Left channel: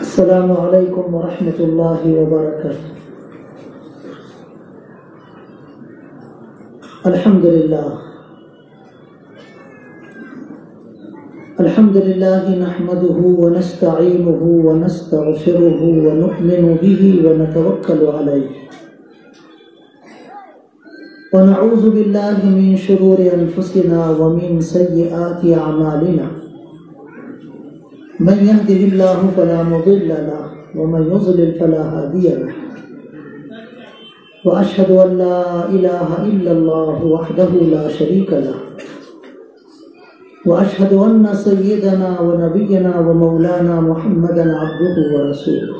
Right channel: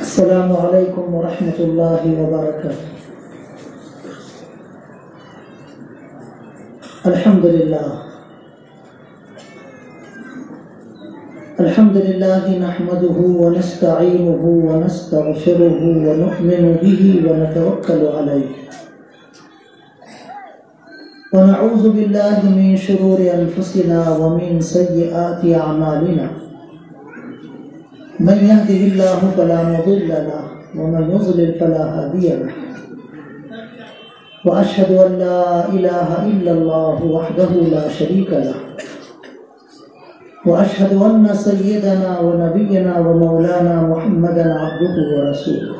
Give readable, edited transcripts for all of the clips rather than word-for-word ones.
السلام علیکم ورحمۃ اللہ وبرکاتہ۔ الحمد للہ نحمده ونستعینه ونستغفره ونؤمن به ونتوکل علیہ ونعوذ باللہ من شرور انفسنا ومن سیئات اعمالنا، من يهده الله فلا مضل له ومن يضلل فلا هادي له، وأشهد أن لا إله إلا الله وحده لا شريك له، وأشهد أن سيدنا ونبينا ومولانا محمدا عبده ورسوله.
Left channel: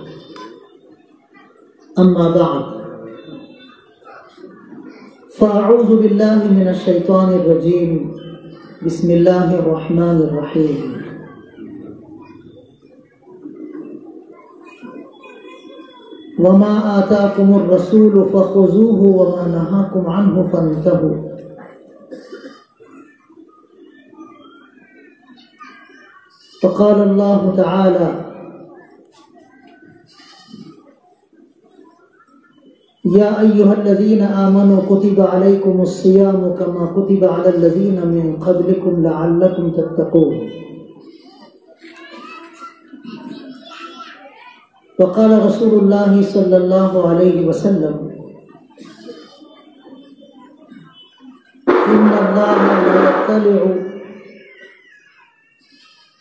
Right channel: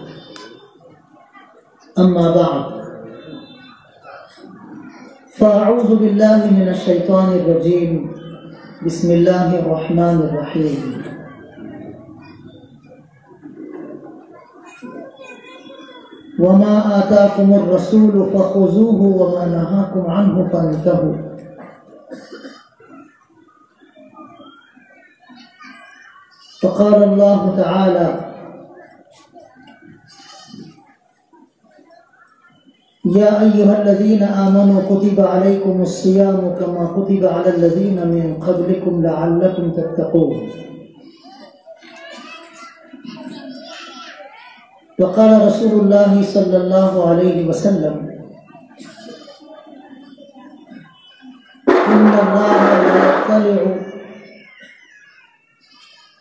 أما بعد، فأعوذ بالله من الشيطان الرجيم، بسم الله الرحمن الرحيم. وما آتاكم الرسول فخذوه وما نهاكم عنه فانتهوا. فقال الله تعالى: يا أيها الذين آمنوا كتب عليكم الصيام كما كتب على الذين من قبلكم لعلكم تتقون. وقال رسول الله صلى الله عليه وسلم: إن الله لا يطلع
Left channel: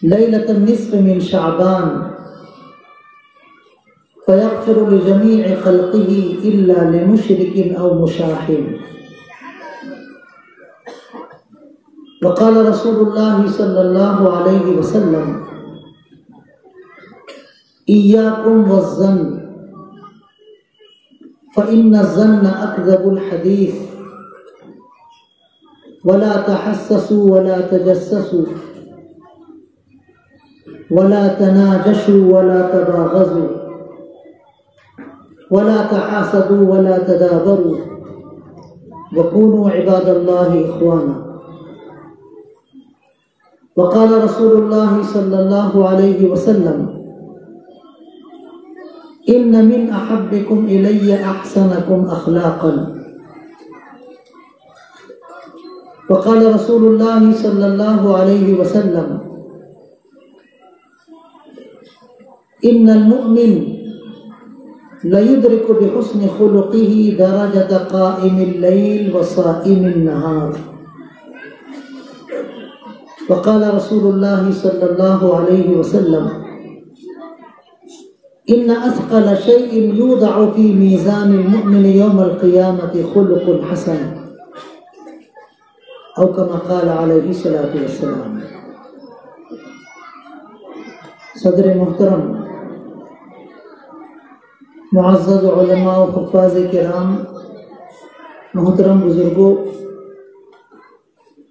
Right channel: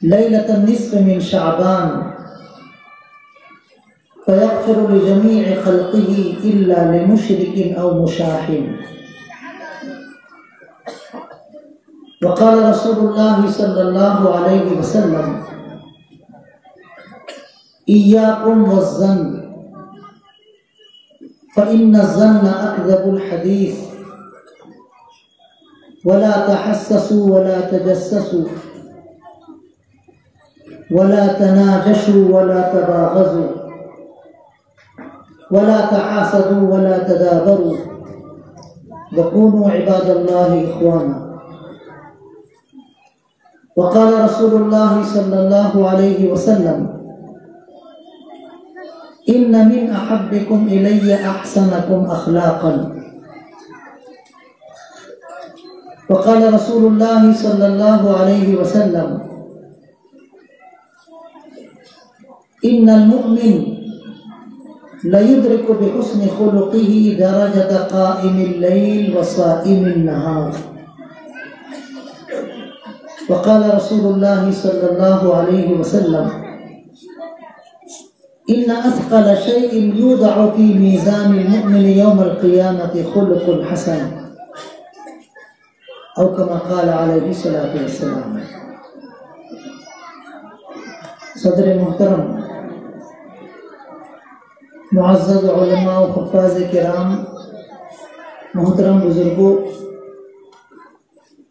ليلة النصف من شعبان فيغفر لجميع خلقه إلا لمشرك أو مشاحن. وقال رسول الله صلى الله عليه وسلم: إياكم والظن فإن الظن أكذب الحديث، ولا تحسسوا ولا تجسسوا ولا تناجشوا ولا تباغضوا ولا تحاسدوا ولا تدابروا وكونوا عباد الله إخوانا. وقال رسول الله صلى الله عليه وسلم: إن من أحبكم إلي أحسنكم أخلاقا. وقال رسول الله صلى الله عليه وسلم: إن المؤمن ليدرك بحسن خلقه درجة قائم الليل وصائم النهار. وقال رسول الله صلى الله عليه وسلم: إن أثقل شيء يوضع في ميزان المؤمن يوم القيامة خلق حسن، أو كما قال عليه الصلاة والسلام. صدر محترم، معزز علماء و حفاظ کرام، محترم بزرگوں،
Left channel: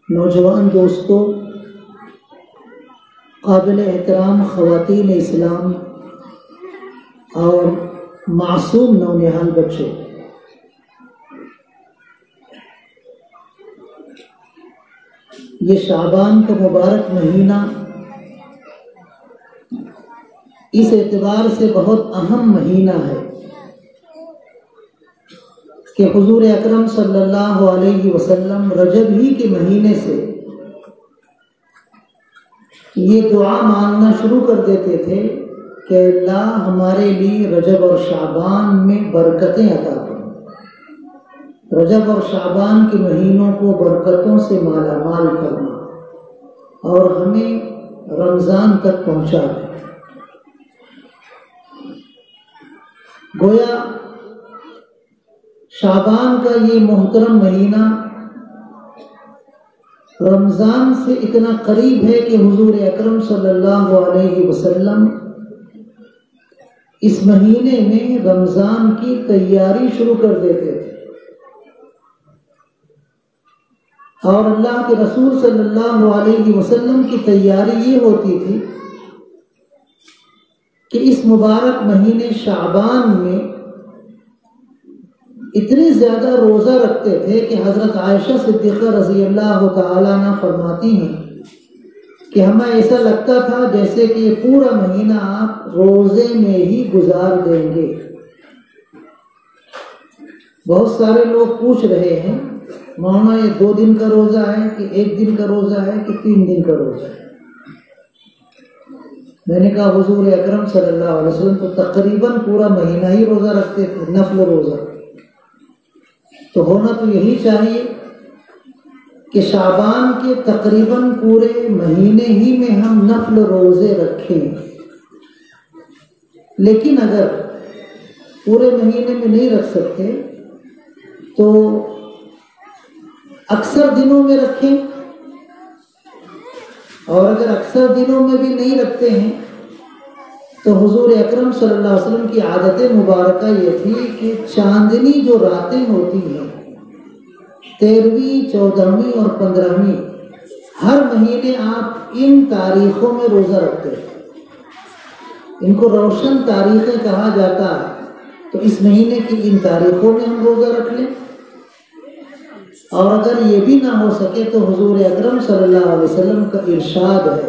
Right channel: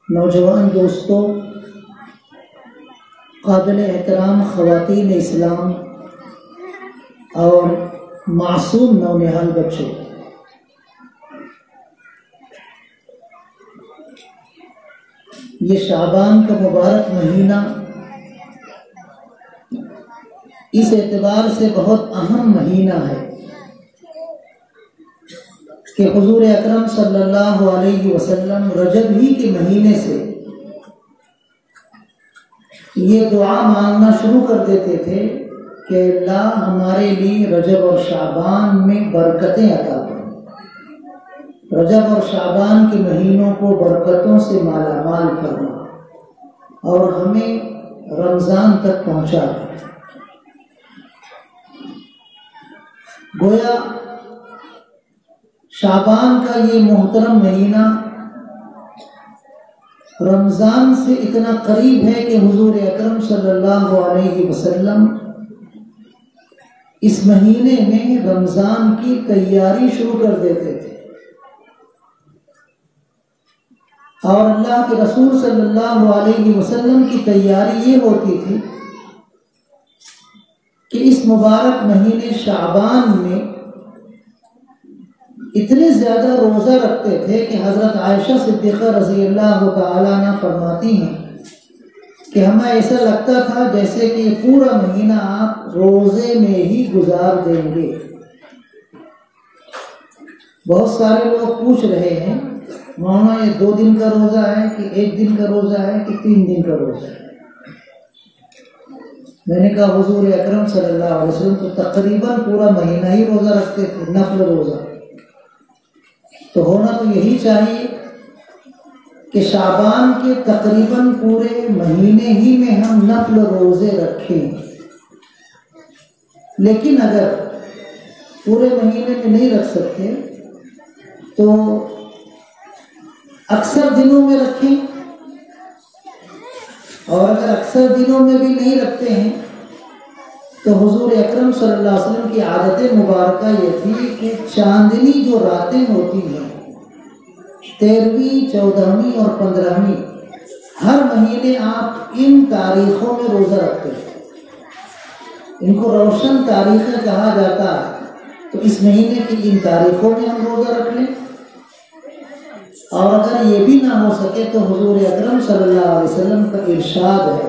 نوجوان دوستوں، قابل احترام خواتین اسلام اور معصوم نونہال بچوں، یہ شعبان کا مبارک مہینہ اس اعتبار سے بہت اہم مہینہ ہے کہ حضور اکرم صلی اللہ علیہ وسلم رجب ہی کے مہینے سے یہ دعا مانگنا شروع کر دیتے تھے کہ اللہ ہمارے لیے رجب اور شعبان میں برکتیں عطا کریں، رجب اور شعبان کے مہینوں کو برکتوں سے مالا مال کرنا اور ہمیں رمضان تک پہنچا دیں۔ گویا شعبان کا یہ محترم مہینہ رمضان سے اتنا قریب ہے کہ حضور اکرم صلی اللہ علیہ وسلم اس مہینے میں رمضان کی تیاری شروع کر دیتے تھے، اور اللہ کے رسول صلی اللہ علیہ وسلم کی تیاری یہ ہوتی تھی کہ اس مبارک مہینے شعبان میں اتنے زیادہ روزہ رکھتے تھے کہ حضرت عائشہ صدیقہ رضی اللہ تعالیٰ عنہ فرماتی ہیں کہ ہمیں ایسا لگتا تھا جیسے کہ یہ پورا مہینہ آپ روزے میں ہی گزار دیں گے۔ بہت سارے لوگ پوچھ رہے ہیں مولانا یہ 2 دن کا روزہ ہے کہ 1 دن کا روزہ ہے کہ 3 دن کا روزہ ہے؟ میں نے کہا حضور اکرم صلی اللہ علیہ وسلم تو تقریباً پورا مہینہ ہی روزہ رکھتے تھے، نفل روزہ۔ تو ہونا تو یہی چاہیے کہ شعبان کے تقریباً پورے مہینے ہی میں ہم نفل روزے رکھیں، لیکن اگر پورے مہینے میں نہیں رکھ سکتے تو اکثر دنوں میں رکھیں، اور اگر اکثر دنوں میں بھی نہیں رکھتے ہیں تو حضور اکرم صلی اللہ علیہ وسلم کی عادت مبارکہ یہ تھی کہ چاندنی جو راتیں ہوتی ہیں 13ویں، 14ویں اور 15ویں، ہر مہینے آپ ان تاریخوں میں روزہ رکھتے ہیں۔ ان کو روشن تاریخیں کہا جاتا ہے، تو اس مہینے کی ان تاریخوں میں ہم روزہ رکھ لیں، اور اگر یہ بھی نہ ہو سکے تو حضور اکرم صلی اللہ علیہ وسلم کا ارشاد ہے،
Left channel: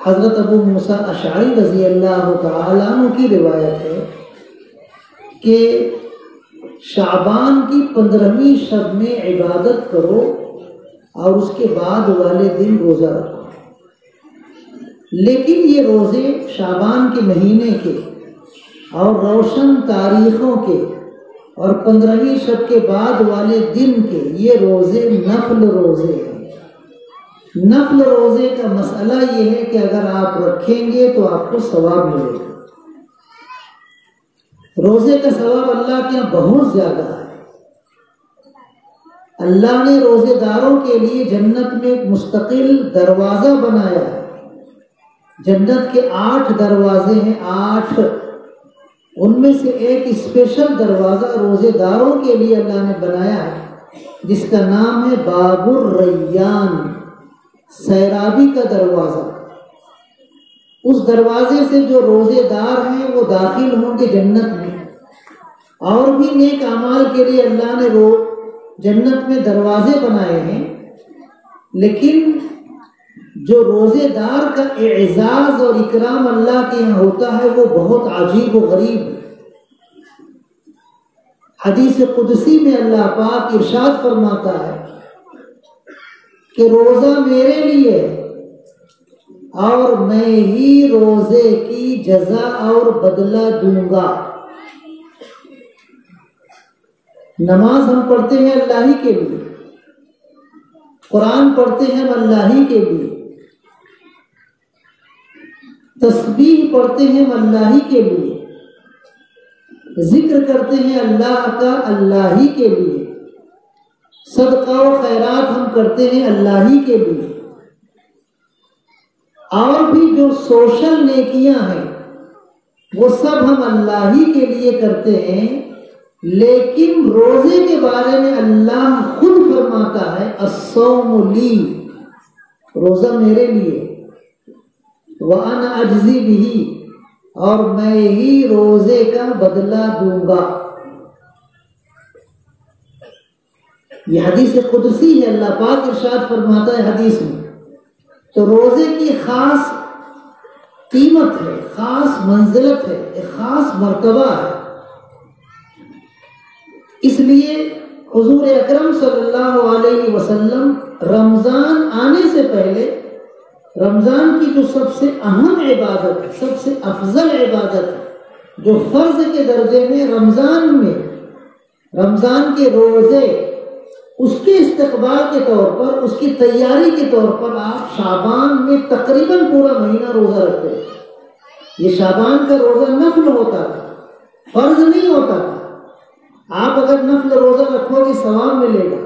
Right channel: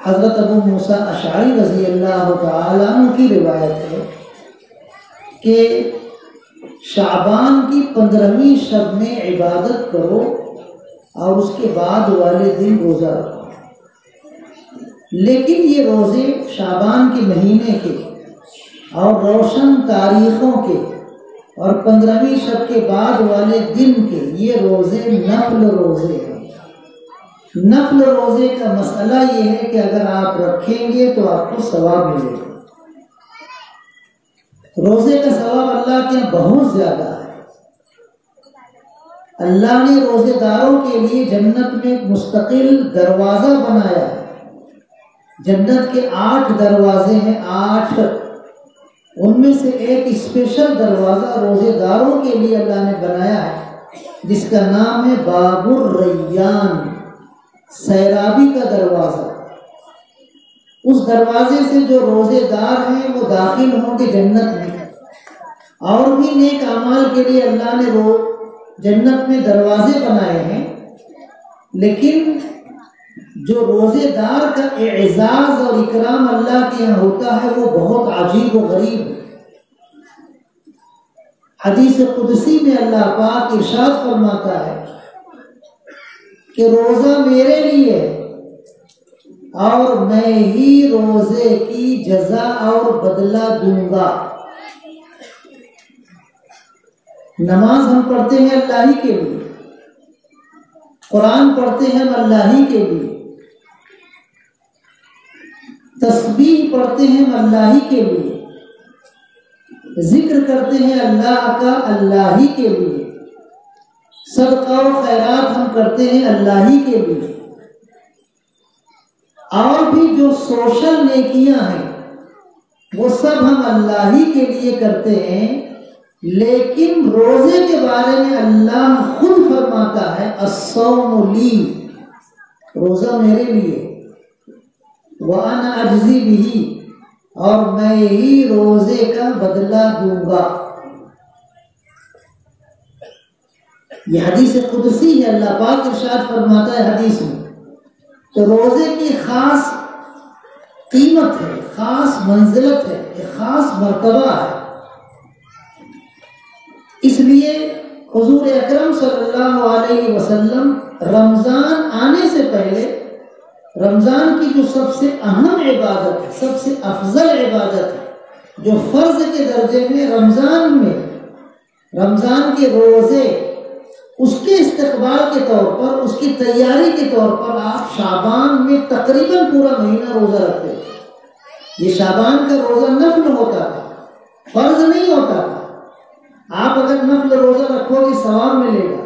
حضرت ابو موسیٰ اشعری رضی اللہ تعالیٰ عنہ کی روایت ہے کہ شعبان کی 15ویں شب میں عبادت کرو اور اس کے بعد والے دن روزہ رکھو۔ لیکن یہ روزے شعبان کے مہینے کے اور روشن تاریخوں کے اور 15ویں شب کے بعد والے دن کے یہ روزے نفل روزے ہیں۔ نفل روزے کا مسئلہ یہ ہے کہ اگر آپ رکھیں گے تو آپ کو ثواب ملے گا۔ روزے کا ثواب اللہ کے یہاں بہت زیادہ ہے۔ اللہ نے روزے داروں کے لیے جنت میں ایک مستقل دروازہ بنایا ہے۔ جنت کے 8 دروازے ہیں، 8، ان میں سے ایک اسپیشل دروازہ روزے داروں کے لیے اللہ نے بنایا ہے، جس کا نام ہے باب الریان، سیرابی کا دروازہ۔ اس دروازے سے جو روزے دار ہیں وہ داخل ہوں گے جنت میں، اور بھی نیک اعمال کے لیے اللہ نے جنت میں دروازے بنائے ہیں، لیکن جو روزے دار کا اعزاز اور اکرام اللہ کے یہاں ہوتا ہے وہ بہت عجیب و غریب ہے۔ حدیث قدسی میں اللہ پاک ارشاد فرماتا ہے کہ روزہ میرے لیے اور میں ہی روزے کی جزا اور بدلہ دوں گا۔ نماز ہم پڑھتے ہیں اللہ ہی کے لیے، قرآن پڑھتے ہیں ہم اللہ ہی کے لیے، تسبیح پڑھتے ہیں ہم اللہ ہی کے لیے، ذکر کرتے ہیں اللہ کا اللہ ہی کے لیے، صدقہ و خیرات ہم کرتے ہیں اللہ ہی کے لیے، اور بھی جو سوشل نیکیاں ہیں وہ سب ہم اللہ ہی کے لیے کرتے ہیں۔ لیکن روزے کے بارے میں اللہ خود فرماتا ہے الصوم لی، روزہ میرے لیے، وَأَنَا أَجْزِي بِهِ، اور میں ہی روزے کا بدلہ دوں گا۔ یہ حدیث قدسی ہے، اللہ پاک ارشاد فرماتا ہے حدیث میں۔ تو روزے کی خاص قیمت ہے، خاص منزلت ہے، ایک خاص مرتبہ ہے۔ اس لیے حضور اکرم صلی اللہ علیہ وسلم رمضان آنے سے پہلے رمضان کی جو سب سے اہم عبادت ہے، سب سے افضل عبادت ہے، جو فرض کے درجے میں رمضان کے روزے، اس کے استقبال کے طور پر، اس کی تیاری کے طور پر آپ شعبان میں تقریباً پورا مہینہ روزہ رکھتے ہیں۔ یہ شعبان کا روزہ نفل ہوتا تھا، فرض نہیں ہوتا تھا۔ آپ اگر نفل روزہ رکھو گے ثواب ملے گا،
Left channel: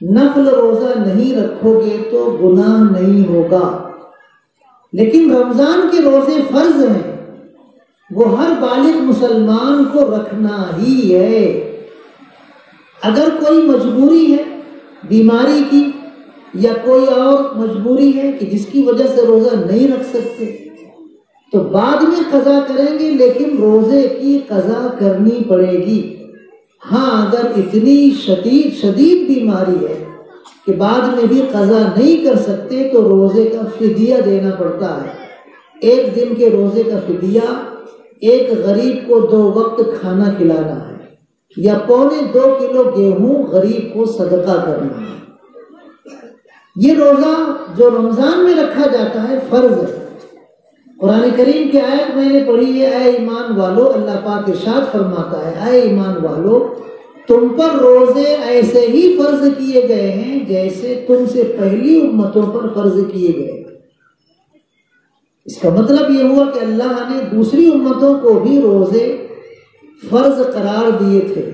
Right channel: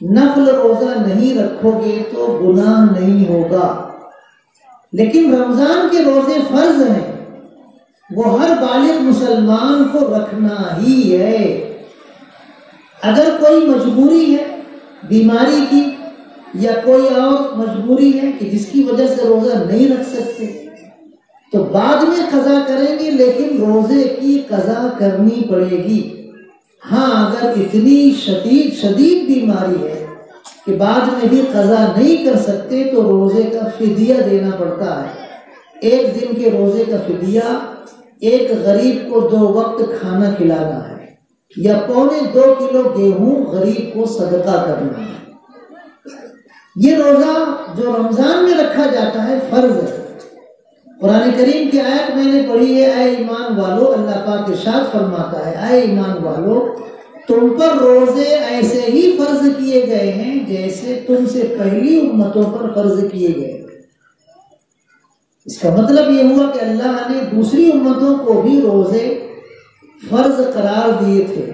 نفل روزہ نہیں رکھو گے تو گناہ نہیں ہوگا۔ لیکن رمضان کے روزے فرض ہیں، وہ ہر بالغ مسلمان کو رکھنا ہی ہے۔ اگر کوئی مجبوری ہے بیماری کی یا کوئی اور مجبوری ہے کہ جس کی وجہ سے روزہ نہیں رکھ سکتے تو بعد میں قضا کریں گے، لیکن روزے کی قضا کرنی پڑے گی۔ ہاں اگر اتنی شدید بیماری ہے کہ بعد میں بھی قضا نہیں کر سکتے تو روزے کا فدیہ دینا پڑتا ہے. ایک دن کے روزے کا فدیہ ایک غریب کو 2 وقت کھانا کھلانا ہے یا 2.25 کلو گیہوں غریب کو صدقہ کرنا ہے. یہ روزہ جو رمضان میں رکھا جاتا ہے فرض ہے. قرآن کریم کی آیت میں نے پڑھی ہے، اے ایمان والو، اللہ پاک ارشاد فرماتا ہے، اے ایمان والو تم پر روزے ایسے ہی فرض کیے گئے ہیں جیسے تم سے پہلی امتوں پر فرض کیے گئے. اس کا مطلب یہ ہوا کہ اللہ نے دوسری امتوں کو بھی روزے فرض قرار دیے تھے،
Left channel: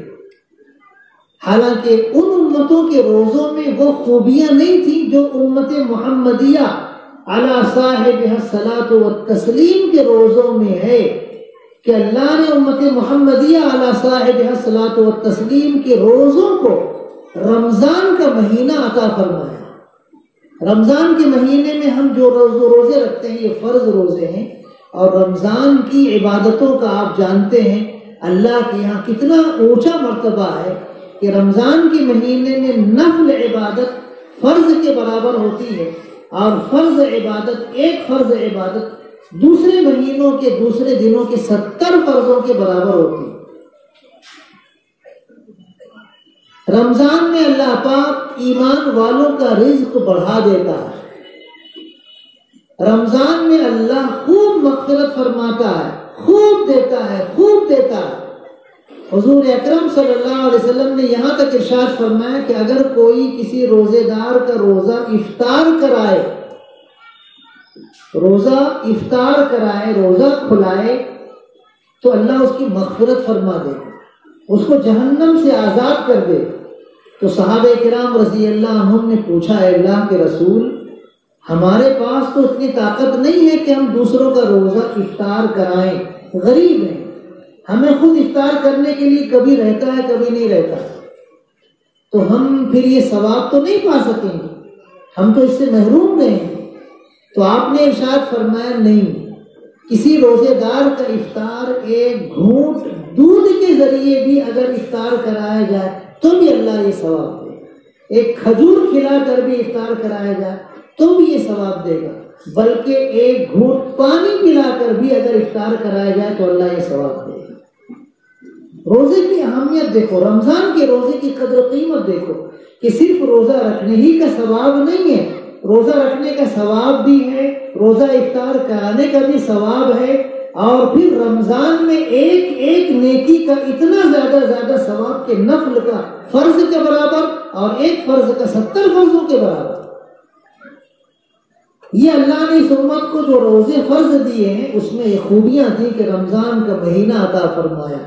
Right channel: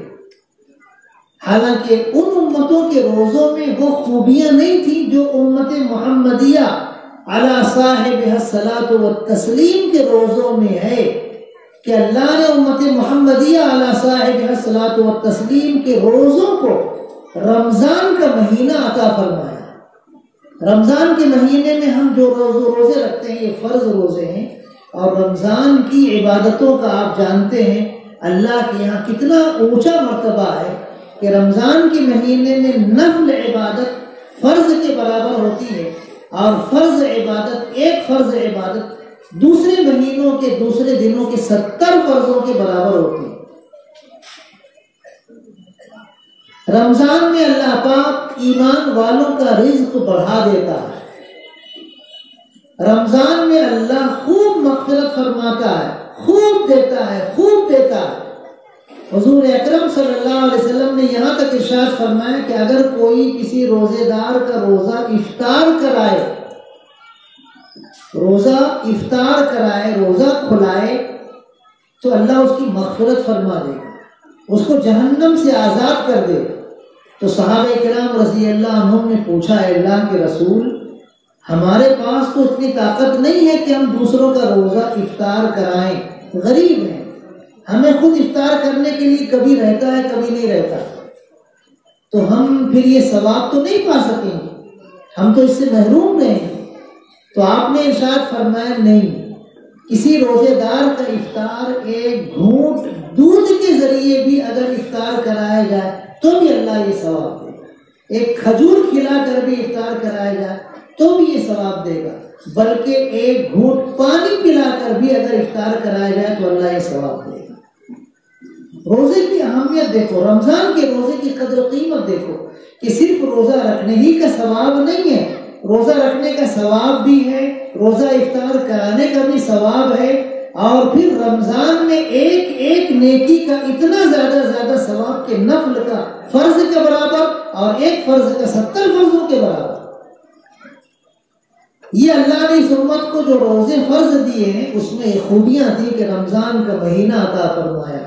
حالانکہ ان امتوں کے روزوں میں وہ خوبیاں نہیں تھیں جو امت محمدیہ علی صاحبہ الصلاۃ والتسلیم کے روزوں میں ہے، کہ اللہ نے امت محمدیہ علی صاحبہ الصلاۃ والتسلیم کے روزوں کو رمضان کا مہینہ عطا فرمایا. رمضان کے مہینے میں ہم جو روزے رکھتے ہیں یہ فرض روزے ہیں، اور رمضان کی عبادتوں کا آپ جانتے ہیں اللہ کے یہاں کتنا اونچا مرتبہ ہے کہ رمضان کے مہینے میں نفل عبادت فرض کے برابر ہوتی ہے، اور فرض عبادت ایک فرض عبادت دوسرے مہینوں کے دوسرے دنوں کے 70 فرضوں کے برابر ہوتی ہے. رمضان میں اللہ پاک ایمان والوں کا رزق بڑھا دیتا ہے. رمضان میں اللہ خوب مغفرت فرماتا ہے، خوب دیتا ہے، خوب دیتا ہے. حضور اکرم صلی اللہ علیہ وسلم نے یہاں تک ارشاد فرمایا کہ اگر کوئی کسی روزے دار کا روزہ افطار کرائے، روزہ کھلائے تو اللہ اس کی مغفرت فرما دے گا، اس کو جہنم سے آزاد کر دے. تو صحابہ کرام رضی اللہ عنہم نے پوچھا، اے اللہ کے رسول، ہمارے پاس تو اتنی طاقت نہیں ہے کہ ہم دوسروں کا روزہ افطار کرائیں، غریب ہیں، ہمیں خود افطار کرنے کے لیے کبھی رہتا ہے کبھی نہیں رہتا، تو ہم پھر یہ ثواب تو نہیں پا سکیں گے، ہم تو اس سے محروم رہے ہیں. تو آپ نے ارشاد فرمایا نہیں، کسی روزے دار کا افطار ایک گھونٹ دودھ کے ذریعے بھی اگر افطار کرایا جائے تو بھی اللہ یہ ثواب دے گا. ایک کھجور کھلا کر بھی افطار کرایا جائے تو بھی یہ ثواب دے گا، بلکہ ایک گھونٹ پانی پلا کر بھی اگر افطار کرایا جائے تو اللہ یہ ثواب دے گا. روزے کی اہمیت دیکھو، رمضان کے روزے کی قدر و قیمت دیکھو کہ صرف روزہ رکھنے ہی کا ثواب نہیں ہے، روزہ رکھنے کا ثواب بھی ہے، روزہ افطار کرانے کا بھی ثواب ہے، اور پھر رمضان میں ایک ایک نیکی کا اتنا زیادہ ثواب کہ نفل کا فرض کے برابر اور ایک فرض کا 70 فرضوں کے برابر. یہ اللہ نے اس امت کو جو روزے فرض دیے ہیں اس میں یہ خوبیاں تھیں کہ رمضان کا مہینہ عطا فرمایا،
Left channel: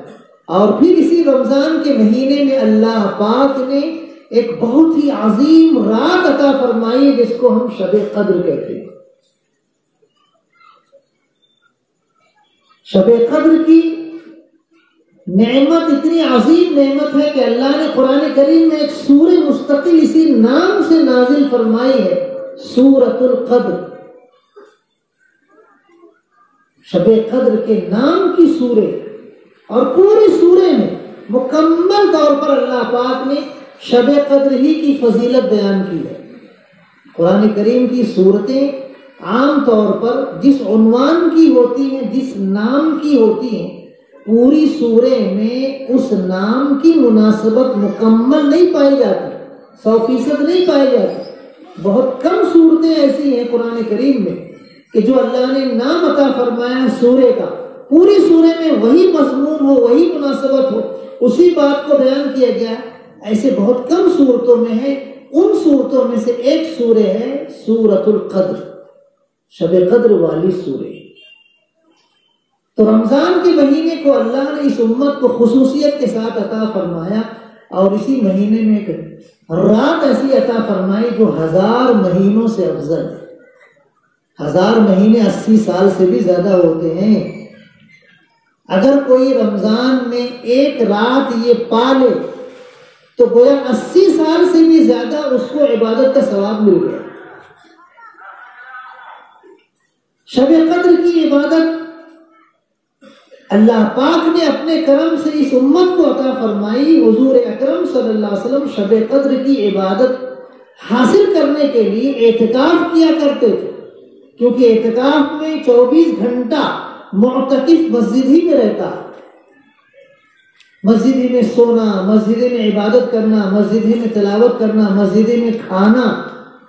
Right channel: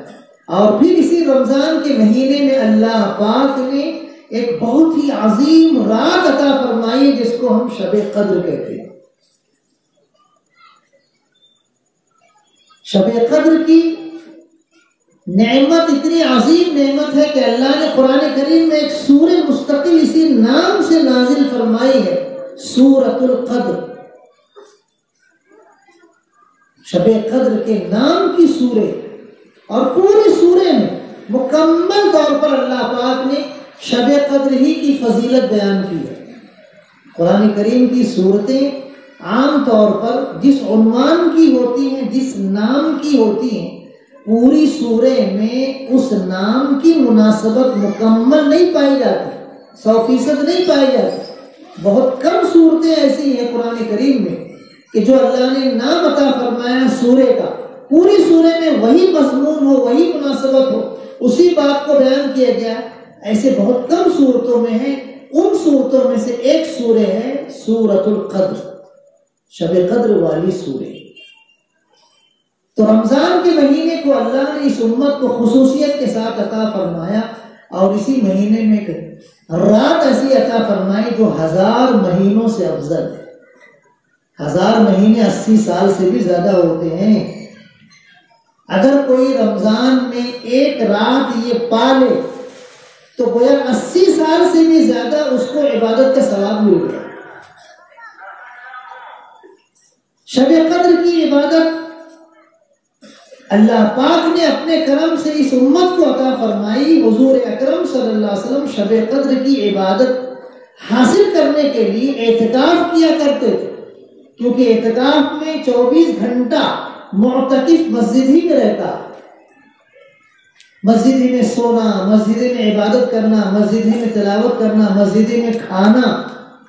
اور پھر اسی رمضان کے مہینے میں اللہ پاک نے ایک بہت ہی عظیم رات عطا فرمائی جس کو ہم شب قدر کہتے ہیں. شب قدر کی نعمت اتنی عظیم نعمت ہے کہ اللہ نے قرآن کریم میں ایک سورہ مستقل اسی نام سے نازل فرمائی ہے، سورۃ القدر. شب قدر کے نام کی سورہ، اور پوری سورہ میں مکمل طور پر اللہ پاک نے شب قدر ہی کی فضیلت بیان کی ہے. قرآن کریم کی سورتیں عام طور پر جس عنوان کی ہوتی ہیں، جس نام کی ہوتی ہیں، پوری سورہ میں اس نام کی مناسبت مکمل نہیں پائی جاتی، 100% نہیں پائی جاتی. بہت کم صورتیں ایسی ہیں قرآن کریم میں کہ جو اللہ نے نام عطا فرمایا سورے کا، پوری سورہ میں وہی مضمون ہو، وہی مناسبت ہو، اسی بات کو بیان کیا گیا. ایسے بہت کم صورتوں میں ہے. ان صورتوں میں سے ایک سورہ ہے سورۃ القدر، شب قدر والی سورہ. تو رمضان کے مہینے کو اللہ نے اس امت کو خصوصیت کے ساتھ عطا فرمایا، اور اسی مہینے میں ایک رات ایسی عطا فرمائی جو 1000 مہینوں سے افضل ہے. 1000 مہینے 80 سال سے بھی زیادہ ہوتے ہیں. اگر کوئی رمضان میں ایک رات یہ پالے تو گویا 80 سال سے بھی زیادہ اس کو عبادت کا ثواب مل گیا. شب قدر کی عبادت اللہ پاک نے اپنے کرم سے اس امت کو عطا فرمائی. حضور اکرم صلی اللہ علیہ وسلم شب قدر کی عبادت حاصل کرنے کے لیے اعتکاف کیا کرتے تھے، کیونکہ اعتکاف میں 24 گھنٹہ معتکف مسجد ہی میں رہتا ہے، مسجد ہی میں سونا، مسجد ہی میں عبادت کرنا، مسجد ہی میں تلاوت کرنا، مسجد ہی میں کھانا،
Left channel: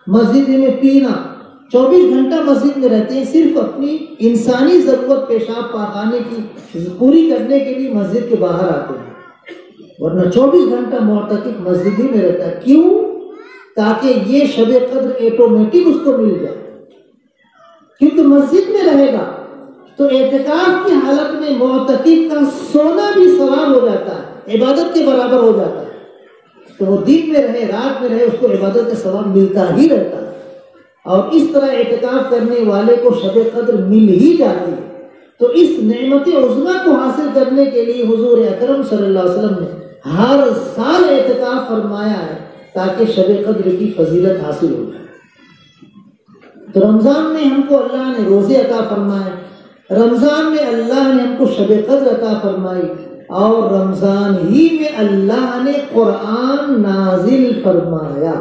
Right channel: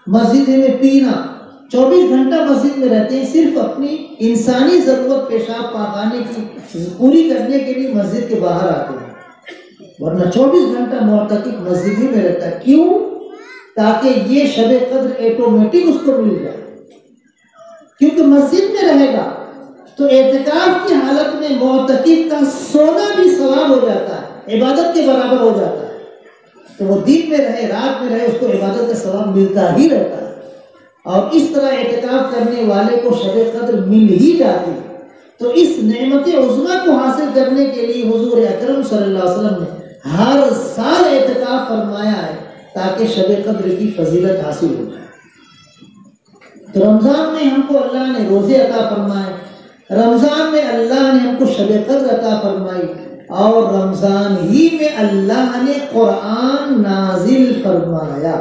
مسجد ہی میں پینا، 24 گھنٹہ مسجد میں رہتے ہیں، صرف اپنی انسانی ضرورت پیشاب پاخانے کی پوری کرنے کے لیے مسجد کے باہر آتے ہیں، ورنہ 24 گھنٹہ معتکف مسجد ہی میں رہتا ہے۔ کیوں؟ تاکہ یہ شب قدر آٹومیٹک اس کو مل جائے، کیونکہ مسجد میں رہے گا تو اعتکاف کی حالت میں معتکف کا سونا بھی ثواب ہو جاتا ہے، عبادت کے برابر ہو جاتا ہے، تو وہ دن میں رہے رات میں رہے اس کو عبادت کا ثواب ملتا ہی رہتا ہے، اور اس طرح اعتکاف کرنے والے کو شب قدر مل ہی جاتی ہے۔ تو اس نعمت عظمیٰ کو حاصل کرنے کے لیے حضور اکرم صلی اللہ علیہ وسلم نے ہر سال اعتکاف فرمایا ہے تاکہ شب قدر کی فضیلت حاصل ہو جائے۔ تو رمضان میں ہم کو اللہ نے روزے عطا فرمائے، رمضان میں اللہ نے ہم کو شب قدر عطا فرمائی، اور رمضان ہی میں اللہ نے قرآن نازل فرمایا۔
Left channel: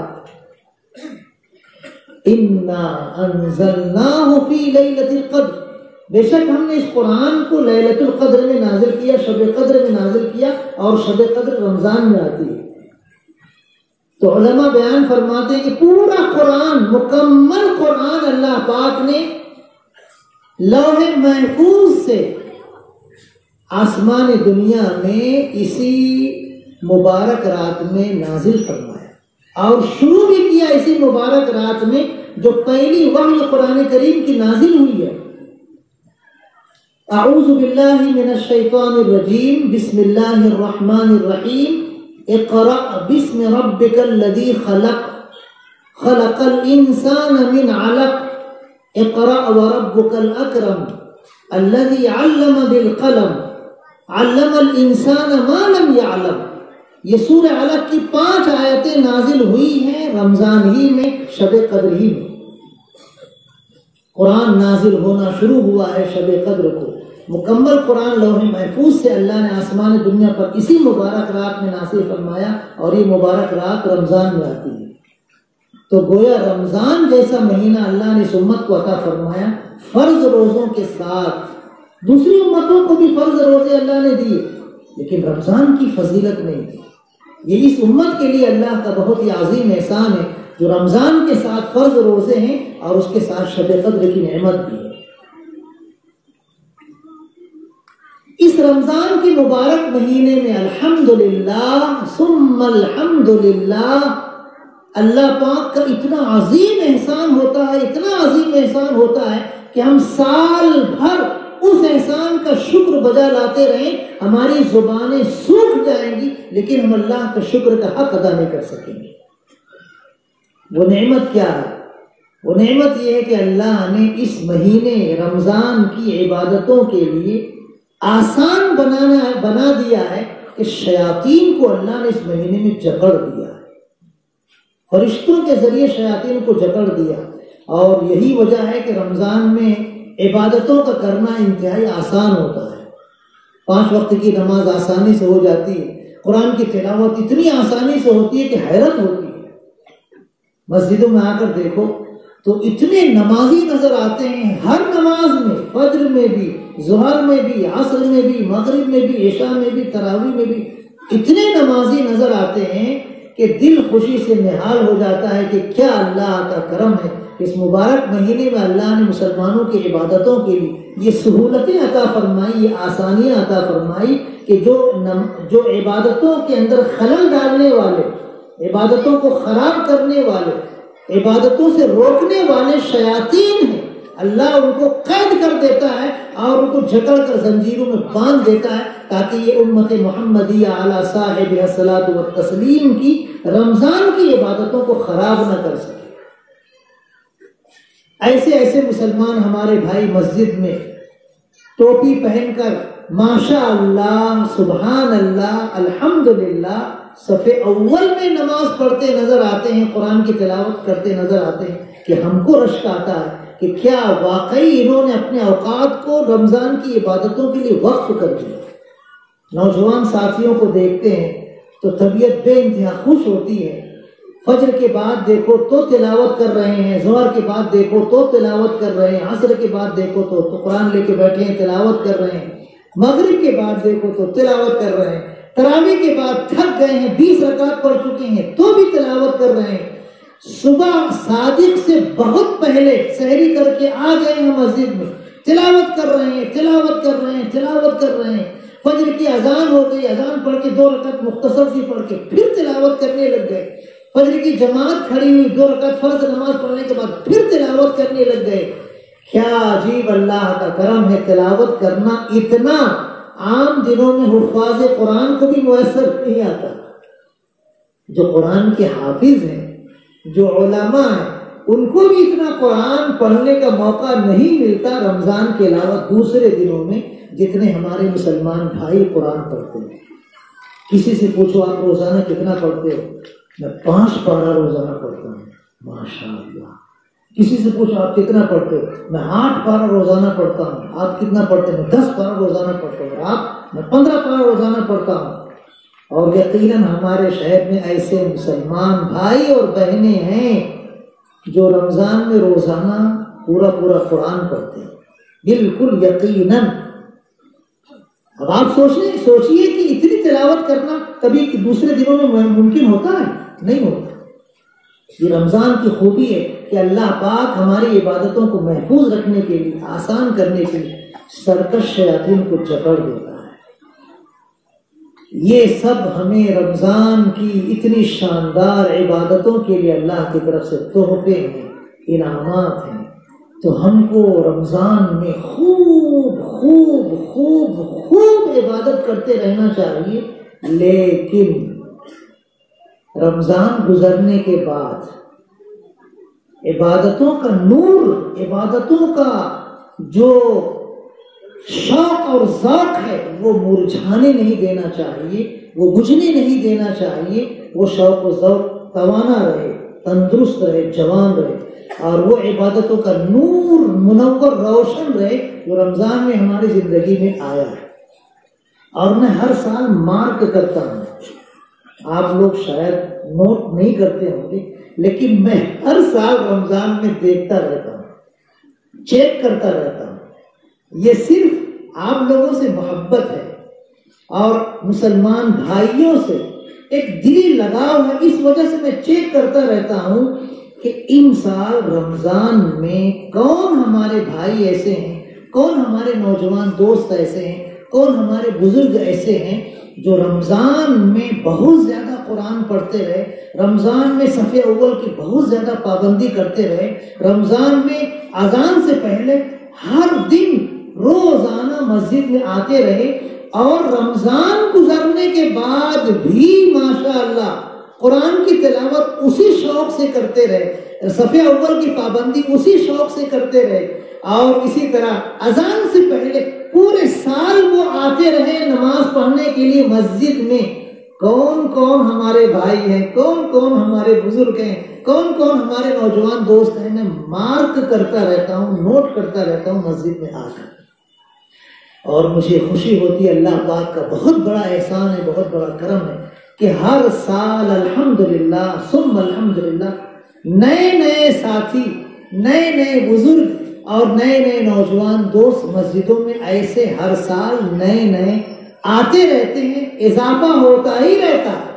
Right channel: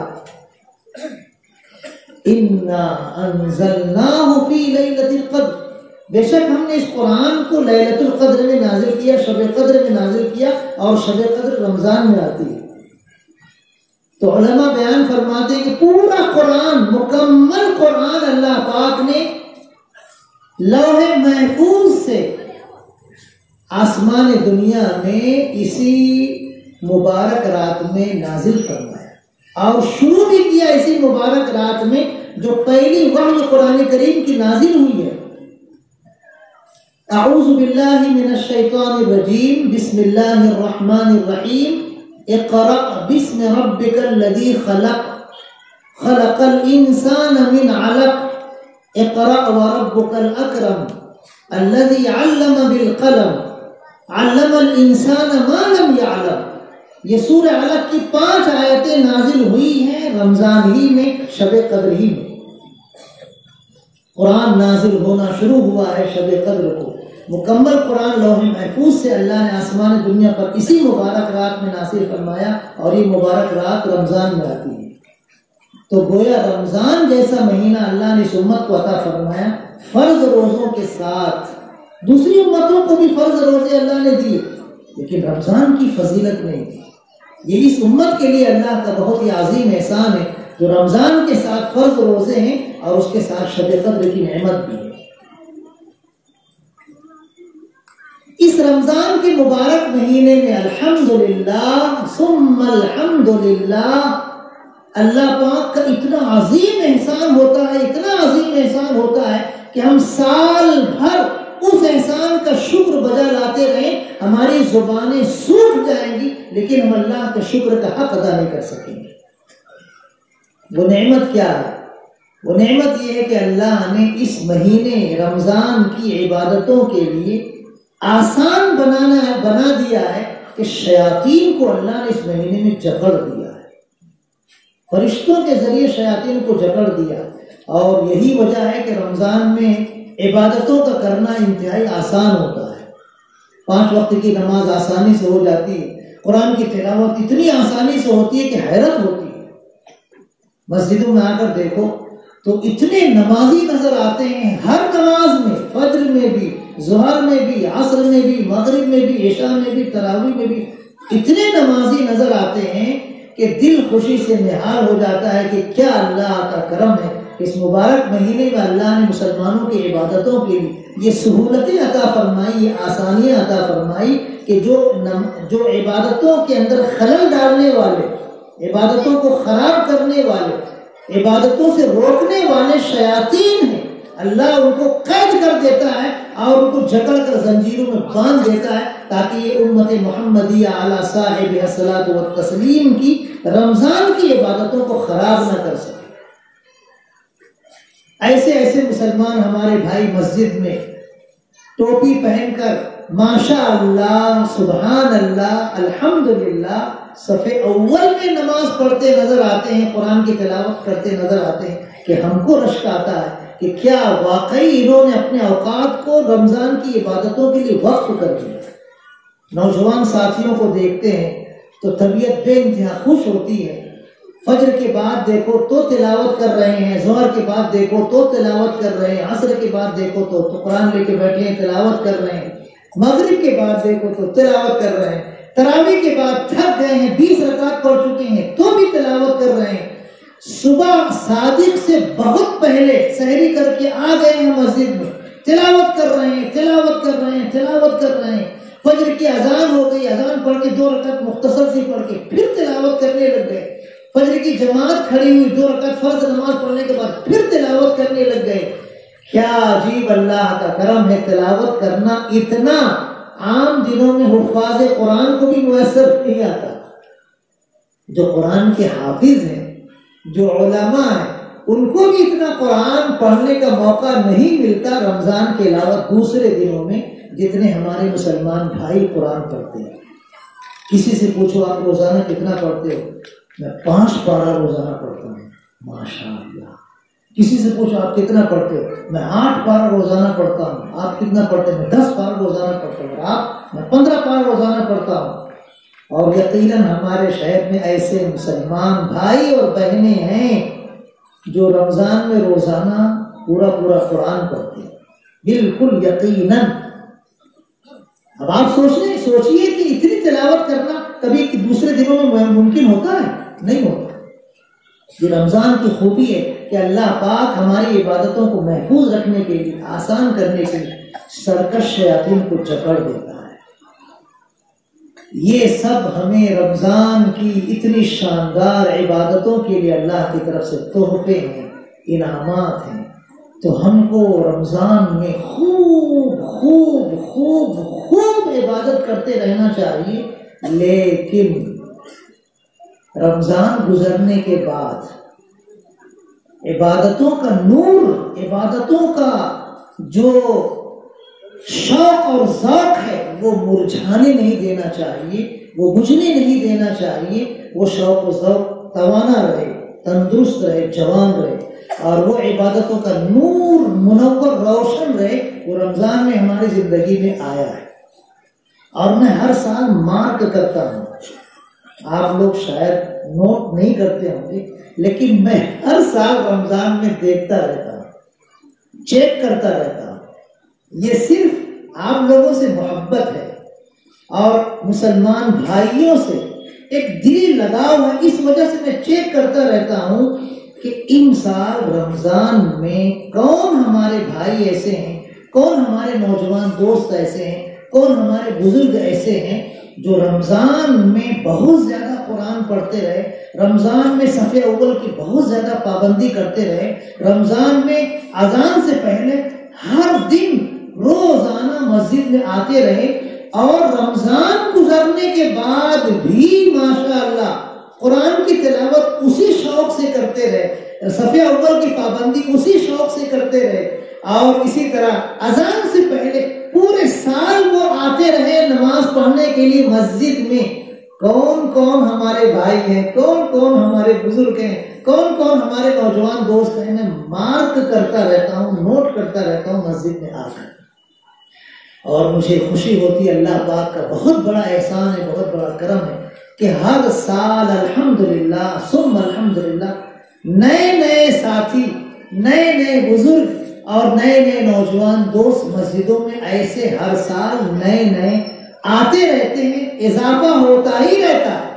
اِنَّا أَنزَلْنَاهُ فِي لَيْلَةِ الْقَدْرِ، بے شک ہم نے اس قرآن کو لیلۃ القدر میں نازل کیا، شب قدر میں نازل کیا، اور شب قدر رمضان میں آتی ہے۔ تو علماء بیان فرماتے ہیں کہ پورا قرآن، مکمل قرآن اللہ پاک نے لوح محفوظ سے آسمان دنیا میں اسی مبارک رات میں نازل فرمایا، اور شروع بھی کیا اسی مبارک رات میں جو پہلی وحی قرآن کریم کی نازل ہوئی ہے۔ اعوذ باللہ من الشیطان الرجیم، بسم اللہ الرحمن الرحیم، اقرأ باسم ربک الذی خلق، خلق الانسان من علق، اقرأ وربک الاکرم، الذی علم بالقلم، علم الانسان ما لم يعلم۔ یہ سورہ علق کی 5 آیتیں نازل ہوئی ہیں رمضان ہی میں، شب قدر ہی میں۔ قرآن نازل ہونا شروع ہوا ہے شب قدر کو، مکمل قرآن لوح محفوظ سے اللہ نے آسمان دنیا پر اسی مبارک رات میں نازل فرمایا، اور یہ مبارک رات رمضان میں آتی ہے۔ تو گویا رمضان جیسا مہینہ اللہ نے اس امت کو عطا فرمایا، فرض روزوں کے ساتھ۔ دوسری امتوں کو بھی فرض روزے اللہ نے دیے، لیکن رمضان کی فضیلت نہیں دی۔ یہ اس امت کے لیے اللہ کا بہت ہی عظیم احسان ہے جو رمضان کے ساتھ فرض روزے ہیں اور اس کے ساتھ شب قدر کی نعمت بھی ہے۔ اس رمضان کے مبارک مہینے میں الحمدللہ ثم الحمدللہ اللہ پاک کا اتنا عظیم احسان ہوتا ہے، اتنا عظیم احسان ہوتا ہے کہ ہم سال بھر اس احسان کا شکر بجا لاتے رہیں، ہماری زبانیں سوکھ جائیں گی لیکن ہم اللہ کے شکر کا حق ادا نہیں کر سکیں گے۔ وہ نعمت کیا ہے؟ وہ نعمت یہ ہے کہ اللہ نے اس مہینے رمضان کی عبادتوں کے لیے آسان بنا دیا ہے کہ شیاطین کو اللہ نے اس مہینے میں جکڑ دیا ہے، فرشتوں کے ذریعے شیاطین کو جکڑ دیا، اور یہی وجہ ہے کہ رمضان میں عبادتوں کا کرنا انتہائی آسان ہوتا ہے۔ 5 وقت کی نماز آسانی سے ہو جاتی ہے، قرآن کی تلاوت اتنی آسانی سے ہوتی ہے کہ حیرت ہوتی ہے۔ مسجدوں میں آ کر دیکھو تو اتنے نمازی نظر آتے ہیں، ہر نماز میں، فجر میں بھی، ظہر میں بھی، عصر میں بھی، مغرب میں بھی، عشاء میں بھی، تراویح میں بھی اتنے نمازی نظر آتے ہیں کہ دل خوشی سے نہال ہو جاتا ہے کہ کیا اللہ کا کرم ہے۔ اس مبارک مہینے میں اللہ نے مسلمانوں کی عبادتوں کے لیے یہ سہولتیں عطا فرمائی، یہ آسانیاں عطا فرمائی کہ جو عبادتوں کے اندر خلل ڈالنے والے، عبادتوں کو خراب کرنے والے، عبادتوں سے روکنے والے شیاطین ہیں، اللہ ان کو قید کر دیتا ہے اور ان کو جکڑ کر زنجیروں میں باندھ دیتا ہے تاکہ یہ امت محمدیہ علی صاحب الصلاۃ والتسلیم کی رمضان کی عبادتوں کو خراب نہ کر سکے۔ ایسے مسلمان ہمارے بھائی مسجد میں ٹوپی پہن کر ماشاء اللہ، سبحان اللہ، الحمدللہ صف اول میں نماز پڑھتے نظر آتے ہیں، قرآن کی تلاوت کرتے نظر آتے ہیں کہ ہم کو رشک آتا ہے کہ کیا واقعی انہوں نے اپنے اوقات کو رمضان کی عبادتوں کے لیے وقف کر دیا۔ نوجوان ساتھیوں کو دیکھتے ہیں تو طبیعت بے انتہا خوش ہوتی ہے فجر کے بعد دیکھو تو تلاوت کر رہے ہیں، ظہر کے بعد دیکھو تو تلاوت کر رہے ہیں، عصر کے بعد دیکھو تو قرآن لے کے بیٹھے ہیں تلاوت کر رہے ہیں، مغرب کے بعد دیکھو تو تلاوت کر رہے ہیں، تراویح کے بعد تھک گئے ہیں 20 رکعت پڑھ چکے ہیں تو بھی تلاوت کر رہے ہیں، صبح صادق سے بہت پہلے سحری کر کے آ گئے ہیں مسجد میں، تلاوت کر رہے ہیں، تلاوت کر رہے ہیں، تلاوت کر رہے ہیں، فجر کی اذان ہو گئی، اذان پڑھ کے 2 رکعت مختصر سی پڑھ کے پھر تلاوت کرنے لگ گئے، فجر کی جماعت کھڑی ہوئی 2 رکعت فرض نماز پڑھنے کے بعد پھر تلاوت کرنے لگ گئے۔ کیا عجیب اللہ کا کرم ہے، تلاوت کرنا اتنا عام دنوں میں حفاظ قرآن کو بھی میسر نہیں آتا۔ جو قرآن کے حافظ ہیں، جو علماء ہیں، ان کو بھی اتنا قرآن پڑھنے کا موقع نہیں ملتا رمضان کے علاوہ دوسرے دنوں میں جتنے ہمارے مسلمان بھائی قرآن پڑھتے ہیں۔ کسی سے پوچھو آپ روزانہ کتنا پڑھتے ہو؟ میں 5 پارہ روزانہ پڑھتا ہوں، ماشاءاللہ۔ کسی سے پوچھو آپ کتنا پڑھتے ہو؟ میں 8 پارہ روزانہ پڑھتا ہوں۔ آپ کتنا پڑھتے ہیں؟ میں 10 پارہ روزانہ پڑھتا ہوں۔ آپ؟ میں 15 پارہ روزانہ پڑھتا ہوں۔ اور یقیناً ہمارے شہر میں ایسے مسلمان بھائی اور بہنیں ہیں جو رمضان میں روزانہ پورا قرآن پڑھتے ہیں، بالکل یقیناً۔ اب آپ سوچئے کہ اتنی تلاوت کرنا کبھی دوسرے دنوں میں ممکن ہوتا ہے؟ نہیں ہوتا۔ یہ رمضان کی خوبی ہے کہ اللہ پاک ہماری عبادتوں کو محفوظ رکھنے کے لیے، آسان کرنے کے لیے سرکش شیاطین کو جکڑ دیتا ہے۔ یہ سب ہمیں رمضان کی اتنی شاندار عبادتوں کے لیے اللہ کی طرف سے تحفے ہیں، انعامات ہیں، تو ہم کو رمضان میں خوب خوب خوب خوب عبادت کرتے رہنا چاہیے۔ لیکن رمضان گزرنے کے بعد عبادتوں کا نور، عبادتوں کا جو شوق اور ذوق ہے وہ مرجھانے نہیں دینا چاہیے، وہ بجھنے نہیں دینا چاہیے۔ وہ شوق و ذوق توانا رہے، تندرست رہے، جوان رہے، اور وہ عبادتوں کا نور منور روشن رہے۔ وہ رمضان میں ہماری زندگی میں آیا ہے، اور میں ہر سال مارک کرتا ہوں۔ آپ لوگ شاید نوٹ نہیں کرتے ہوں گے، لیکن میں ہر سال رمضان میں دیکھتا رہتا ہوں، چیک کرتا رہتا ہوں۔ یہ صرف آپ لوگوں سے محبت ہے اور مسلمان بھائیوں سے ایک دلی لگاؤ ہے، اس وجہ سے میں چیک کرتا رہتا ہوں کہ ان سال رمضان میں کون ہمارے بھائی ایسے ہیں، کون ہمارے نوجوان دوست ایسے ہیں، کون ہمارے بزرگ ایسے ہیں جو رمضان میں بہت زیادہ قرآن پڑھتے رہے، رمضان میں صف اول کی بہت زیادہ پابندی کرتے رہے، رمضان میں اذان سے پہلے ہر دن روزانہ مسجد میں آتے رہے، اور رمضان گزرنے کے بعد بھی ماشاءاللہ قرآن کی تلاوت اسی شوق سے کرتے رہے، صف اول کی پابندی اسی شوق سے کرتے رہے، اور اسی طرح اذان سے پہلے پورے سال وہ آتے رہے نماز پڑھنے کے لیے مسجد میں۔ کون کون ہمارے بھائی ہیں، کون کون ہمارے بزرگ ہیں، کون کون ہمارے نوجوان دوست ہیں، میں مارک کرتا رہتا ہوں، نوٹ کرتا رہتا ہوں مسجد میں آ کر، اور مجھے خوشی ہوتی ہے۔ اللہ پاک کا بہت بڑا احسان ہے، بہت بڑا کرم ہے کہ ہر سال الحمدللہ ثم الحمدللہ نئے نئے ساتھی، نئے نئے بزرگ اور نئے نئے نوجوان دوست مسجدوں میں ایسے ہر سال نئے نئے آتے رہتے ہیں، اضافہ ہوتا ہی رہتا ہے۔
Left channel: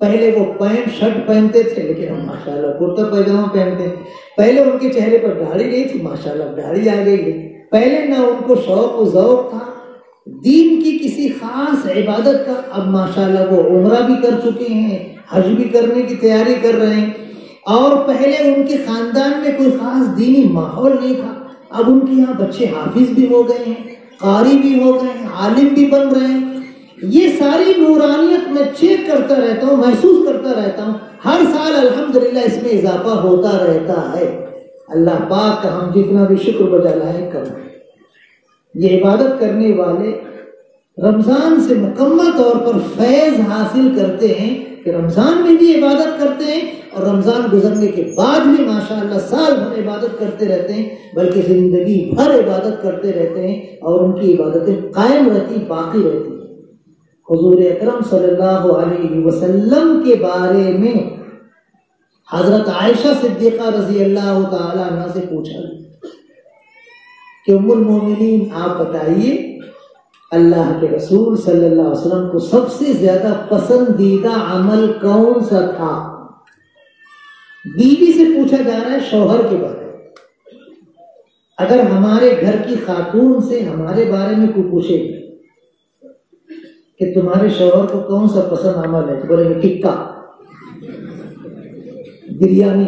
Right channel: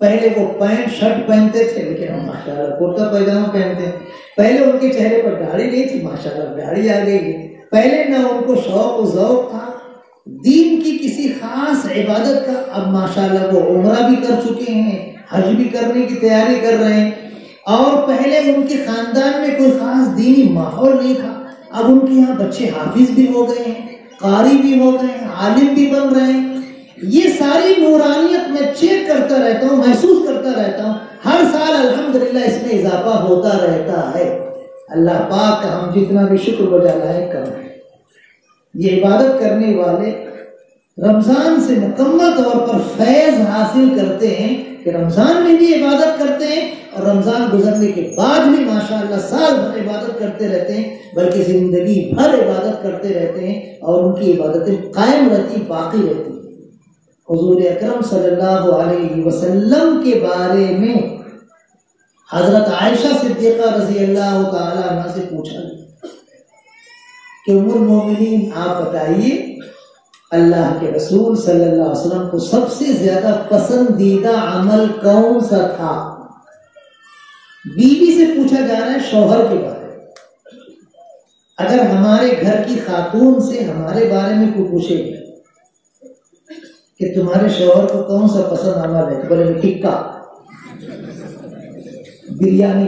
پہلے وہ پینٹ شرٹ پہنتے تھے، لیکن ہم ماشاءاللہ کرتا پائجامہ پہنتے ہیں۔ پہلے ان کے چہرے پر داڑھی نہیں تھی، ماشاءاللہ داڑھی آ گئی ہے۔ پہلے نہ ان کو شوق و ذوق تھا دین کی کسی خاص عبادت کا، اب ماشاءاللہ وہ عمرہ بھی کر چکے ہیں، حج بھی کرنے کی تیاری کر رہے ہیں۔ اور پہلے ان کے خاندان میں کوئی خاص دینی ماحول نہیں تھا، اب ان کے یہاں بچے حافظ بھی ہو گئے ہیں، قاری بھی ہو گئے ہیں، عالم بھی بن رہے ہیں۔ یہ ساری نورانیت میں چیک کرتا رہتا ہوں، محسوس کرتا رہتا ہوں، ہر سال الحمدللہ اس میں اضافہ ہوتا رہتا ہے۔ اللہ پاک کا ہم جتنا بھی شکر بجا لائے کم ہے۔ یہ عبادت کرنے والے رمضان سے مکمل طور پر فیض حاصل کرتے ہیں کہ رمضان میں بھی عبادت کرتے ہیں، اور رمضان گزرنے کے بعد بھی ماشاءاللہ سال بھر عبادت کرتے رہتے ہیں، بلکہ زندگی بھر عبادت کرتے رہتے ہیں، اور ان کی عبادتیں قائم رہتی، باقی رہتی ہیں۔ حضور اکرم صلی اللہ علیہ وسلم کے بارے میں حضرت عائشہ صدیقہ رضی اللہ تعالی عنہ سے پوچھا کہ ام المومنین آپ بتائیے اللہ کے رسول صلی اللہ علیہ وسلم کو سب سے زیادہ پسندیدہ عمل کون سا تھا؟ بیوی سے پوچھا جا رہا ہے شوہر کے بارے میں۔ اگر ہمارے گھر کی خاتون سے ہمارے بارے میں کوئی پوچھے گی کہ تمہارے شوہر کو کون سا پسند عمل ہے، تو بولے گے ٹکا، بریانی،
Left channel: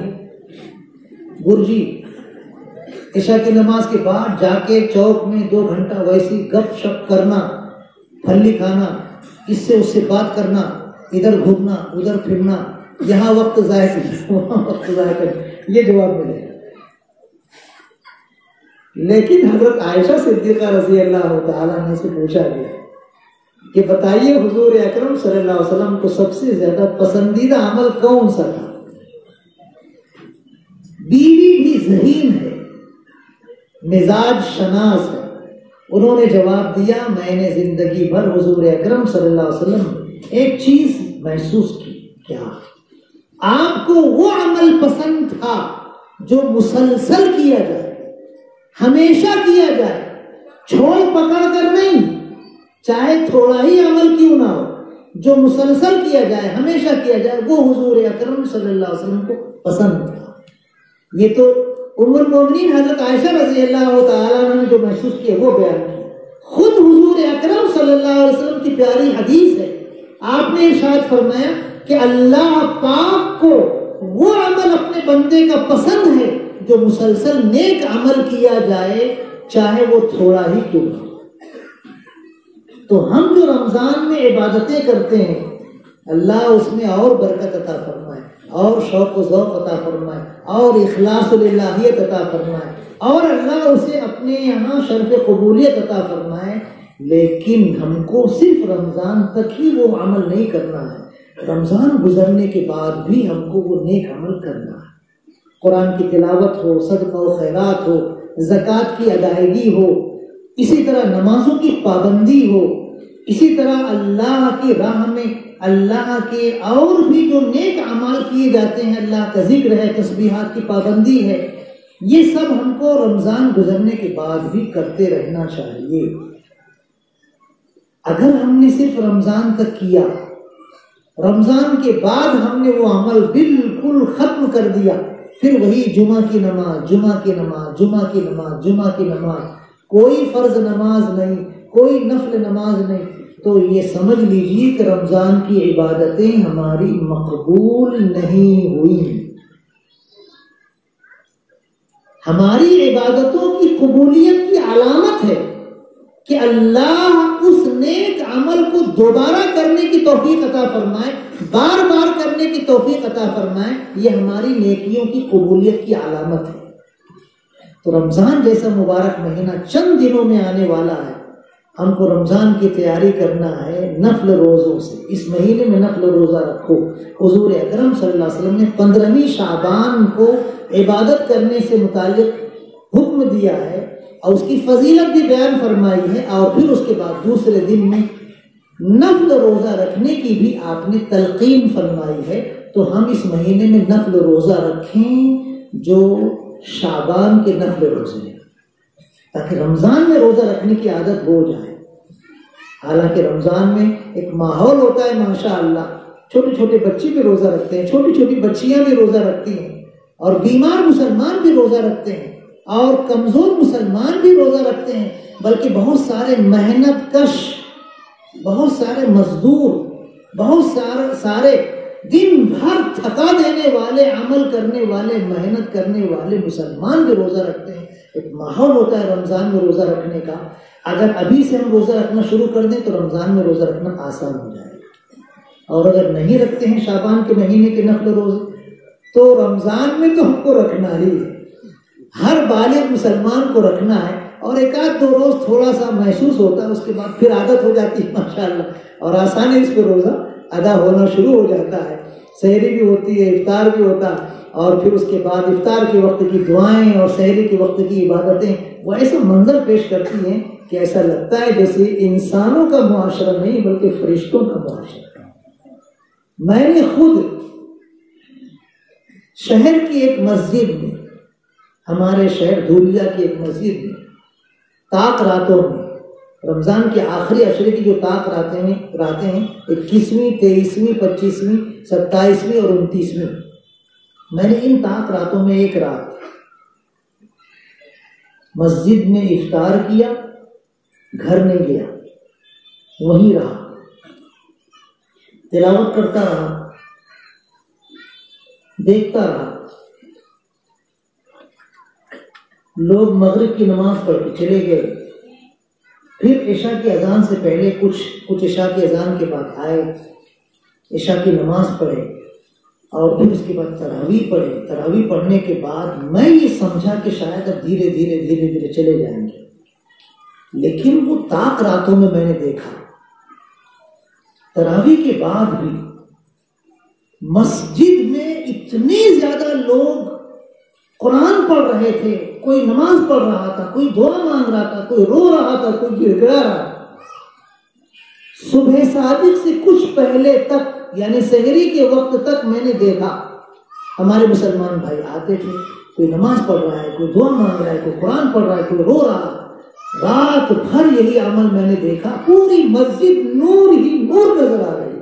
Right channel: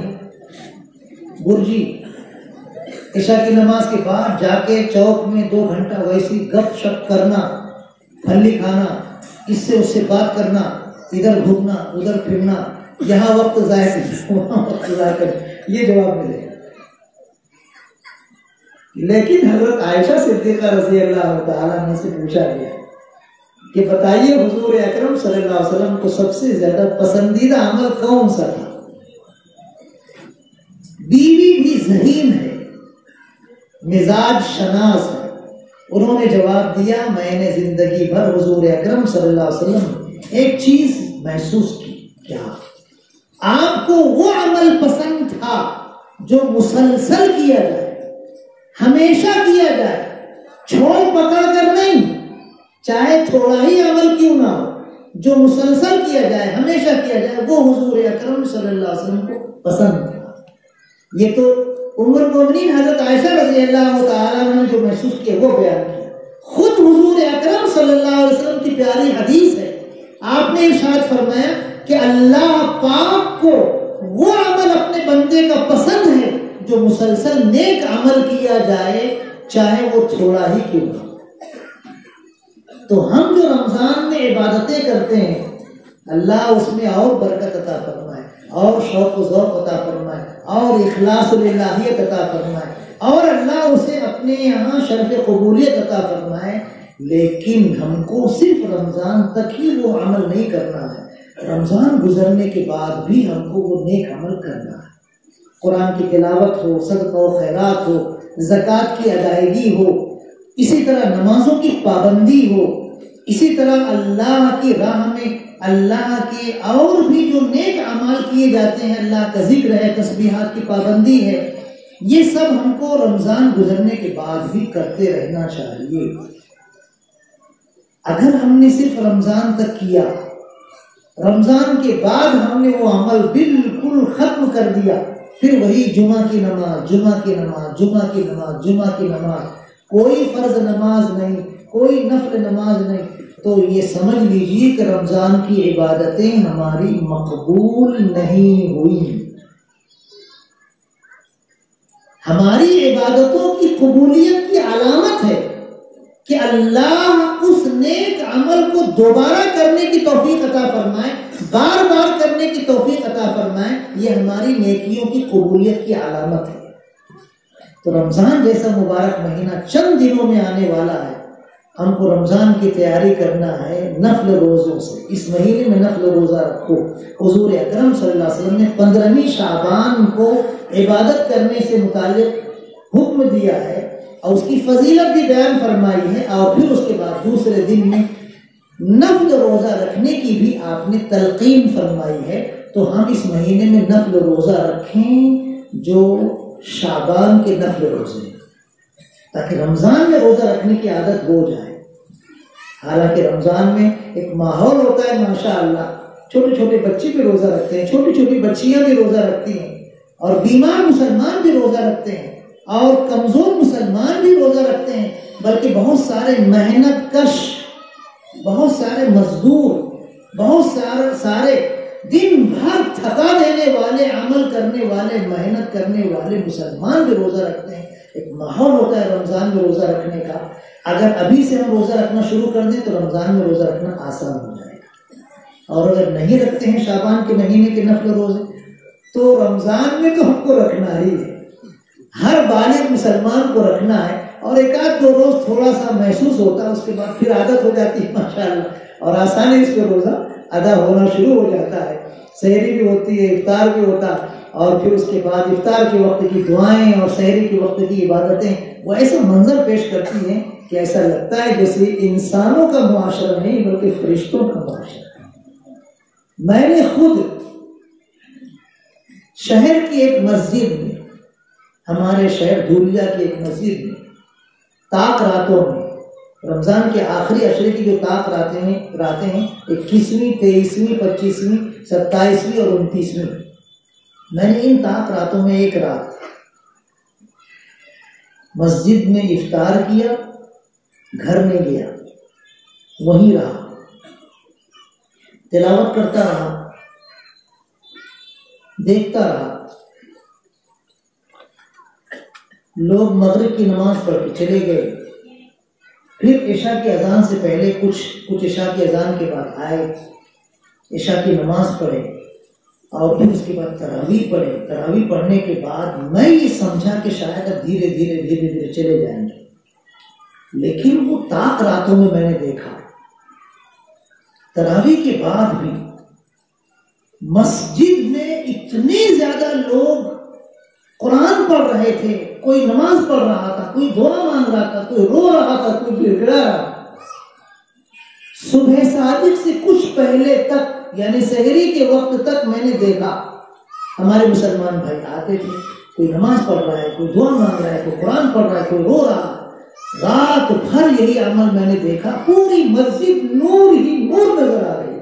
برجی، عشاء کی نماز کے بعد جا کے چوک میں 2 گھنٹہ ویسی گپ شپ کرنا، پھلی کھانا، اس سے بات کرنا، ادھر گھومنا ادھر پھرنا، یہاں وقت ضائع کرنا وہاں وقت ضائع کرنا، یہ جواب ملے گا۔ لیکن حضرت عائشہ صدیقہ رضی اللہ تعالیٰ عنہ سے پوچھا گیا کہ بتائیے حضور اکرم صلی اللہ علیہ وسلم کو سب سے زیادہ پسندیدہ عمل کون سا تھا؟ بیوی بھی ذہین ہے، مزاج شناس ہے، انہوں نے جواب دیا میں نے زندگی بھر حضور اکرم صلی اللہ علیہ وسلم ایک چیز محسوس کی، کیا؟ آپ کو وہ عمل پسند تھا جو مسلسل کیا جائے، ہمیشہ کیا جائے، چھوڑ پکڑ کر نہیں، چاہے تھوڑا ہی عمل کیوں نہ ہو، جو مسلسل کیا جائے، ہمیشہ کیا جائے، وہ حضور اکرم صلی اللہ علیہ وسلم کو پسند تھا۔ یہ تو ام المومنین حضرت عائشہ رضی اللہ تعالیٰ عنہ نے جو محسوس کیا وہ بیان کیا۔ خود حضور اکرم صلی اللہ علیہ وسلم کی پیاری حدیث ہے، آپ نے ارشاد فرمایا کہ اللہ پاک کو وہ عمل اپنے بندے کا پسند ہے جو مسلسل نیک عمل کیا جائے، چاہے وہ تھوڑا ہی کیوں نہ۔ تو ہم جو رمضان میں عبادتیں کرتے ہیں، اللہ اس میں اور برکت عطا فرمائے، اور شوق و ذوق عطا فرمائے، اور اخلاص الہیت عطا فرمائے، اور اللہ اسے اپنے یہاں شرف قبولیت عطا فرمائے۔ لیکن ہم کو صرف رمضان تک ہی وہ عمل نہیں کرنا ہے، رمضان گزرنے کے بعد بھی ہم کو وہ نیک عمل کرنا ہے۔ قرآن کی تلاوت ہو، صدقہ و خیرات ہو، زکوٰۃ کی ادائیگی ہو، اسی طرح نمازوں کی پابندی ہو، اسی طرح اللہ کی راہ میں اللہ کے اور بھی جو نیک اعمال کیے جاتے ہیں، اللہ کا ذکر ہے، تسبیحات کی پابندی ہے، یہ سب ہم کو رمضان گزرنے کے بعد بھی کرتے رہنا چاہیے۔ اگر ہم نے صرف رمضان تک کیا، رمضان کے بعد ہم نے وہ عمل بالکل ختم کر دیا، پھر وہی جمعہ کی نماز، جمعہ کی نماز، جمعہ کی نماز، جمعہ کی نماز، کوئی فرض نماز نہیں، کوئی نفل نماز نہیں، تو یہ سمجھ لیجیے کہ رمضان کی عبادتیں ہماری مقبول نہیں ہوئی۔ ہماری عبادتوں کی قبولیت کی علامت ہے کہ اللہ اس نیک عمل کو دوبارہ کرنے کی توفیق عطا فرمائے، بار بار کرنے کی توفیق عطا فرمائے، یہ ہماری نیکیوں کی قبولیت کی علامت ہے۔ تو رمضان جیسا مبارک مہینہ چند دنوں میں آنے والا ہے، ہم کو رمضان کی تیاری کرنا ہے نفل روزوں سے۔ اس مہینے میں نفل روزہ رکھو۔ حضور اکرم صلی اللہ علیہ وسلم نے 15ویں شعبان کو عبادت کرنے سے متعلق حکم دیا ہے اور اس کی فضیلت بھی بیان فرمائی ہے، اور پھر اس کے بعد دوسرے دن میں نفل روزہ رکھنے کی بھی آپ نے تلقین فرمائی ہے۔ تو ہم اس مہینے میں نفل روزہ رکھیں جو شعبان کے نفل روزے، تاکہ رمضان میں روزہ رکھنے کی عادت ہو جائے۔ حالانکہ رمضان میں ایک ماحول ہوتا ہے ماشاءاللہ، چھوٹے چھوٹے بچے بھی روزہ رکھتے ہیں، چھوٹی چھوٹی بچیاں بھی روزہ رکھتی ہیں، اور بیمار مسلمان بھی روزہ رکھتے ہیں، اور کمزور مسلمان بھی روزہ رکھتے ہیں، بلکہ بہت سارے محنت کش، بہت سارے مزدور، بہت سارے دن بھر تھکا دینے والے، عمل کرنے والے، محنت کرنے والے مسلمان بھی روزہ رکھتے ہیں۔ ایک ماحول ہوتا ہے رمضان میں روزہ رکھنے کا۔ اگر ابھی سے ہم روزہ رکھنا شروع کر دیں تو رمضان میں روزہ رکھنا آسان ہو جائے گا، اور اگر نہیں رکھتے ہیں شعبان کے مہینے کے نفل روزے تو رمضان میں تو ہم کو رکھنا ہی ہے، ہر بالغ مسلمان کو رکھنا ہے، اور ایک آدھ 2 روز تھوڑا سا محسوس ہوتا ہے، اس کے بعد پھر عادت ہو جاتی ہے ماشاءاللہ، اور آسانی اس پہ روزہ ادا ہونا شروع ہو جاتا ہے۔ سحری بھی ہوتی ہے، افطار بھی ہوتا ہے، اور پھر اس کے بعد افطار کے وقت کی دعائیں اور سحری کے وقت کی عبادتیں وہ ایسا منظر پیش کرتی ہیں کہ ایسا لگتا ہے جیسے انسانوں کا معاشرہ نہیں بلکہ فرشتوں کا معاشرہ۔ میں نے خود شہر کی ایک مسجد میں، ہمارے شہر دھولیا کی ایک مسجد میں طاق راتوں میں، رمضان کے آخری عشرے کی جو طاق راتیں ہیں 21ویں 23ویں 25ویں 27ویں اور 29ویں، میں نے ان طاق راتوں میں ایک رات مسجد میں افطار کیا، گھر نہیں گیا، وہیں رہا، تلاوت کرتا رہا، دیکھتا رہا۔ لوگ مغرب کی نماز پڑھ کے چلے گئے، پھر عشاء کی اذان سے پہلے کچھ عشاء کی اذان کے بعد آئے، عشاء کی نماز پڑھے اور پھر اس کے بعد تراویح پڑھے۔ تراویح پڑھنے کے بعد میں یہ سمجھا کہ شاید اب دھیرے دھیرے چلے جائیں گے، لیکن وہ طاق راتوں میں نے دیکھا تراویح کے بعد بھی مسجد میں اتنے زیادہ لوگ قرآن پڑھ رہے تھے، کوئی نماز پڑھ رہا تھا، کوئی دعا مانگ رہا تھا، کوئی رو رہا تھا، کوئی گڑگڑا رہا تھا۔ صبح صادق سے کچھ پہلے تک، یعنی سحری کے وقت تک میں نے دیکھا ہمارے مسلمان بھائی آتے تھے، کوئی نماز پڑھ رہا ہے، کوئی دعا مانگ رہا ہے، کوئی قرآن پڑھ رہا ہے، کوئی رو رہا ہے۔ رات بھر یہی عمل میں نے دیکھا، پوری مسجد نور ہی نور نظر آ گئی۔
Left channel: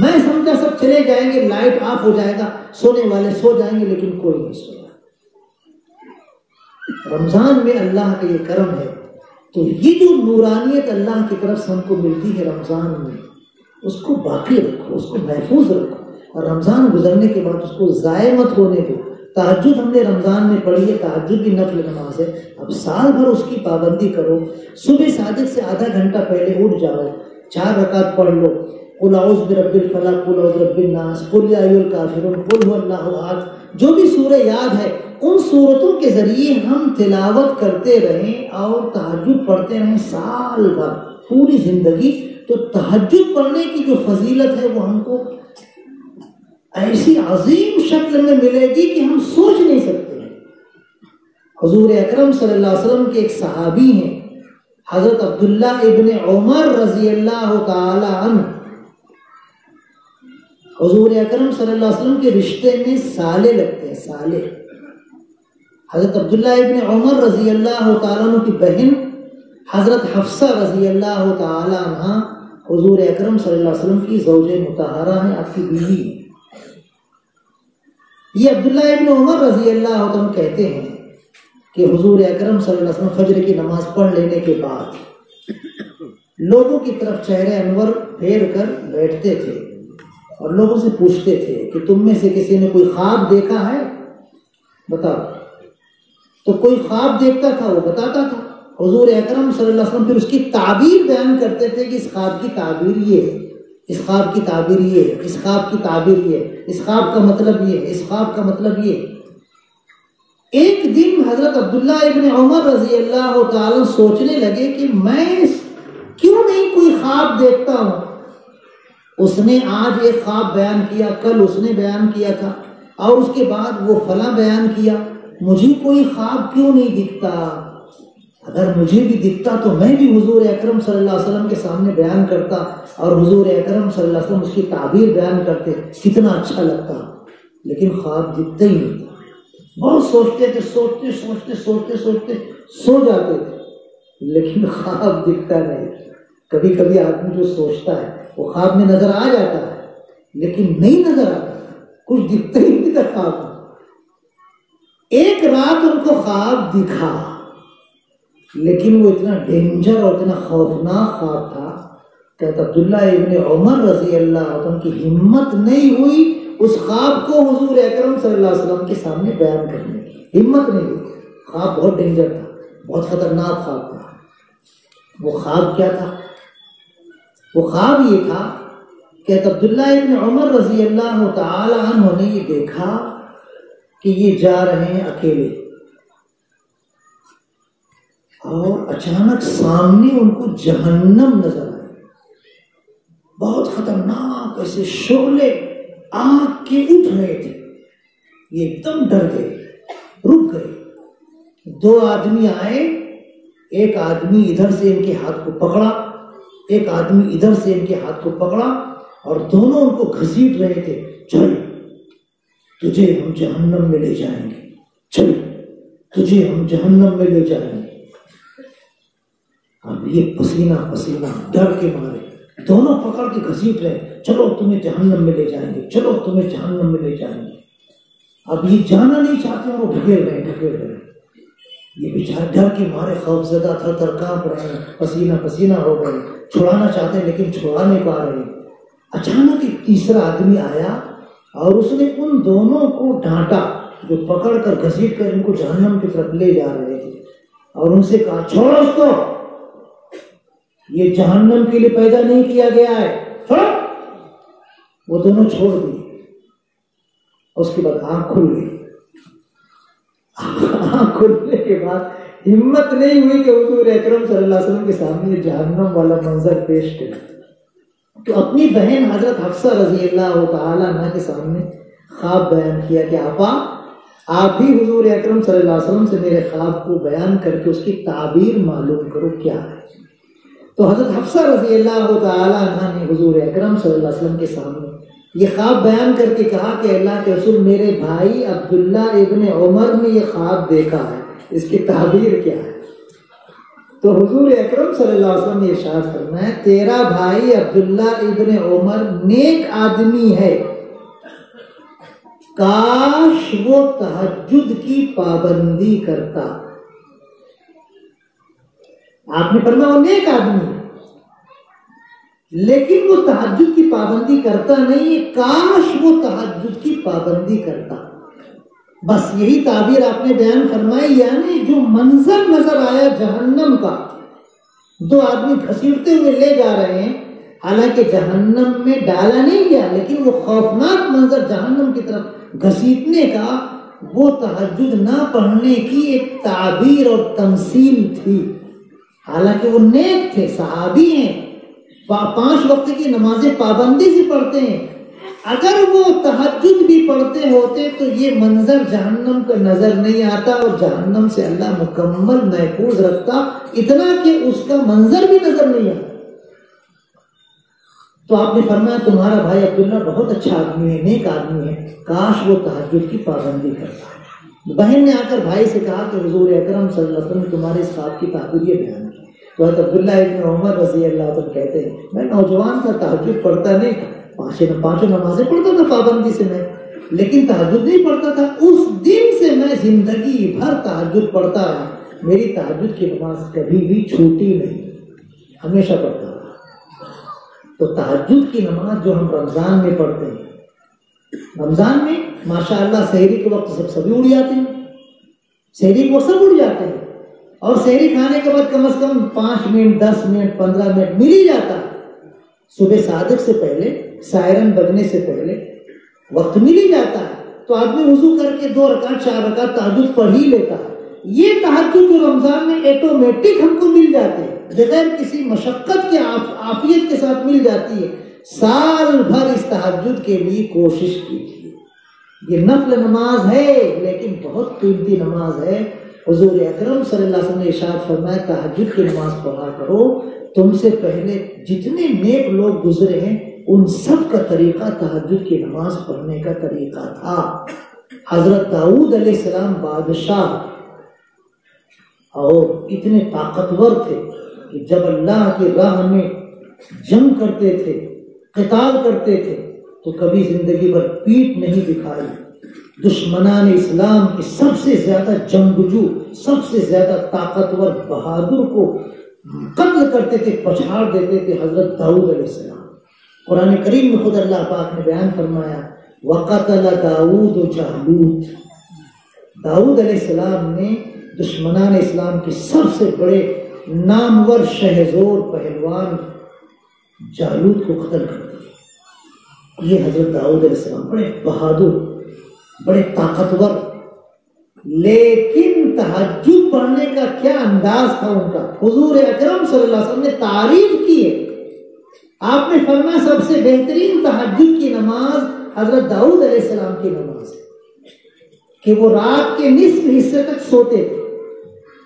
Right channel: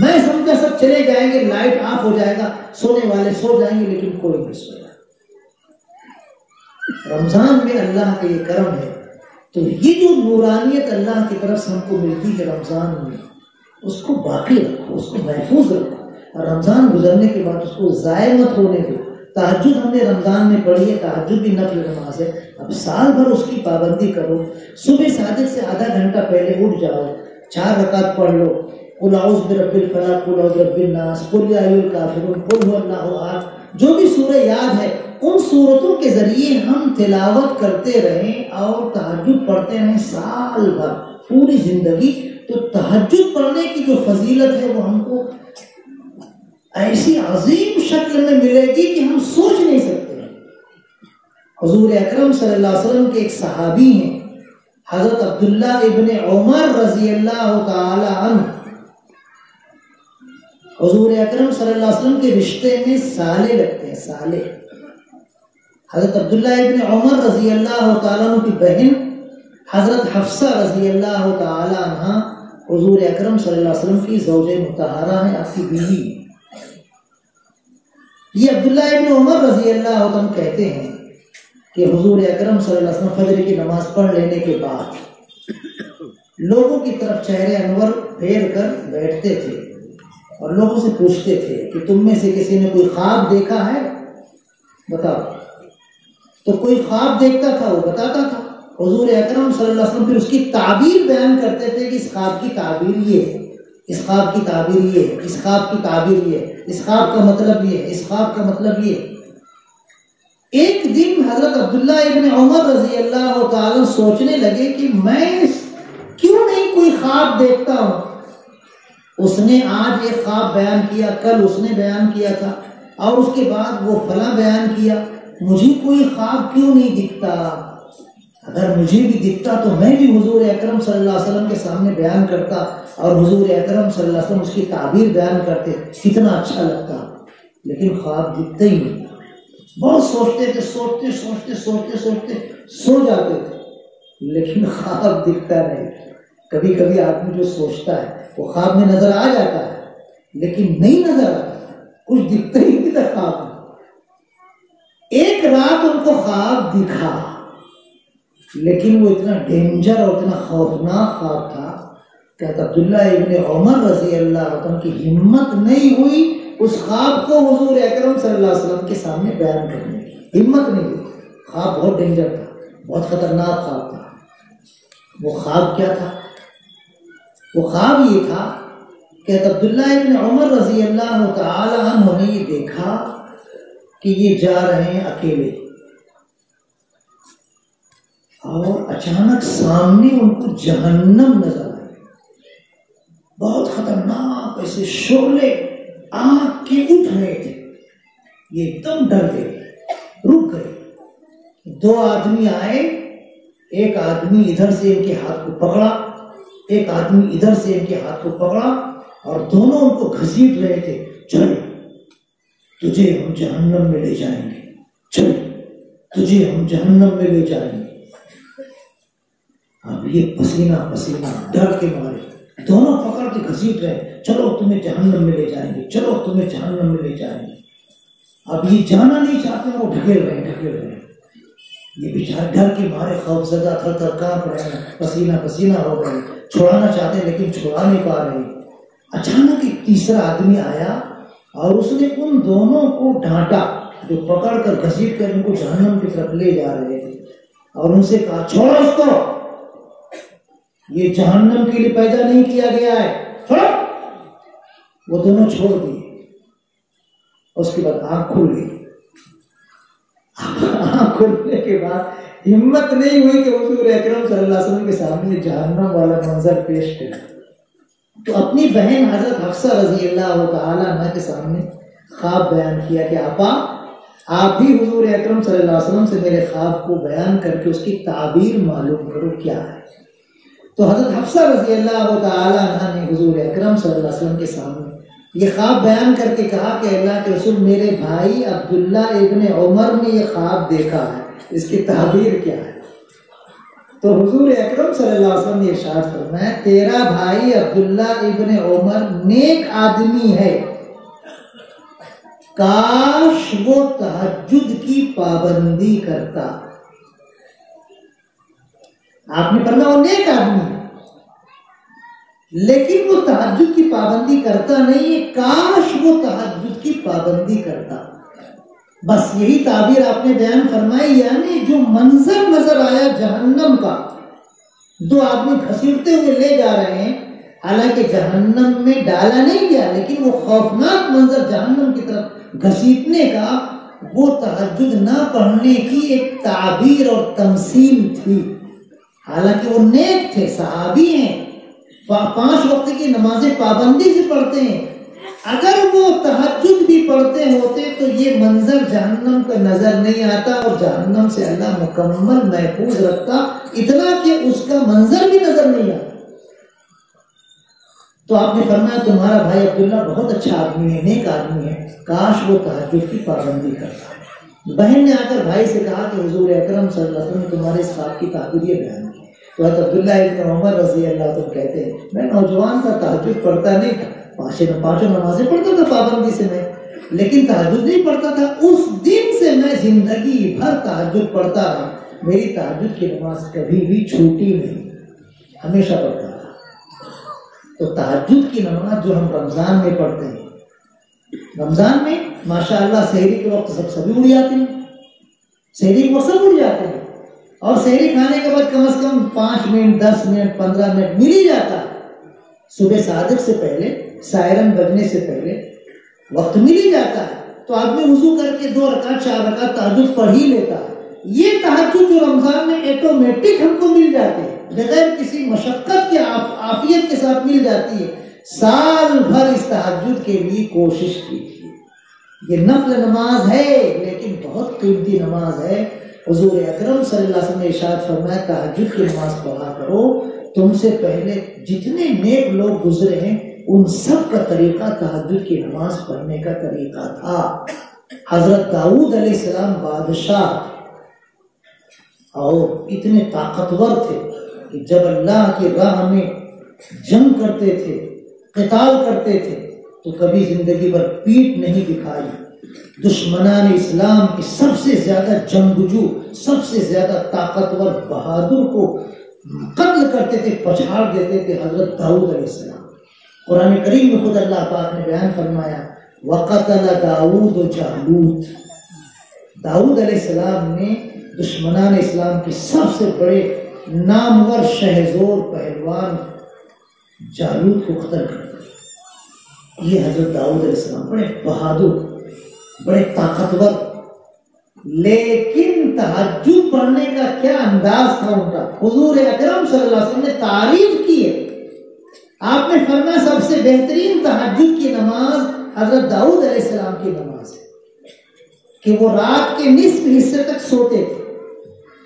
میں سمجھا سب چلے جائیں گے، لائٹ آف ہو جائے گا، سونے والے سو جائیں گے، لیکن کوئی نہیں سویا۔ رمضان میں اللہ کا یہ کرم ہے، تو یہ جو نورانیت اللہ کی طرف سے ہم کو ملتی ہے رمضان میں، اس کو باقی رکھو، اس کو محفوظ رکھو، اور رمضان گزرنے کے بعد اس کو ضائع مت ہونے دو۔ تہجد ہم نے رمضان میں پڑھی ہے، تہجد بھی نفل نماز ہے، اب سال بھر اس کی پابندی کرو۔ صبح صادق سے آدھا گھنٹہ پہلے اٹھ جاؤ، 4 رکعت پڑھ لو، قل اعوذ برب الفلق، قل اعوذ برب الناس، قل یا ایھا الکافرون، قل هو اللہ احد، جو بھی سورہ یاد ہے ان سورتوں کے ذریعے ہم تلاوت کرتے رہیں اور تہجد پڑھتے رہیں سال بھر، پوری زندگی۔ تو تہجد پڑھنے کی جو فضیلت ہے وہ ہم کو ایسی عظیم شکل میں ملے گی کہ ہم سوچ نہیں سکتے۔ حضور اکرم صلی اللہ علیہ وسلم کے ایک صحابی ہیں حضرت عبداللہ ابن عمر رضی اللہ تعالی عنہ، حضور اکرم صلی اللہ علیہ وسلم کے رشتے میں سالے لگتے ہیں، سالے۔ حضرت عبداللہ ابن عمر رضی اللہ تعالیٰ عنہ کی بہن حضرت حفصہ رضی اللہ تعالیٰ عنہ حضور اکرم صلی اللہ علیہ وسلم کی زوج مطہرہ ہیں، آپ کی بیوی۔ یہ عبداللہ ابن عمر رضی اللہ عنہ کہتے ہیں کہ حضور اکرم صلی اللہ علیہ وسلم فجر کی نماز پڑھ لینے کے بعد لوگوں کی طرف چہرے انور پھیر کر بیٹھتے تھے اور لوگوں سے پوچھتے تھے کہ تم میں سے کسی نے کوئی خواب دیکھا ہے؟ بتاؤ۔ تو کوئی خواب دیکھتا تھا، وہ بتاتا تھا، حضور اکرم صلی اللہ علیہ وسلم پھر اس کی تعبیر بیان کرتے تھے کہ اس خواب کی تعبیر یہ ہے، اس خواب کی تعبیر یہ ہے، اس خواب کی تعبیر یہ ہے، اس خواب کا مطلب یہ ہے، اس خواب کا مطلب یہ ہے۔ ایک دن حضرت عبداللہ ابن عمر رضی اللہ تعالی سوچنے لگے کہ میں کیوں نہیں کوئی خواب دیکھتا ہوں۔ اس نے آج ایک خواب بیان کیا، کل اس نے بیان کیا تھا، اور اس کے بعد وہ فلاں بیان کیا، مجھے کوئی خواب کیوں نہیں دکھتا؟ اگر مجھے بھی دکھتا تو میں بھی حضور اکرم صلی اللہ علیہ وسلم کے سامنے بیان کرتا اور حضور اکرم صلی اللہ علیہ وسلم اس کی تعبیر بیان کرتے، کتنا اچھا لگتا۔ لیکن خواب دکھتا ہی نہیں تھا۔ بہت سوچتے تھے، سوچتے سو جاتے تھے، لیکن خواب دکھتا نہیں۔ کبھی کبھی آدمی جو سوچتا ہے وہ خواب میں نظر آ جاتا ہے، لیکن نہیں نظر آتا، کچھ دکھتا ہی نہیں تھا خواب میں۔ ایک رات ان کو خواب دکھا، لیکن وہ اتنا ڈینجر اور اتنا خوفناک خواب تھا کہ عبداللہ ابن عمر رضی اللہ عنہ کی ہمت نہیں ہوئی اس خواب کو حضور اکرم صلی اللہ علیہ وسلم کے سامنے بیان کرنے کی، ہمت نہیں ہوئی۔ خواب بہت ڈینجر تھا، بہت خطرناک خواب تھا۔ وہ خواب کیا تھا؟ وہ خواب یہ تھا کہ عبداللہ ابن عمر رضی اللہ تعالی عنہ نے یہ دیکھا کہ یہ جا رہے ہیں اکیلے، اور اچانک سامنے ان کو جہنم نظر آئی، بہت خطرناک، ایسے شعلے آگ کے اٹھ رہے تھے۔ یہ ایک دم ڈر گئے، رک گئے۔ 2 آدمی آئے، ایک آدمی ادھر سے ان کے ہاتھ کو پکڑا، ایک آدمی ادھر سے ان کے ہاتھ کو پکڑا، اور دونوں ان کو گھسیٹ رہے تھے، چلے تجھے ہم جہنم میں لے جائیں گے، چل تجھے ہم جہنم میں لے جائیں گے۔ اب یہ پسینہ پسینہ ڈر کے مارے دونوں پکڑ کے گھسیٹ رہے، چلو تمہیں جہنم میں لے جائیں گے، چلو تمہیں جہنم میں لے جائیں گے۔ اب یہ جانا نہیں چاہتے، وہ ڈھکیل رہے۔ یہ بیچارے ڈر کے مارے خوف زدہ تھر تھر کانپ رہے ہیں، پسینہ پسینہ ہو گئے، چھڑانا چاہتے ہیں لیکن چھڑا نہیں پا رہے۔ اچانک ایک تیسرا آدمی آیا اور اس نے ان دونوں کو ڈانٹا جو پکڑ کر گھسیٹ کر ان کو جہنم کی طرف لے جا رہے تھے، اور ان سے کہا چھوڑو اس کو، یہ جہنم کے لیے پیدا نہیں کیا گیا ہے، چھوڑو۔ وہ دونوں چھوڑ دیے۔ اس کے بعد آنکھ کھل گئی۔ آنکھ کھلنے کے بعد ہمت نہیں ہوئی کہ حضور اکرم صلی اللہ علیہ وسلم کے سامنے جہنم والا منظر پیش کرے، تو اپنی بہن حضرت حفصہ رضی اللہ تعالی عنہ کے سامنے خواب بیان کیا کہ آپا آپ بھی حضور اکرم صلی اللہ علیہ وسلم سے میرے خواب کو بیان کر کے اس کی تعبیر معلوم کرو کیا ہے۔ تو حضرت حفصہ رضی اللہ تعالی عنہ نے حضور اکرم صلی اللہ علیہ وسلم کے سامنے یہ خواب بیان کر کے کہا کہ اللہ کے رسول میرے بھائی عبداللہ ابن عمر نے یہ خواب دیکھا ہے، اس کی تعبیر کیا ہے؟ تو حضور اکرم صلی اللہ علیہ وسلم نے ارشاد فرمایا تیرا بھائی عبداللہ ابن عمر نیک آدمی ہے، کاش وہ تہجد کی پابندی کرتا۔ آپ نے فرمایا وہ نیک آدمی ہے لیکن وہ تہجد کی پابندی کرتا نہیں، کاش وہ تہجد کی پابندی کرتا۔ بس یہی تعبیر آپ نے بیان فرمائی، یعنی جو منظر نظر آیا جہنم کا، دو آدمی گھسیٹتے ہوئے لے جا رہے ہیں، حالانکہ جہنم میں ڈالا نہیں گیا لیکن وہ خوفناک منظر جہنم کی طرف گھسیٹنے کا، وہ تہجد نہ پڑھنے کی ایک تعبیر اور تمثیل تھی۔ حالانکہ وہ نیک تھے، صحابی ہیں، 5 وقت کی نمازیں پابندی سے پڑھتے ہیں، اگر وہ تہجد بھی پڑھتے ہوتے تو یہ منظر جہنم کا نظر نہیں آتا اور جہنم سے اللہ مکمل محفوظ رکھتا، اتنا کہ اس کا منظر بھی نظر نہیں آتا۔ تو آپ نے فرمایا تمہارا بھائی عبداللہ بہت اچھا آدمی ہے، نیک آدمی ہے، کاش وہ تہجد کی پابندی کرتا۔ بہن نے آ کر بھائی سے کہا کہ حضور اکرم صلی اللہ علیہ وسلم نے تمہارے اس خواب کی تعبیر یہ بیان کی۔ تو حضرت عبداللہ ابن عمر رضی اللہ عنہ کہتے ہیں میں نوجوان تھا، تہجد پڑھتا نہیں تھا، 5 نمازیں پڑھتا تھا پابندی سے میں، لیکن تہجد نہیں پڑھتا تھا۔ اس دن سے میں زندگی بھر تہجد پڑھتا رہا، میری تہجد کی نماز کبھی بھی چھوٹی نہیں، ہمیشہ پڑھتا تھا۔ تو تہجد کی نماز جو ہم رمضان میں پڑھتے ہیں، رمضان میں ماشاءاللہ سحری کے وقت سبھی اڑ جاتے ہیں، سحری کے وقت سب اڑ جاتے ہیں، اور سحری کھانے کے بعد کم از کم 5 منٹ 10 منٹ 15 منٹ مل ہی جاتا ہے۔ صبح صادق سے پہلے، سائرن بجنے سے پہلے وقت مل ہی جاتا ہے، تو آدمی وضو کر کے 2 رکعت 4 رکعت تہجد پڑھ ہی لیتا ہے۔ یہ تہجد جو رمضان میں ایٹومیٹک ہم کو مل جاتے ہیں، بغیر کسی مشقت کے عافیت کے ساتھ مل جاتی ہے، سال بھر اس تہجد کے لیے کوشش کیجیے۔ یہ نفل نماز ہے لیکن بہت قیمتی نماز ہے۔ حضور اکرم صلی اللہ علیہ وسلم نے ارشاد فرمایا تہجد کی نماز پڑھا کرو، تم سے پہلے جتنے نیک لوگ گزرے ہیں ان سب کا طریقہ تہجد کی نماز پڑھنے کا طریقہ تھا۔ حضرت داؤد علیہ السلام بادشاہ اور اتنے طاقتور تھے کہ جب اللہ کی راہ میں جنگ کرتے تھے، قتال کرتے تھے، تو کبھی زندگی بھر پیٹھ نہیں دکھائی۔ دشمنان اسلام کے سب سے زیادہ جنگجو، سب سے زیادہ طاقتور بہادر کو قتل کرتے تھے، پچھاڑ دیتے تھے حضرت داؤد علیہ السلام۔ قرآن کریم میں خود اللہ پاک نے بیان فرمایا وَقَتَلَ دَاوُودُ جَالُوتَ، داؤد علیہ السلام نے دشمنان اسلام کے سب سے بڑے نامور شہزور پہلوان جالوت کو قتل کر دیا۔ یہ حضرت داؤد علیہ السلام بڑے بہادر، بڑے طاقتور، لیکن تہجد پڑھنے کا کیا انداز تھا ان کا۔ حضور اکرم صلی اللہ علیہ وسلم نے تعریف کی ہے، آپ نے فرمایا سب سے بہترین تہجد کی نماز حضرت داؤد علیہ السلام کی نماز ہے کہ وہ رات کے نصف حصے تک سوتے تھے،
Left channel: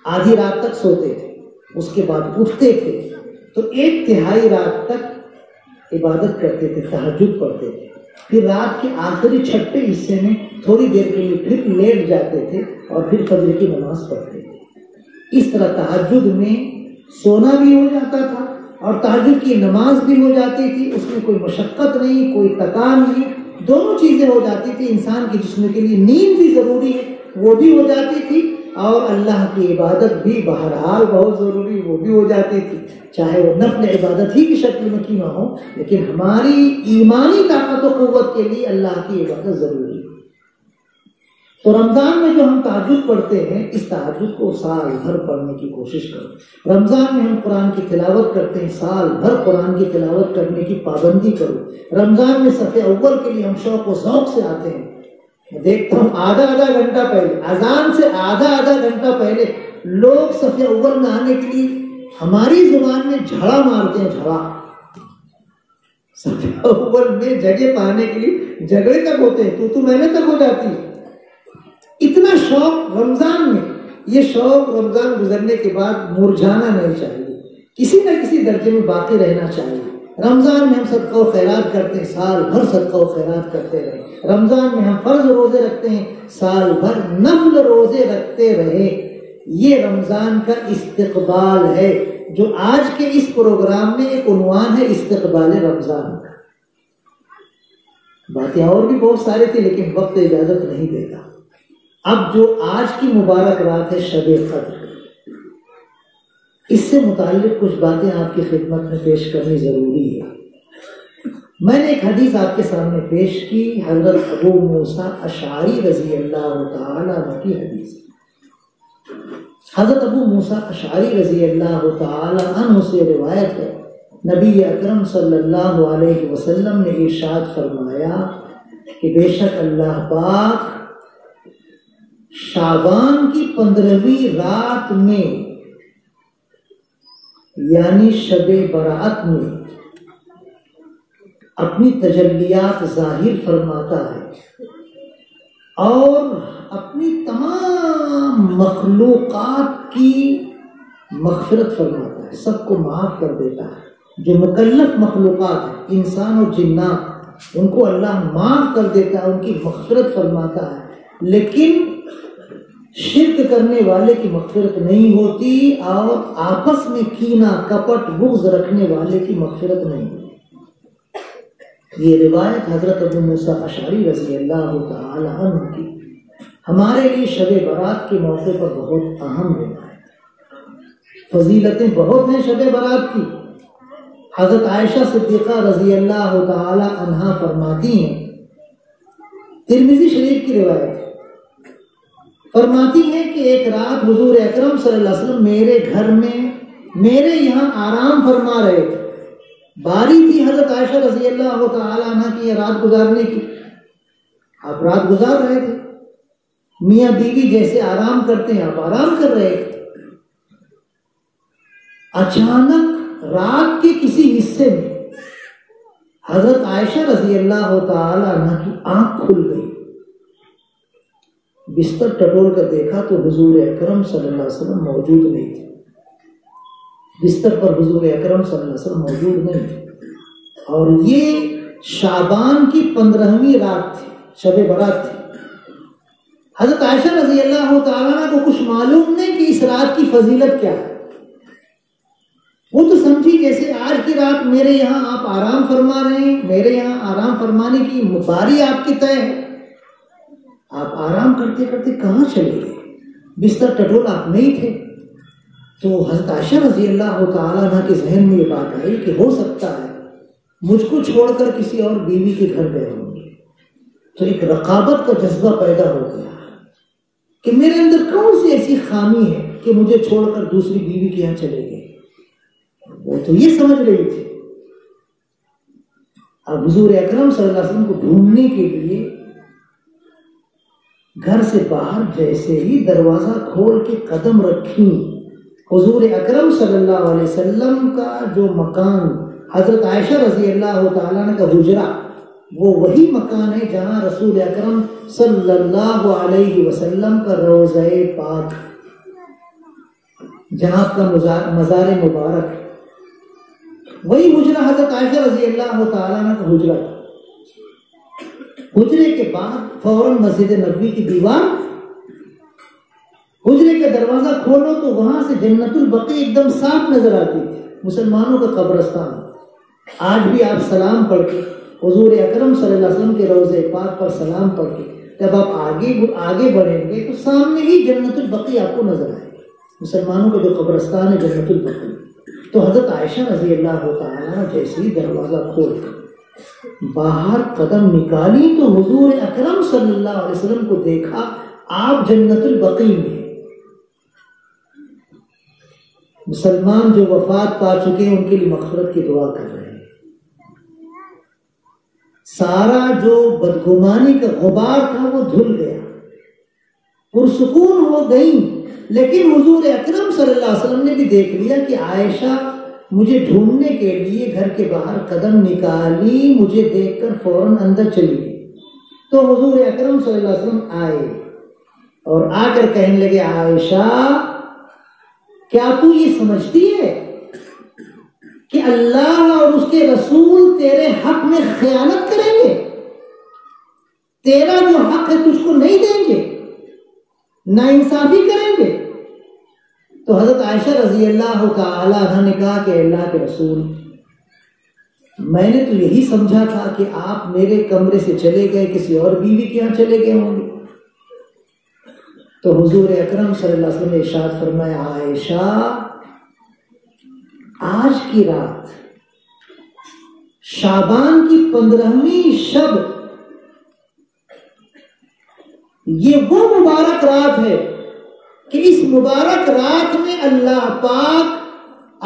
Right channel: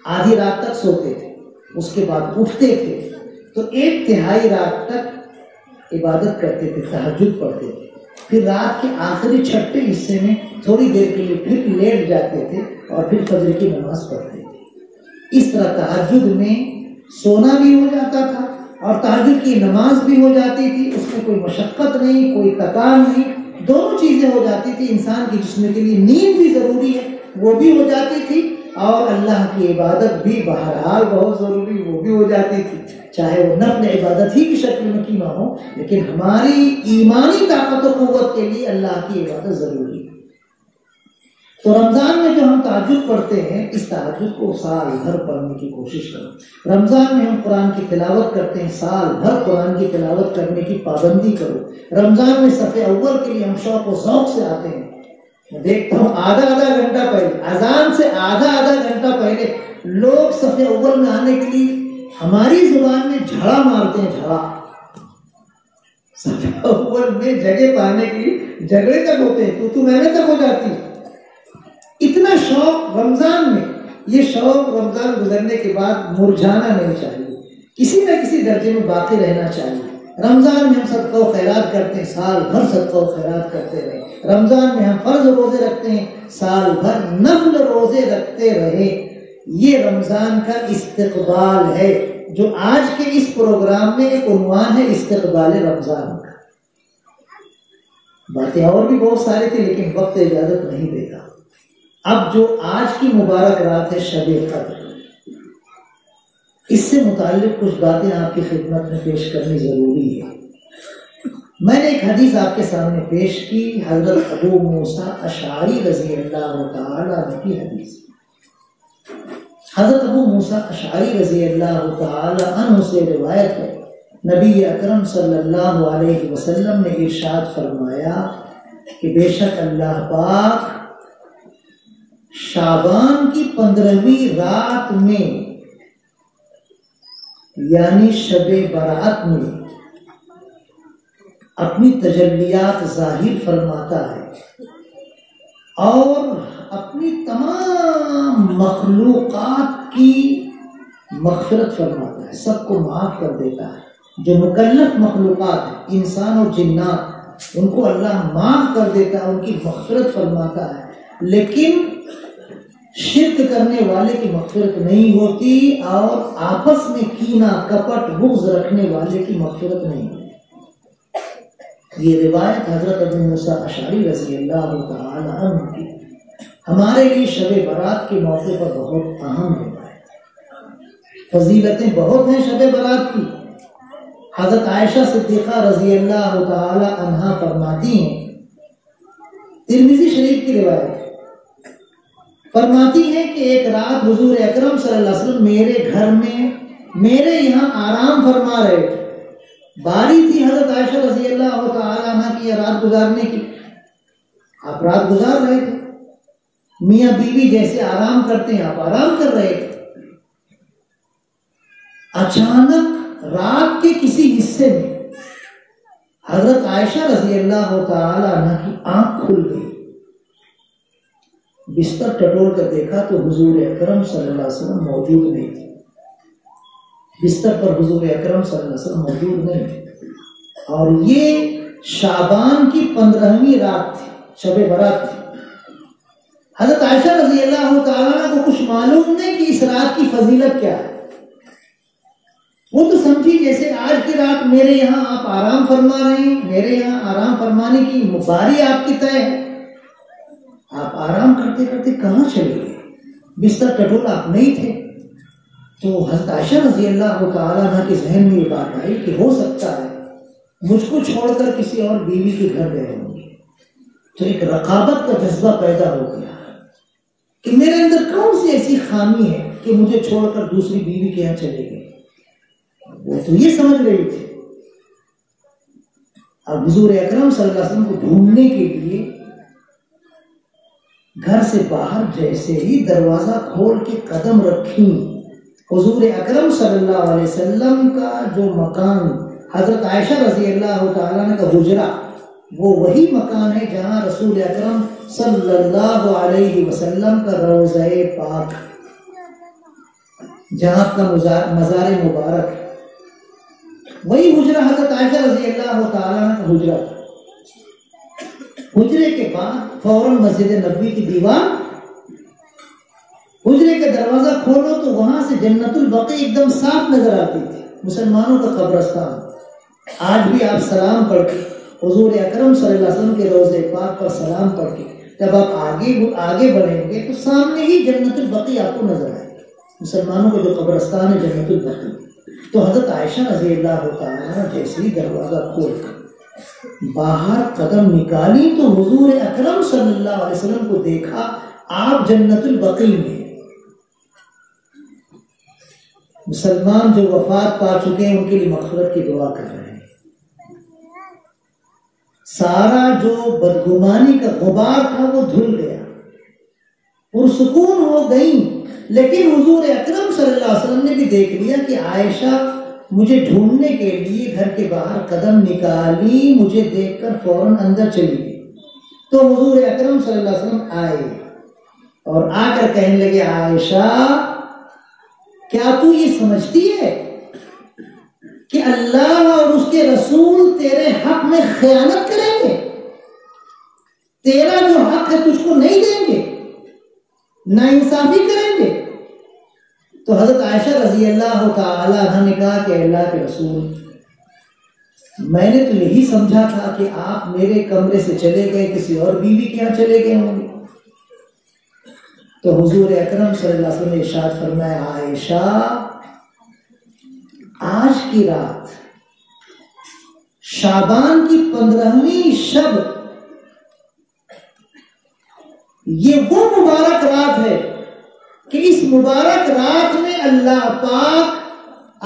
آدھی رات تک سوتے تھے، اس کے بعد اٹھتے تھے تو 1/3 رات تک عبادت کرتے تھے، تہجد پڑھتے تھے، پھر رات کے آخری چھٹے حصے میں تھوڑی دیر کے لیے پھر لیٹ جاتے تھے اور پھر فجر کی نماز پڑھتے تھے۔ اس طرح تہجد میں سونا بھی ہو جاتا تھا اور تہجد کی نماز بھی ہو جاتی تھی، اس میں کوئی مشقت نہیں، کوئی تکان نہیں، دونوں چیزیں ہو جاتی تھی۔ انسان کے جسم کے لیے نیند بھی ضروری ہے، وہ بھی ہو جاتی تھی، اور اللہ کی عبادت بھی بہرحال بہت ضروری، وہ بھی ہو جاتی تھی، چاہے وہ نفل عبادت ہی کی شکل میں کیوں نہ ہو، لیکن ہماری ایمانی طاقت و قوت کے لیے اللہ کی عبادت ضروری ہے۔ تو رمضان میں جو ہم تہجد پڑھتے ہیں، اس تہجد کو سال بھر پڑھنے کی کوشش کرو۔ رمضان میں ہم قرآن کی تلاوت کرتے ہیں، سال بھر قرآن کی تلاوت کرنے کی پابندی کرو۔ رمضان میں صف اول کے لیے ہم شوق و ذوق سے آتے ہیں۔ میں دیکھتا ہوں آدھا گھنٹہ پہلے، اذان سے آدھا گھنٹہ پہلے لوگ صف اول میں آنے کے لیے ہماری زبان میں جھڑا مارتے ہیں، جھڑا۔ صف اول میں جگہ پانے کے لیے جھگڑے تک ہوتے ہیں، تو میں تک ہو جاتی ہے۔ اتنا شوق رمضان میں، یہ شوق رمضان گزرنے کے بعد مرجھانا نہیں چاہیے، کسی نہ کسی درجے میں باقی رہنا چاہیے۔ رمضان میں ہم صدقہ و خیرات کرتے ہیں، سال بھر صدقہ و خیرات کرتے رہے۔ رمضان میں ہم فرض روزے رکھتے ہیں، سال بھر نفل روزے رکھتے رہے۔ یہ رمضان کا استقبال ہے، جو آج کے اس پروگرام میں ایک عنوان ہے، استقبال رمضان کا۔ باتیں اور بھی بہت ساری تھی، لیکن وقت اجازت نہیں دے گا۔ اب جو آج کی مبارک رات ہے، شب قدر، اس سے متعلق کچھ باتیں آپ کی خدمت میں پیش کرنی ضروری ہے۔ میں نے ایک حدیث آپ کے سامنے پیش کی، حضرت ابو موسیٰ اشعری رضی اللہ تعالی عنہ کی حدیث۔ حضرت ابو موسیٰ اشعری رضی اللہ تعالی عنہ سے روایت ہے، نبی اکرم صلی اللہ علیہ وسلم نے ارشاد فرمایا کہ بے شک اللہ پاک شعبان کی 15ویں رات میں، یعنی شب برات میں، اپنی تجلیات ظاہر فرماتا ہے اور اپنی تمام مخلوقات کی مغفرت فرماتا ہے، سب کو معاف کر دیتا ہے۔ جو مکلف مخلوقات ہیں، انسان اور جنات، ان کو اللہ معاف کر دیتا ہے، ان کی مغفرت فرماتا ہے، لیکن شرک کرنے والے کی مغفرت نہیں ہوتی، اور آپس میں کینہ، کپٹ، بغض رکھنے والے کی مغفرت نہیں ہوتی۔ یہ روایت حضرت ابو موسیٰ اشعری رضی اللہ تعالی عنہ کی ہمارے لیے شب برات کے موقع پر بہت اہم روایت۔ فضیلتیں بہت ہیں شب برات کی۔ حضرت عائشہ صدیقہ رضی اللہ تعالی عنہا فرماتی ہیں، ترمذی شریف کی روایت ہے، فرماتی ہیں کہ ایک رات حضور اکرم صلی اللہ علیہ وسلم میرے گھر میں میرے یہاں آرام فرما رہے تھے۔ باری تھی حضرت عائشہ رضی اللہ تعالی عنہ کی رات گزارنے کی، آپ رات گزار رہے تھے، میاں بیوی جیسے آرام کرتے ہیں آپ آرام کر رہے تھے۔ اچانک رات کے کسی حصے میں حضرت عائشہ رضی اللہ تعالی عنہ کی آنکھ کھل گئی۔ بستر ٹٹول کر دیکھا تو حضور اکرم صلی اللہ علیہ وسلم موجود نہیں تھے، بستر پر حضور اکرم صلی اللہ علیہ وسلم موجود نہیں تھے، اور یہ شعبان کی 15ویں رات تھی، شب برات تھی۔ حضرت عائشہ رضی اللہ تعالیٰ عنہ کو کچھ معلوم نہیں کہ اس رات کی فضیلت کیا ہے، وہ تو سمجھی جیسے آج کی رات میرے یہاں آپ آرام فرما رہے ہیں، میرے یہاں آرام فرمانے کی باری آپ کی طے ہے، آپ آرام کرتے کرتے کہاں چلے گئے، بستر ٹٹول آپ نہیں تھے۔ تو حضرت عائشہ رضی اللہ تعالیٰ عنہ کے ذہن میں یہ بات آئی کہ ہو سکتا ہے مجھ کو چھوڑ کر کسی اور بیوی کے گھر گئے ہوں گے۔ تو ایک رقابت کا جذبہ پیدا ہو گیا کہ میرے اندر کون سی ایسی خامی ہے کہ مجھے چھوڑ کر دوسری بیوی کے یہاں چلے گئے۔ وہ تو یہ سمجھ رہی تھی۔ اب حضور اکرم صلی اللہ علیہ وسلم کو ڈھونڈنے کے لیے گھر سے باہر جیسے ہی دروازہ کھول کے قدم رکھی، حضور اکرم صلی اللہ علیہ وسلم کا جو مکان، حضرت عائشہ رضی اللہ تعالیٰ عنہ کا حجرہ، وہ وہی مکان ہے جہاں رسول اکرم صلی اللہ علیہ وسلم کا روضہ پاک، جہاں کا مزار مبارک ہے، وہی حجرہ حضرت عائشہ رضی اللہ تعالیٰ عنہ کا حجرہ۔ حجرے کے بعد فوراً مسجد نبوی کی دیوار، حجرے کا دروازہ کھولو تو وہاں سے جنت البقیع ایک دم صاف نظر آتی تھی، مسلمانوں کا قبرستان۔ آج بھی آپ سلام پڑھ کے حضور اکرم صلی اللہ علیہ وسلم کے روضہ پاک پر سلام پڑھ کے جب آپ آگے بڑھیں گے تو سامنے ہی جنت البقیع آپ کو نظر آئے گی، مسلمانوں کا جو قبرستان ہے جنت البقیع۔ تو حضرت عائشہ رضی اللہ تعالیٰ جیسے ہی دروازہ کھول کر باہر قدم نکالی تو حضور اکرم صلی اللہ علیہ وسلم کو دیکھا، آپ جنت البقیع میں۔ مسلمان جو وفات پا چکے ہیں ان کے لیے مغفرت کی دعا کر رہے ہیں۔ سارا جو بدگمانی کا غبار تھا وہ دھل گیا، پرسکون ہو گئی۔ لیکن حضور اکرم صلی اللہ علیہ وسلم نے بھی دیکھ لیا کہ عائشہ مجھے ڈھونڈنے کے لیے گھر کے باہر قدم نکالی، مجھے دیکھ کر فوراً اندر چلی گئی۔ تو حضور اکرم صلی اللہ علیہ وسلم آئے اور آ کر کہنے لگے، عائشہ کیا تو یہ سمجھتی ہے کہ اللہ اور اس کے رسول تیرے حق میں خیانت کریں گے؟ تیرا جو حق ہے تجھ کو نہیں دیں گے، ناانصافی کریں گے؟ تو حضرت عائشہ رضی اللہ تعالی عنہ نے کہا کہ اللہ کے رسول، میں نے تو یہی سمجھا تھا کہ آپ میرے کمرے سے چلے گئے، کسی اور بیوی کے یہاں چلے گئے ہوں گے۔ تو حضور اکرم صلی اللہ علیہ وسلم نے ارشاد فرمایا، عائشہ آج کی رات شعبان کی 15ویں شب، یہ وہ مبارک رات ہے کہ اس مبارک رات میں اللہ پاک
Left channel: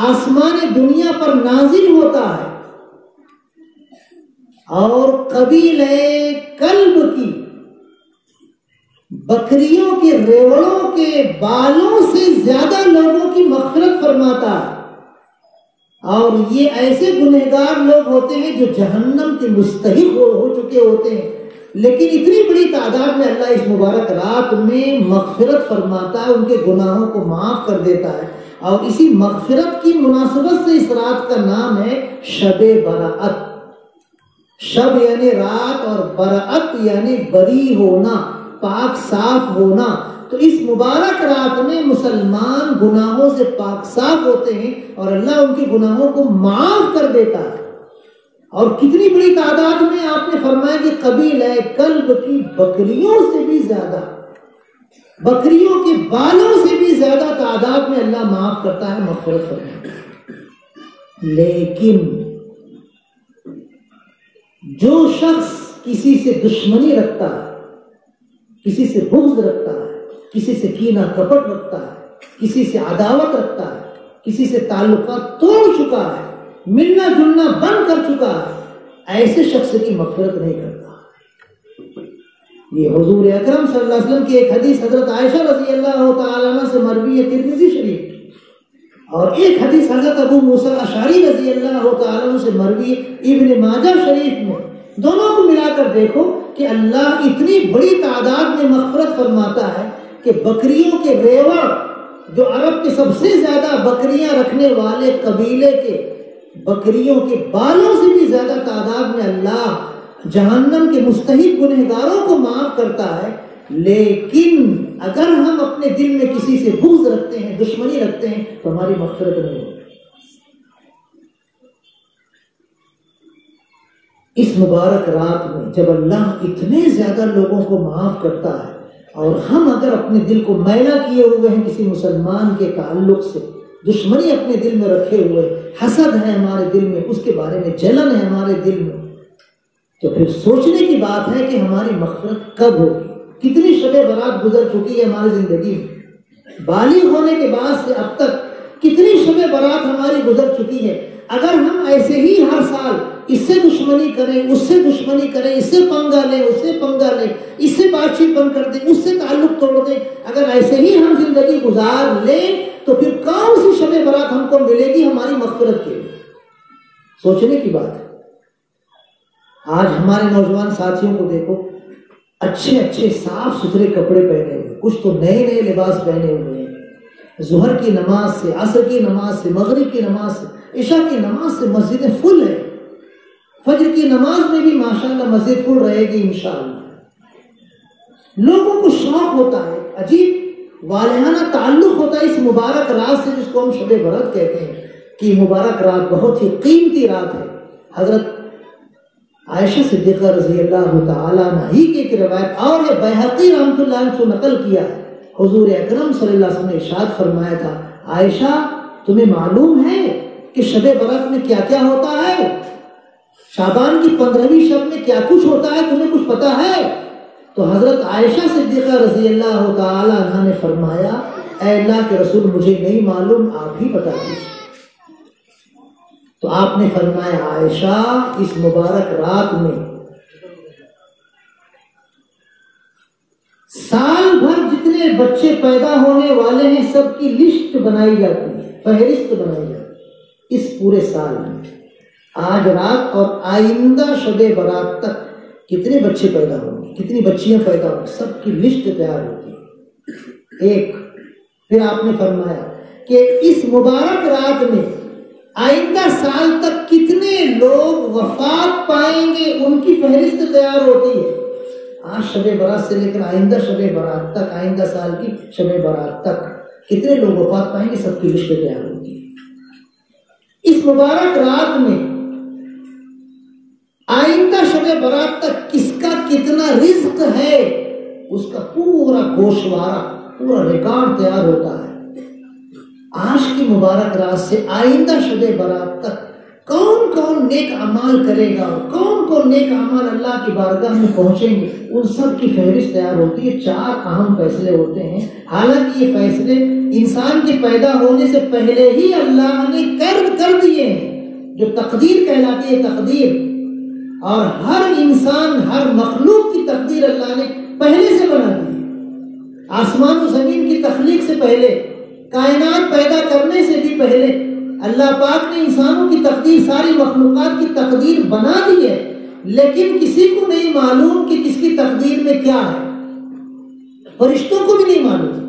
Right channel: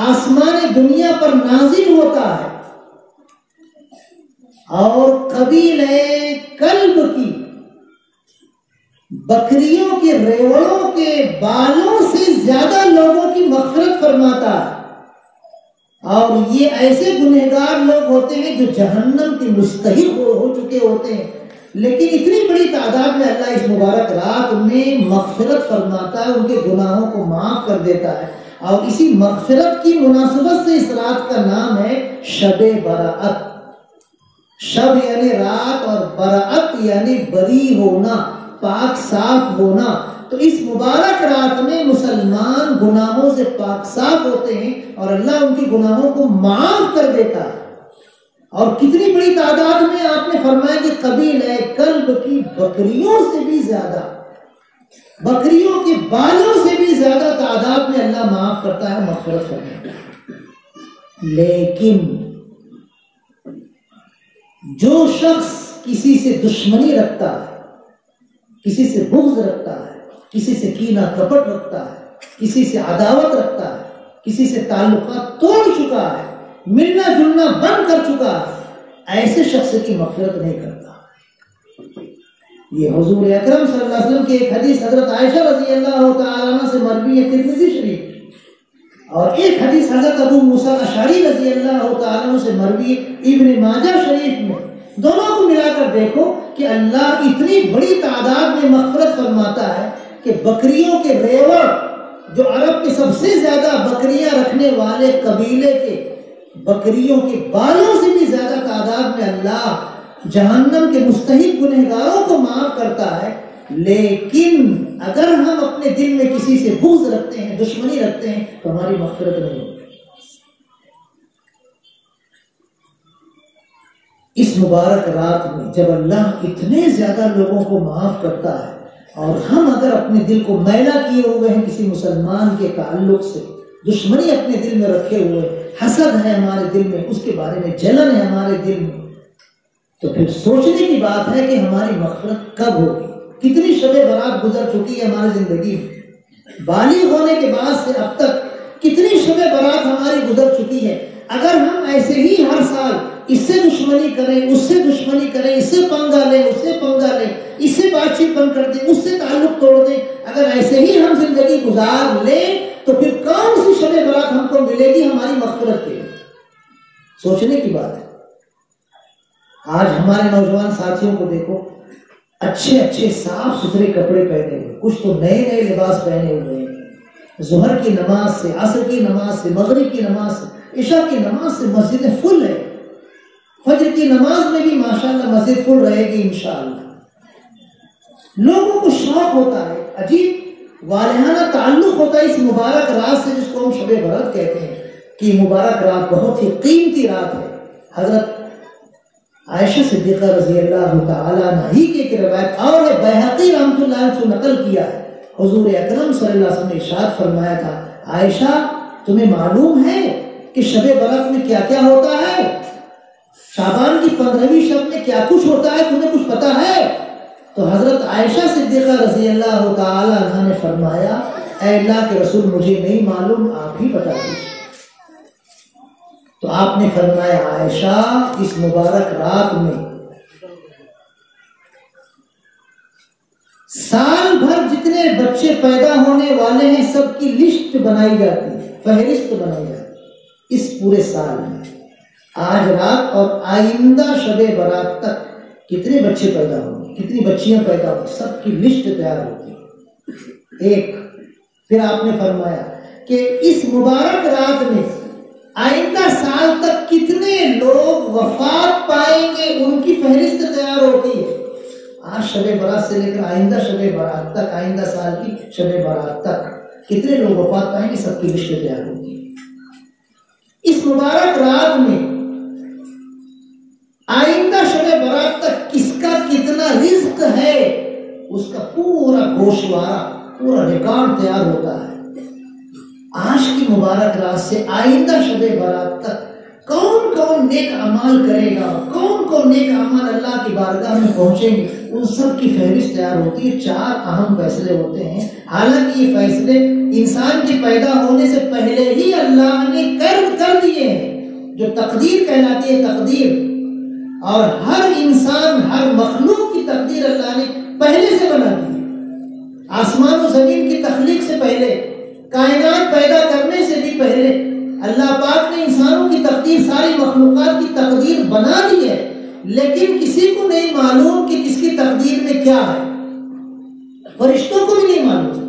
آسمان دنیا پر نازل ہوتا ہے اور قبیلہ کلب کی بکریوں کے ریوڑوں کے بالوں سے زیادہ لوگوں کی مغفرت فرماتا ہے۔ اور یہ ایسے گنہگار لوگ ہوتے ہیں جو جہنم کے مستحق ہو چکے ہوتے ہیں، لیکن اتنی بڑی تعداد میں اللہ اس مبارک رات میں مغفرت فرماتا ہے، ان کے گناہوں کو معاف کر دیتا ہے۔ اور اسی مغفرت کی مناسبت سے اس رات کا نام ہے شب براءت۔ شب یعنی رات اور براءت یعنی بری ہونا، پاک صاف ہونا۔ تو اس مبارک رات میں مسلمان گناہوں سے پاک صاف ہوتے ہیں اور اللہ ان کے گناہوں کو معاف کر دیتا ہے۔ اور کتنی بڑی تعداد میں آپ نے فرمایا کہ قبیلہ کلب کی بکریوں سے بھی زیادہ، بکریوں کے بالوں سے بھی زیادہ تعداد میں اللہ معاف کرتا ہے، مغفرت کرتا ہے۔ لیکن جو شخص کسی سے دشمنی رکھتا ہے، کسی سے بغض رکھتا ہے، کسی سے کینہ کپٹ رکھتا ہے، کسی سے عداوت رکھتا ہے، کسی سے تعلقات توڑ چکا ہے، ملنا جلنا بند کر چکا ہے، ایسے شخص کی مغفرت نہیں کرتا۔ یہ حضور اکرم صلی اللہ علیہ وسلم کی ایک حدیث حضرت عائشہ رضی اللہ تعالیٰ عنہ سے مروی ہے ترمذی شریف، اور ایک حدیث حضرت ابو موسیٰ اشعری رضی اللہ تعالیٰ عنہ سے مروی ابن ماجہ شریف میں۔ دونوں کو ملا کر دیکھو کہ اللہ اتنی بڑی تعداد میں مغفرت فرماتا ہے کہ بکریوں کے ریوڑ، جو عرب کے سب سے زیادہ بکریاں رکھنے والے قبیلے کے بکریوں کے بالوں سے بھی زیادہ تعداد میں اللہ جہنم کے مستحق گنہگاروں کو معاف کرتا ہے۔ لیکن اگر ہم اپنے دل میں کسی سے بغض رکھتے ہیں، دشمنی رکھتے ہیں، تو ہماری مغفرت نہیں ہوتی۔ اس مبارک رات میں جب اللہ اتنے زیادہ لوگوں کو معاف کرتا ہے اور ہم اگر اپنے دل کو میلا کیے ہوئے ہیں کسی مسلمان کے تعلق سے، دشمنی اپنے دل میں رکھے ہوئے، حسد ہے ہمارے دل میں، اس کے بارے میں جلن ہے ہمارے دل میں، تو پھر سوچنے کی بات ہے کہ ہماری مغفرت کب ہوگی۔ کتنی شب برات گزر چکی ہے ہماری زندگی میں، بالغ ہونے کے بعد سے اب تک کتنی شب برات ہماری گزر چکی ہے۔ اگر ہم ایسے ہی ہر سال اس سے دشمنی کریں، اس سے دشمنی کریں، اس سے پنگا لیں، اس سے پنگا لیں، اس سے بات چیت بند کر دیں، اس سے تعلق توڑ دیں، اگر ایسے ہی ہم زندگی گزار لیں تو پھر کون سی شب برات ہم کو ملے گی ہماری مغفرت کے لیے؟ سوچنے کی بات ہے۔ آج ہمارے نوجوان ساتھیوں کو دیکھو، اچھے اچھے صاف ستھرے کپڑے پہنے ہوئے، کچھ تو نئے نئے لباس پہنے ہوئے ہیں، ظہر کی نماز سے، عصر کی نماز سے، مغرب کی نماز سے، عشاء کی نماز سے مسجدیں فل ہیں، فجر کی نماز میں بھی ماشاءاللہ مسجد فل رہے گی انشاءاللہ. لوگوں کو شوق ہوتا ہے، عجیب والہانہ تعلق ہوتا ہے اس مبارک رات سے، جس کو ہم شب برات کہتے ہیں کہ مبارک رات بہت ہی قیمتی رات ہے. حضرت عائشہ صدیقہ رضی اللہ تعالیٰ عنہ ہی کی ایک روایت اور ہے، بیہقی رحمۃ اللہ علیہ سے نقل کیا ہے. حضور اکرم صلی اللہ علیہ وسلم نے ارشاد فرمایا تھا، عائشہ تمہیں معلوم ہے کہ شب برات میں کیا کیا ہوتا ہے؟ شعبان کی 15ویں شب میں کیا کچھ ہوتا ہے؟ تمہیں کچھ پتا ہے؟ تو حضرت عائشہ صدیقہ رضی اللہ تعالیٰ عنہ نے فرمایا، اے اللہ کے رسول مجھے نہیں معلوم، آپ ہی بتا دیجیے. تو آپ نے فرمایا، عائشہ اس مبارک رات میں سال بھر جتنے بچے پیدا ہونے والے ہیں سب کی لسٹ بنائی جاتی ہے، فہرست بنائی جاتی ہے اس پورے سال میں. آج رات اور آئندہ شب برات تک کتنے بچے پیدا ہوں گے، کتنی بچیاں پیدا ہوں گی، سب کی لسٹ تیار ہوتی ہے. ایک پھر آپ نے فرمایا کہ اس مبارک رات میں آئندہ سال تک کتنے لوگ وفات پائیں گے ان کی فہرست تیار ہوتی ہے. آج شب برات سے لے کر آئندہ شب برات تک، آئندہ سال کی شب برات تک کتنے لوگ وفات پائیں گے سب کی لسٹ تیار ہوتی ہے. اس مبارک رات میں آئندہ شب برات تک کس کا کتنا رزق ہے اس کا پورا گوشوارہ، پورا ریکارڈ تیار ہوتا ہے. آج کی مبارک رات سے آئندہ شب برات تک کون کون نیک اعمال کرے گا، کون کون نیک اعمال اللہ کی بارگاہ میں پہنچیں گے، ان سب کی فہرست تیار ہوتی ہے. 4 اہم فیصلے ہوتے ہیں، حالانکہ یہ فیصلے انسان کے پیدا ہونے سے پہلے ہی اللہ نے کر دیے ہیں، جو تقدیر کہلاتی ہے تقدیر. اور ہر انسان، ہر مخلوق کی تقدیر اللہ نے پہلے سے بنا دی ہے. آسمان و زمین کی تخلیق سے پہلے، کائنات پیدا کرنے سے بھی پہلے اللہ پاک نے انسانوں کی تقدیر، ساری مخلوقات کی تقدیر بنا دی ہے. لیکن کسی کو نہیں معلوم کہ کس کی تقدیر میں کیا ہے، فرشتوں کو بھی نہیں معلوم.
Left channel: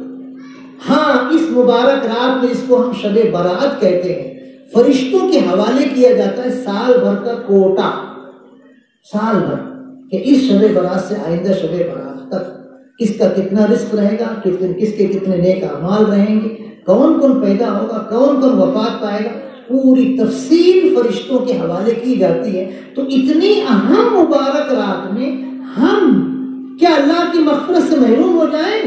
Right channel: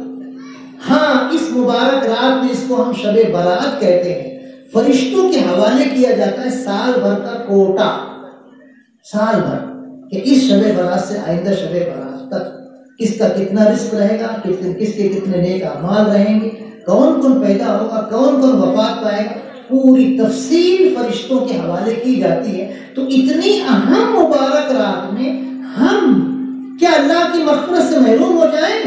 ہاں اس مبارک رات میں، اس کو ہم شب برات کہتے ہیں، فرشتوں کے حوالے کیا جاتا ہے سال بھر کا کوٹا، سال بھر کہ اس شب برات سے آئندہ شب برات تک کس کا کتنا رزق رہے گا، کس کے کتنے نیک اعمال رہیں گے، کون کون پیدا ہوگا، کون کون وفات پائے گا، پوری تفصیل فرشتوں کے حوالے کی جاتی ہے. تو اتنی اہم مبارک رات میں ہم کیا اللہ کی مغفرت سے محروم ہو جائیں؟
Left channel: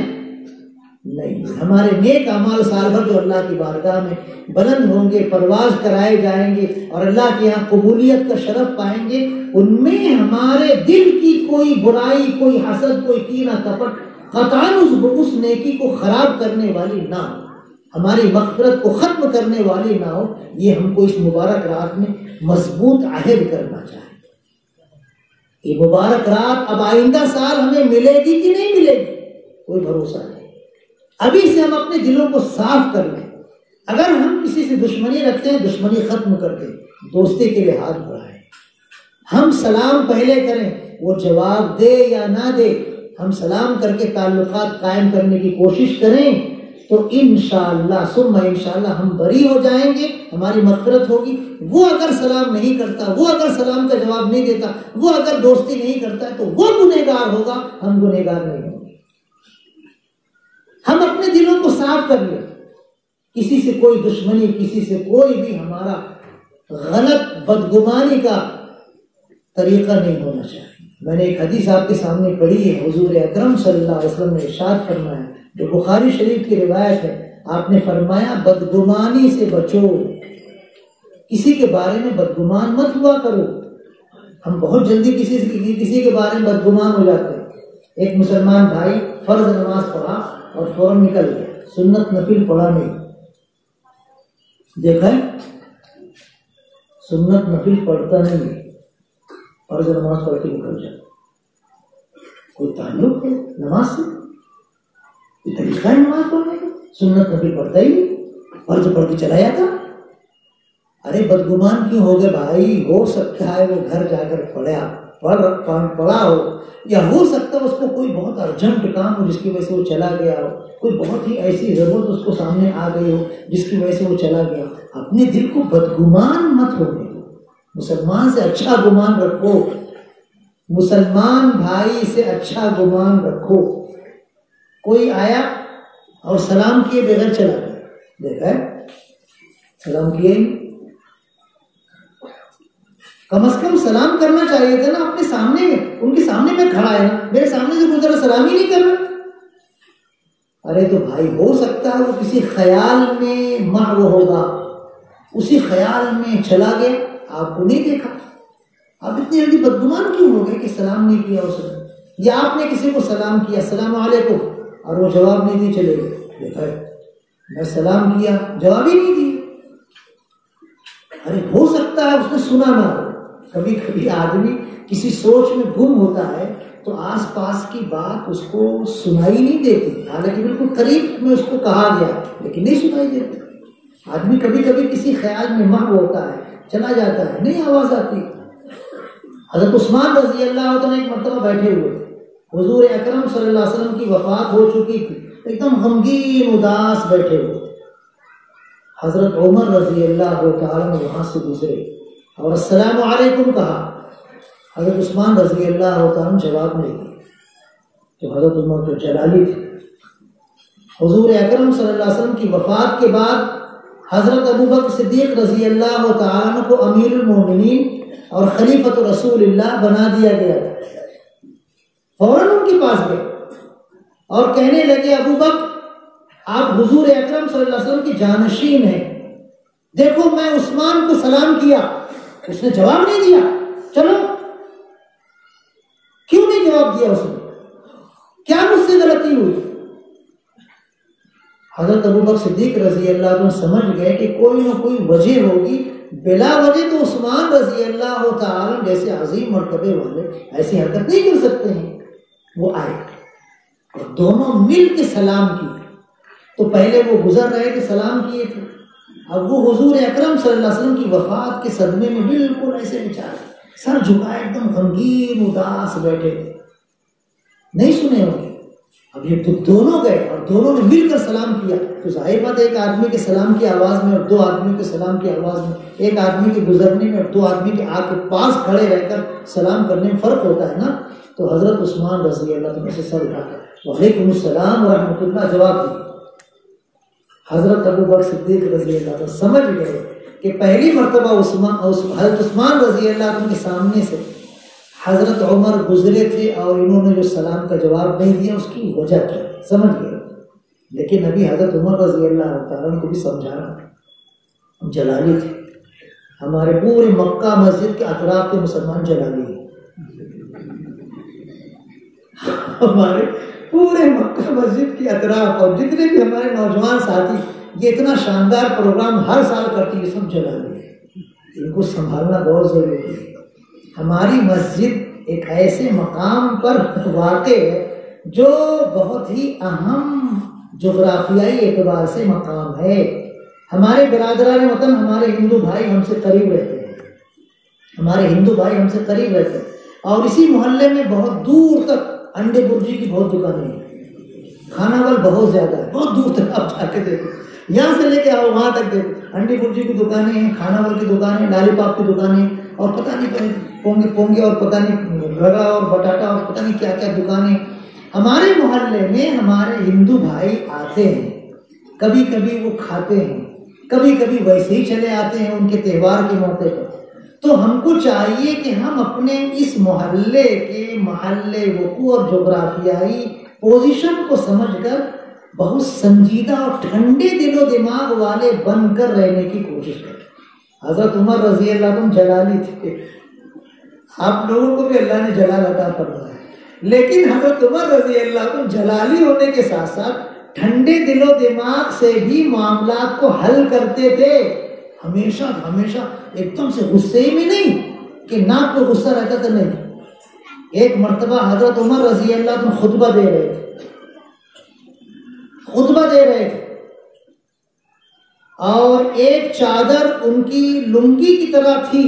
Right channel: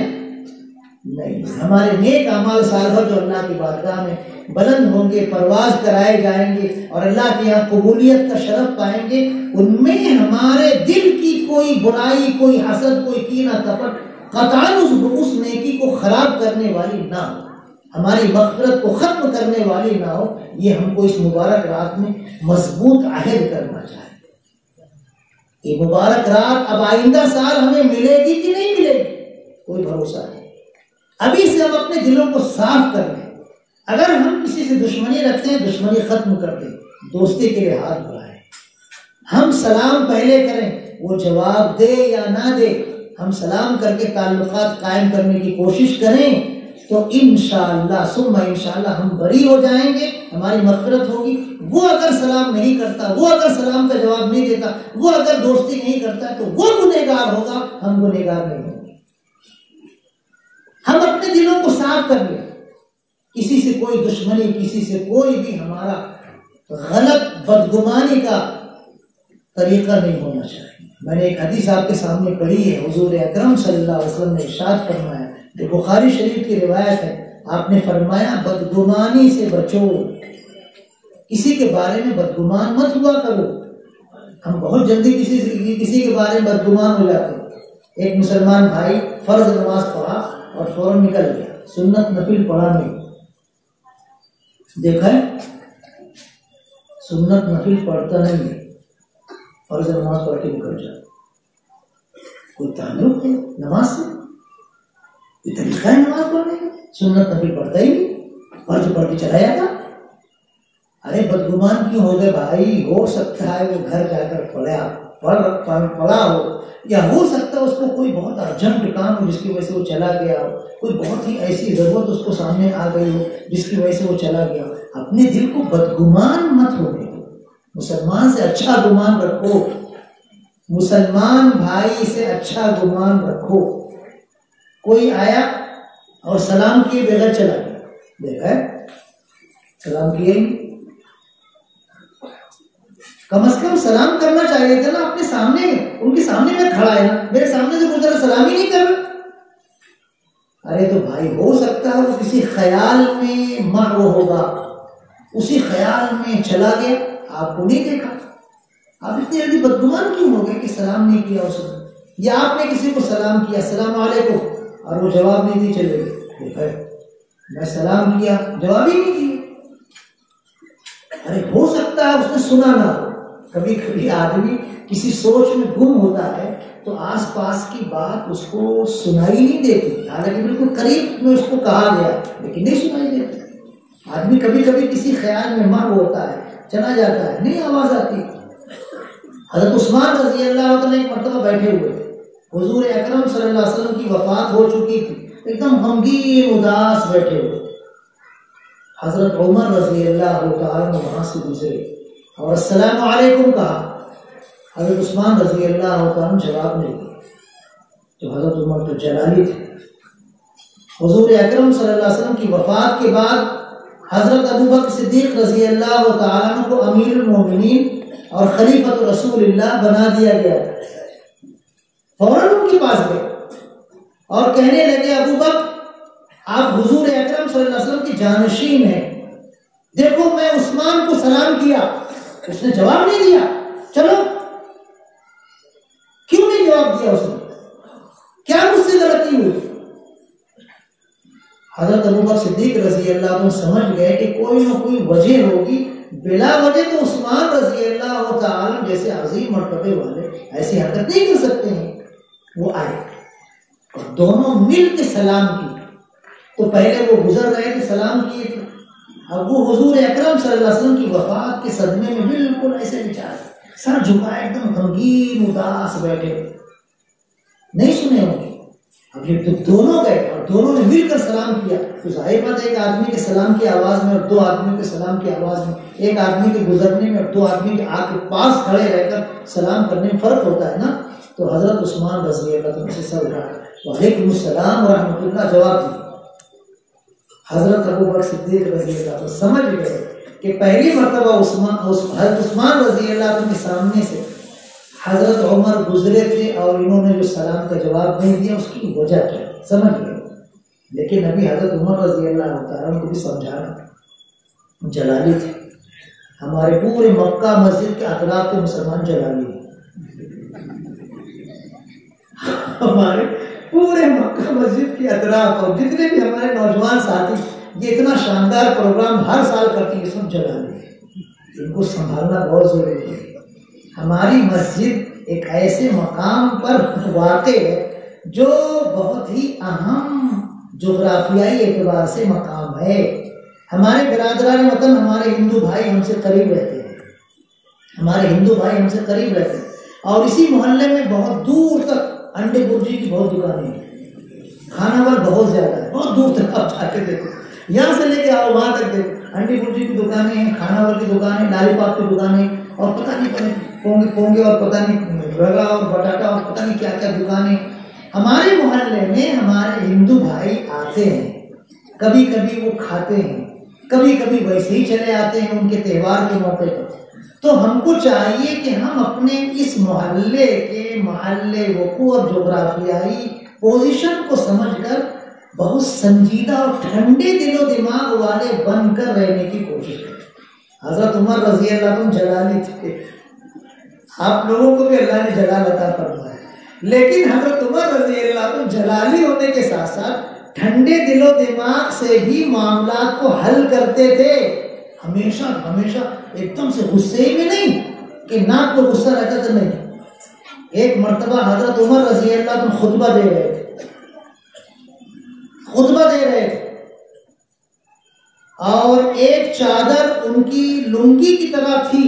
نہیں. ہمارے نیک اعمال سال بھر جو اللہ کی بارگاہ میں بلند ہوں گے، پرواز کرائے جائیں گے اور اللہ کے یہاں قبولیت کا شرف پائیں گے، ان میں ہمارے دل کی کوئی برائی، کوئی حسد، کوئی کینہ کپٹ قطعاً اس نیکی کو خراب کرنے والی نہ ہو، ہماری مغفرت کو ختم کرنے والی نہ ہو. یہ ہم کو اس مبارک رات میں مضبوط عہد کرنا چاہیے. یہ مبارک رات اب آئندہ سال ہمیں ملے گی کہ نہیں ملے گی کوئی بھروسہ نہیں. ابھی سے ہم اپنے دلوں کو صاف کر لیں. اگر ہم کسی سے دشمنی رکھتے ہیں، دشمنی ختم کر دیں، دوستی کے لیے ہاتھ بڑھائیں. ہم سلام پہلے کریں، وہ جواب دے یا نہ دے، ہم سلام کر کے تعلقات قائم کرنے کی کوشش کریں تو انشاءاللہ ثم انشاءاللہ ہم بری ہو جائیں گے، ہماری مغفرت ہوگی. وہ اگر سلام نہیں کرتا، وہ اگر سلام کا جواب نہیں دیتا، وہ اگر دوستی نہیں کرتا تو وہ گنہگار ہوگا، ہم گنہگار نہیں ہوں گے. ہم اپنے دلوں کو صاف کر لیں. کسی سے کوئی دشمنی، کسی سے کوئی بھی ہمارا غلط بدگمانی کا طریقہ نہیں ہونا چاہیے. میں نے ایک حدیث آپ کے سامنے پڑھی ہے، حضور اکرم صلی اللہ علیہ وسلم نے ارشاد فرمایا، جو بخاری شریف کی روایت ہے. آپ نے فرمایا بدگمانی سے بچو، کسی کے بارے میں بدگمان مت ہوا کرو. ہم بہت جلدی کسی کے بارے میں بدگمان ہو جاتے ہیں. ایک مسلمان بھائی فرض نماز پڑھا اور فوراً نکل گیا، سنت نفل پڑھا نہیں. دیکھا ہے، سنت نفل پڑھتا نہیں ہے، فرض نماز پڑھ کے نکل جاتا. کوئی تعلق ہے نماز سے؟ یہ طریقہ ہے نماز پڑھنے کا؟ سنت نفل پڑھتا ہی نہیں، فرض پڑھ کے چلا جاتا. ارے بدگمان کیوں ہو گئے بھائی؟ ہو سکتا ہے وہ گھر جا کر پڑھا ہو، یا ہو سکتا ہے اس کو کوئی بہت ارجنٹ کام ہو جس کی وجہ سے وہ چلا گیا ہو، کوئی بہت ہی ایسی ضرورت اس کو سامنے آ گئی ہو جس کی وجہ سے وہ چلا گیا ہو. اپنے دل کو بدگمان مت ہونے دو. مسلمان سے اچھا گمان رکھو، مسلمان بھائی سے اچھا گمان رکھو۔ کوئی آیا اور سلام کیے بغیر چلا گیا، دیکھا ہے سلام کیے ہی، کم از کم سلام کرنا چاہیے تھا نا اپنے سامنے، ان کے سامنے میں کھڑا ہے نا، میرے سامنے سے گزرا سلام ہی نہیں کر رہا۔ ارے تو بھائی ہو سکتا ہے وہ کسی خیال میں محو ہوگا، اسی خیال میں چلا گیا، آپ کو نہیں دیکھا، آپ اتنی جلدی بدگمان کیوں ہو گئے کہ سلام نہیں کیا اس نے؟ یا آپ نے کسی کو سلام کیا السلام علیکم اور وہ جواب نہیں دی، چلے گئے، دیکھا ہے میں سلام کیا جواب ہی نہیں دیا۔ ارے ہو سکتا ہے اس نے سنا نہ ہو، کبھی کبھی آدمی کسی سوچ میں گم ہوتا ہے تو آس پاس کی بات اس کو سنائی نہیں دیتی، حالانکہ بالکل قریب میں اس کو کہا گیا لیکن نہیں سنائی دیتی۔ آدمی کبھی کبھی کسی خیال میں محو ہوتا ہے، چلا جاتا ہے، نہیں آواز آتی۔ حضرت عثمان رضی اللہ عنہ ایک مرتبہ بیٹھے ہوئے، حضور اکرم صلی اللہ علیہ وسلم کی وفات ہو چکی تھی، ایک دم غمگین اداس بیٹھے ہوئے۔ حضرت عمر رضی اللہ تعالیٰ وہاں سے گزرے اور السلام علیکم کہا، حضرت عثمان رضی اللہ تعالیٰ جواب نہیں دیا، تو حضرت عمر تو جلالی تھے۔ حضور اکرم صلی اللہ علیہ وسلم کی وفات کے بعد حضرت ابو بکر صدیق رضی اللہ تعالیٰ کو امیر المومنین اور خلیفۃ رسول اللہ بنا دیا گیا تھا۔ فوراً ان کے پاس گئے اور کہنے لگے ابو بکر آپ حضور اکرم صلی اللہ علیہ وسلم کی جانشین ہیں، دیکھو میں عثمان کو سلام کیا، اس نے جواب نہیں دیا، چلو کیوں نہیں جواب دیا اس نے؟ کیا مجھ سے غلطی ہوئی؟ حضرت ابو بکر صدیق رضی اللہ عنہ سمجھ گئے کہ کوئی نہ کوئی وجہ ہوگی، بلا وجہ تو عثمان رضی اللہ تعالی جیسے عظیم مرتبے والے ایسی حرکت نہیں کر سکتے ہیں۔ وہ آئے اور دونوں مل کے سلام کیے، تو پہلے وہ گزر رہے تھے سلام کیے تھے، اب وہ حضور اکرم صلی اللہ علیہ وسلم کی وفات کے صدمے میں بالکل ایسے بیچارے سر جھکائے ایک دم غمگین اداس بیٹھے، نہیں سنے ہوں گے۔ اب یہ دونوں گئے اور دونوں نے مل کر سلام کیا، تو ظاہر بات ہے ایک آدمی کے سلام کی آواز میں اور دو آدمی کے سلام کی آواز میں، ایک آدمی کے گزرنے میں اور دو آدمی کے آ کے پاس کھڑے رہ کر سلام کرنے میں فرق ہوتا ہے نا۔ تو حضرت عثمان رضی اللہ عنہ سے سر اٹھا وعلیکم السلام ورحمۃ اللہ جواب دیا۔ حضرت ابو بکر صدیق رضی اللہ عنہ سمجھ گئے کہ پہلی مرتبہ حضرت عثمان رضی اللہ عنہ کے سامنے سے حضرت عمر گزرے تھے اور انہوں نے جو سلام کا جواب نہیں دیا اس کی وجہ کیا سمجھ گئے، لیکن ابھی حضرت عمر رضی اللہ تعالیٰ کو بھی سمجھانا، جلالی تھے، ہمارے پورے مکہ مسجد کے اطراف کے مسلمان جلالی ہیں، ہمارے پورے مکہ مسجد کے اطراف اور جتنے بھی ہمارے نوجوان ساتھی یہ اتنا شاندار پروگرام ہر سال کرتی ہے، سب جلالی ہیں، ان کو سنبھالنا بہت ضروری ہے۔ ہماری مسجد ایک ایسے مقام پر واقع ہے جو بہت ہی اہم جغرافیائی اعتبار سے مقام ہے۔ ہمارے برادران وطن، ہمارے ہندو بھائی ہم سے قریب رہتے ہیں، ہمارے ہندو بھائی ہم سے قریب رہتے ہیں، اور اسی محلے میں بہت دور تک انڈے برجی کی بہت دکانیں ہیں، کھانا وال بہت زیادہ ہے، بہت دور تک آپ جا کے دیکھو، یہاں سے لے کے آؤ وہاں تک دیکھو، انڈے برجی کی دکانیں ہیں، کھانا وال کی دکانیں، لالی پاپ کی دکانیں، اور پتہ نہیں پونگے اور پتہ نہیں رگا اور بٹاٹا اور پتہ نہیں کیا کیا دکانیں۔ ہمارے محلے میں ہمارے ہندو بھائی آتے ہیں، کبھی کبھی وہ کھاتے ہیں، کبھی کبھی ویسے ہی چلے آتے ہیں ان کے تہوار کے موقع پر۔ تو ہم کو چاہیے کہ ہم اپنے اس محلے کے محلے وقوع اور جغرافیائی پوزیشن کو سمجھ کر بہت سنجیدہ اور ٹھنڈے دل و دماغ والے بن کر رہنے کی کوشش کریں۔ حضرت عمر رضی اللہ عنہ جلالی تھے، آپ لوگوں کو بھی اللہ نے جلال عطا فرمایا ہے، لیکن حضرت عمر رضی اللہ عنہ جلالی ہونے کے ساتھ ساتھ ٹھنڈے دل و دماغ سے ہی معاملات کو حل کرتے تھے، ہمیشہ ہمیشہ ایک دم سے غصے ہی میں نہیں کہ ناک کو غصہ رہتا تھا، نہیں۔ ایک مرتبہ حضرت عمر رضی اللہ عنہ خطبہ دے رہے تھے، اور ایک چادر ان کی لنگی کی طرح تھی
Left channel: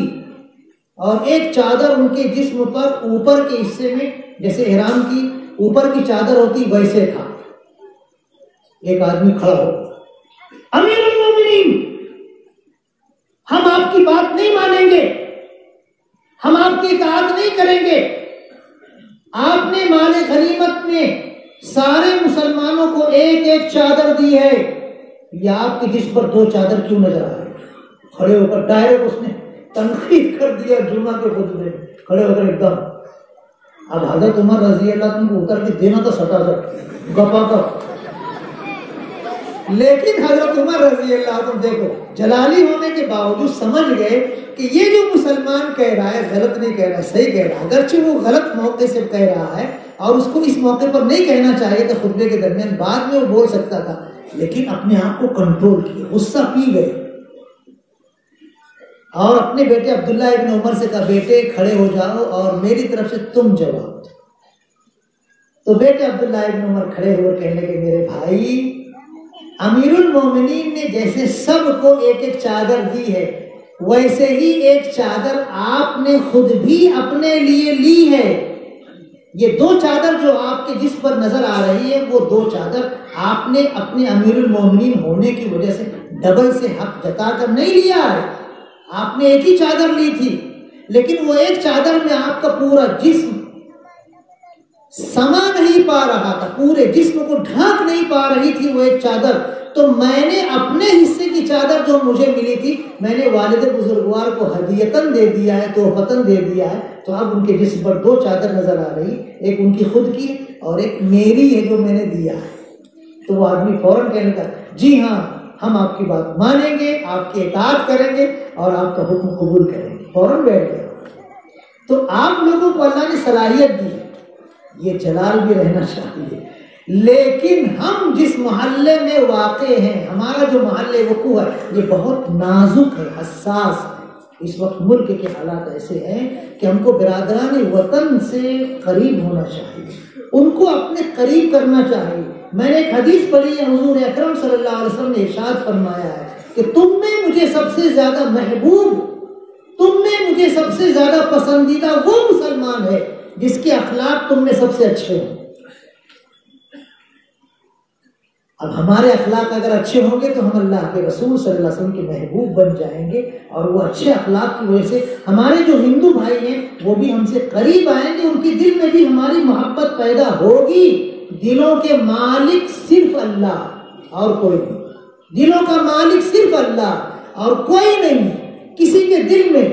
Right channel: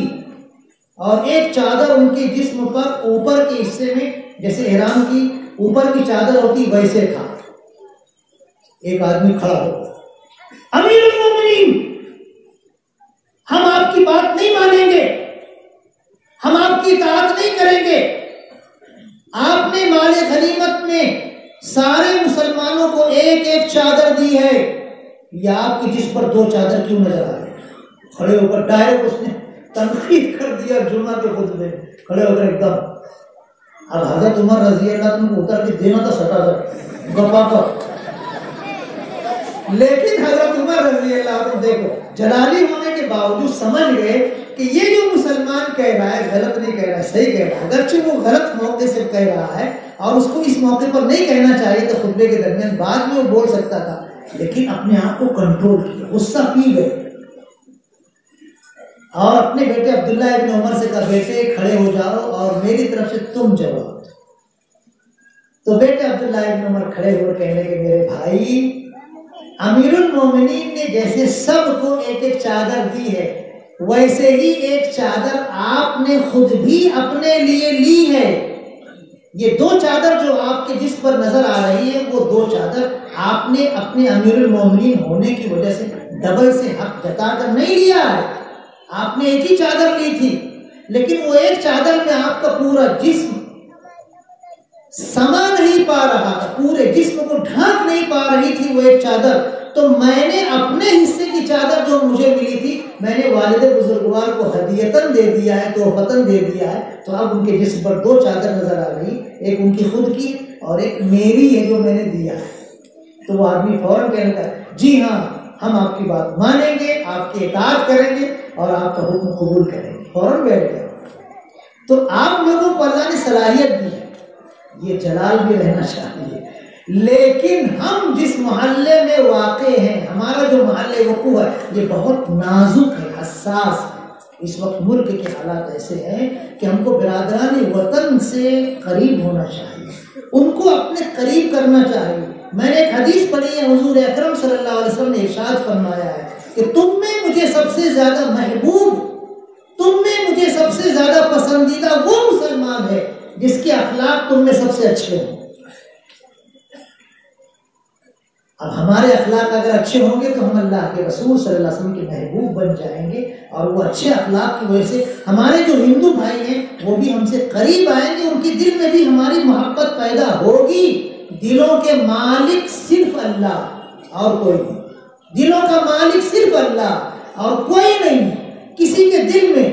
اور ایک چادر ان کے جسم پر اوپر کے حصے میں جیسے احرام کی اوپر کی چادر ہوتی ویسے تھا۔ ایک آدمی کھڑا ہو، امیر المومنین ہم آپ کی بات نہیں مانیں گے، نہیں کریں گے. آپ نے مال غنیمت میں سارے مسلمانوں کو ایک ایک چادر دی ہے، یا آپ کی جس پر 2 چادر کیوں نظر آ رہے؟ کھڑے ہو کر ڈائریکٹ اس نے تنقید کر دیا جمعہ کے خطبے میں، کھڑے ہو کر ایک دم. اب حضرت عمر رضی اللہ عنہ کو اتر کے دینا تھا سٹا سٹ گپا کر، لیکن حضرت عمر رضی اللہ عنہ دیکھو جلالی ہونے کے باوجود سمجھ گئے کہ یہ جو مسلمان کہہ رہا ہے غلط نہیں کہہ رہا ہے، صحیح کہہ رہا ہے. اگرچہ وہ غلط موقع سے کہہ رہا ہے اور اس کو اس موقع پر نہیں کہنا چاہیے تھا خطبے کے درمیان، بعد میں وہ بول سکتا تھا، لیکن اپنے آپ کو کنٹرول کیا، غصہ پی گئے اور اپنے بیٹے عبداللہ ابن عمر سے کہا بیٹے کھڑے ہو جاؤ اور میری طرف سے تم جواب دو. تو بیٹے عبداللہ ابن عمر کھڑے ہوئے کہنے کہ میرے بھائی، امیر المومنین نے جیسے سب کو ایک ایک چادر دی ہے، ویسے ہی ایک چادر آپ نے خود بھی اپنے لیے لی ہے. یہ 2 چادر جو آپ کے جس پر نظر آ رہی ہے، وہ 2 چادر آپ نے اپنے امیر المومنین ہونے کی وجہ سے ڈبل سے حق جتا کر نہیں لیا ہے. آپ نے ایک ہی چادر لی تھی، لیکن وہ ایک چادر میں آپ کا پورا جسم سما نہیں پا رہا تھا، پورے جسم کو ڈھانک نہیں پا رہی تھی وہ ایک چادر. تو میں نے اپنے حصے کی چادر جو مجھے ملی تھی، میں نے والد بزرگوار کو ہدیتاً دے دیا ہے، تحفتاً دے دیا ہے. تو اب ان کے جسم پر 2 چادر نظر آ رہی، ایک ان کی خود کی اور ایک میری ہے جو میں نے دیا ہے. تو وہ آدمی فوراً کہنے کا جی ہاں ہم آپ کی بات مانیں گے، آپ کی اطاعت کریں گے اور آپ کا حکم قبول کریں گے. فوراً بیٹھ گئے. تو آپ لوگوں کو اللہ نے صلاحیت دی ہے، یہ جلال بھی رہنا چاہیے. لیکن ہم جس محلے میں واقع ہیں، ہمارا جو محلے وقوع ہے، یہ بہت نازک ہے، حساس ہے. اس وقت ملک کے حالات ایسے ہیں کہ ہم کو برادران وطن سے قریب ہونا چاہیے، ان کو اپنے قریب کرنا چاہیے. میں نے ایک حدیث پڑھی ہے، حضور اکرم صلی اللہ علیہ وسلم نے ارشاد فرمایا ہے کہ تم میں مجھے سب سے زیادہ محبوب، تم میں مجھے سب سے زیادہ پسندیدہ وہ مسلمان ہے جس کے اخلاق تم میں سب سے اچھے ہوں. اب ہمارے اخلاق اگر اچھے ہوں گے تو ہم اللہ کے رسول صلی اللہ علیہ وسلم کے محبوب بن جائیں گے، اور وہ اچھے اخلاق کی وجہ سے ہمارے جو ہندو بھائی ہیں وہ بھی ہم سے قریب آئیں گے، ان کے دل میں بھی ہماری محبت پیدا ہوگی. دلوں کے مالک صرف اللہ اور کوئی نہیں، دلوں کا مالک صرف اللہ اور کوئی نہیں. کسی کے دل میں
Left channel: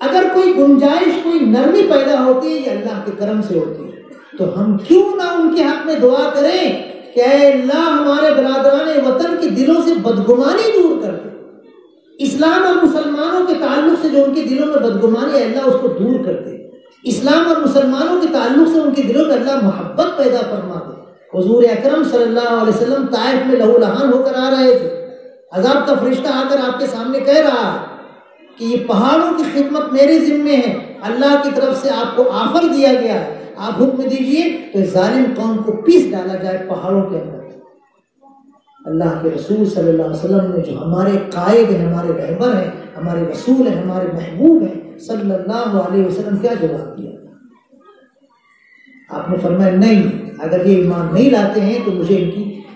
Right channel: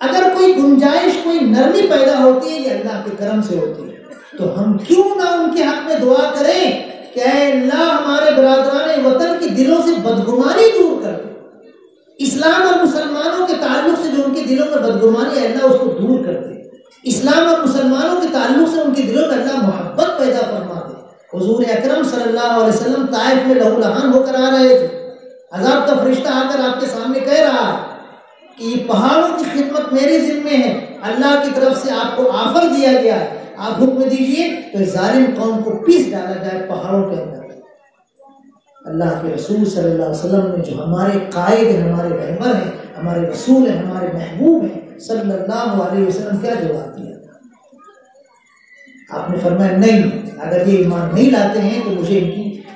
اگر کوئی گنجائش، کوئی نرمی پیدا ہوتی ہے، یہ اللہ کے کرم سے ہوتی ہے. تو ہم کیوں نہ ان کے حق میں دعا کریں کہ اے اللہ ہمارے برادران وطن کے دلوں سے بدگمانی دور کر دے. اسلام اور مسلمانوں کے تعلق سے جو ان کے دلوں میں بدگمانی ہے، اللہ اس کو دور کر دے. اسلام اور مسلمانوں کے تعلق سے ان کے دلوں میں اللہ محبت پیدا فرما دے. حضور اکرم صلی اللہ علیہ وسلم طائف میں لہو لہان ہو کر آ رہے تھے. عذاب کا فرشتہ آ کر آپ کے سامنے کہہ رہا ہے کہ یہ پہاڑوں کی خدمت میری ذمہ ہے، اللہ کی طرف سے آپ کو آفر دیا گیا ہے، آپ حکم دیجئے تو اس ظالم قوم کو پیس ڈالا جائے پہاڑوں کے اندر. اللہ کے رسول صلی اللہ علیہ وسلم نے، جو ہمارے قائد ہیں، ہمارے رہبر ہیں، ہمارے رسول ہیں، ہمارے محبوب ہیں صلی اللہ علیہ وسلم، کیا جواب دیا؟ آپ نے فرمایا نہیں، اگر یہ ایمان نہیں لاتے ہیں تو مجھے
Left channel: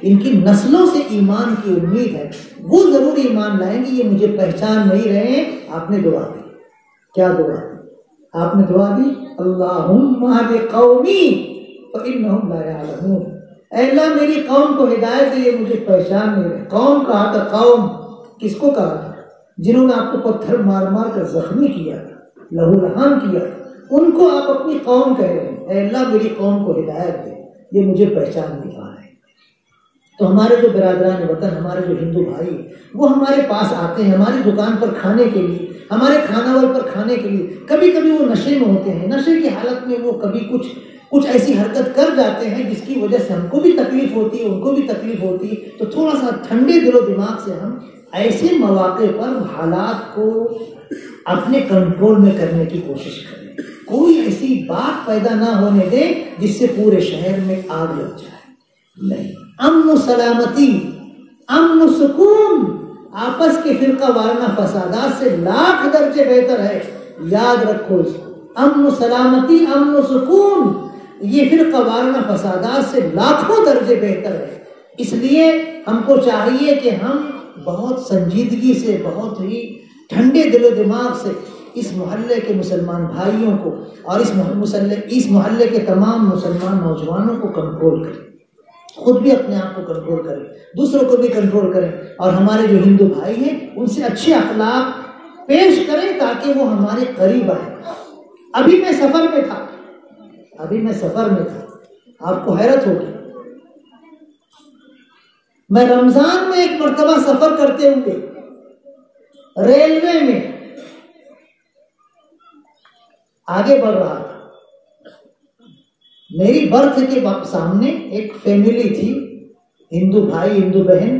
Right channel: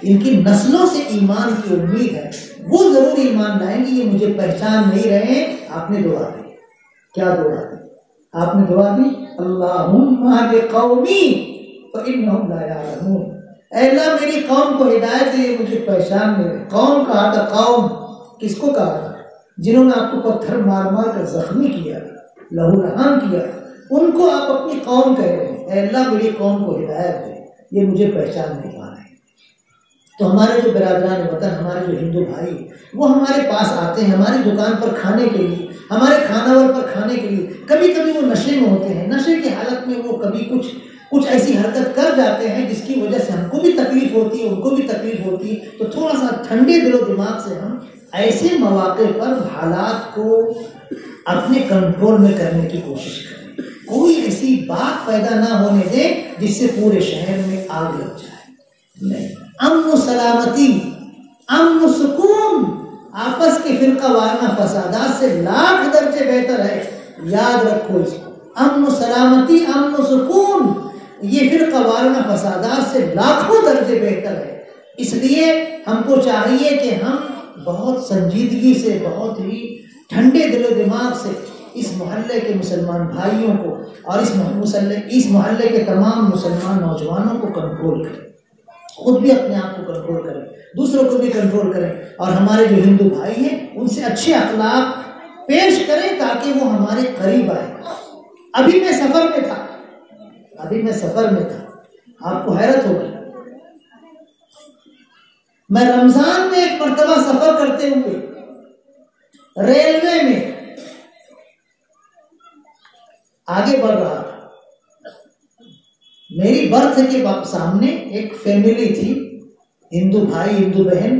ان کی نسلوں سے ایمان کی امید ہے، وہ ضرور ایمان لائیں گے، یہ مجھے پہچان نہیں رہے ہیں. آپ نے دعا دی. کیا دعا دی؟ آپ نے دعا دی اللہم اہد قومی فانہم لا یعلمون. اے اللہ میری قوم کو ہدایت دے، مجھے پہچان نہیں رہے. قوم کہا تھا، قوم کس کو کہا تھا؟ جنہوں نے آپ کو پتھر مار مار کر زخمی کیا، لہو لہان کیا، ان کو آپ اپنی قوم کہہ رہے ہیں. اے اللہ میری قوم کو ہدایت دے، یہ مجھے پہچان نہیں پا رہے. تو ہمارے جو برادران وطن، ہمارے جو ہندو بھائی، وہ ہمارے پاس آتے ہیں ہماری دکان پر کھانے کے لیے، ہمارے کھاناور پر کھانے کے لیے. کبھی کبھی وہ نشے میں ہوتے ہیں، نشے کی حالت میں وہ کبھی کچھ ایسی حرکت کر جاتے ہیں جس کی وجہ سے ہم کو بھی تکلیف ہوتی ہے، ان کو بھی تکلیف ہوتی ہے. تو تھوڑا سا ٹھنڈے دل و دماغ سے ہم ایسے مواقع پر حالات کو اپنے کنٹرول میں کرنے کی کوشش کریں. کوئی ایسی بات پیدا نہ ہونے دیں جس سے پورے شہر میں آگ لگ جائے. نہیں، امن و سلامتی، امن و سکون آپس کے فرقہ وارانہ فسادات سے لاکھ درجے بہتر ہے. یاد رکھو اس کو، امن و سلامتی، امن و سکون یہ فرقہ وارانہ فسادات سے لاکھوں درجے بہتر ہے. اس لیے ہم کو چاہیے کہ ہم بہت سنجیدگی سے، بہت ہی ٹھنڈے دل و دماغ سے اس محلے کے مسلمان بھائیوں کو اور اس محلے کے تمام مسلمان نوجوانوں کو کنٹرول کریں، خود بھی اپنے آپ کو کنٹرول کریں، دوسروں کو بھی کنٹرول کریں، اور ہمارے جو ہندو بھائی ہیں ان سے اچھے اخلاق پیش کریں تاکہ وہ ہمارے قریب آئیں۔ ابھی میں سفر میں تھا، آپ کو حیرت ہوگی، میں رمضان میں ایک مرتبہ سفر کرتے ہوئے ریلوے میں آگے بڑھ رہا تھا، میری برتھ کے سامنے ایک فیملی تھی، ہندو بھائی ہندو بہن،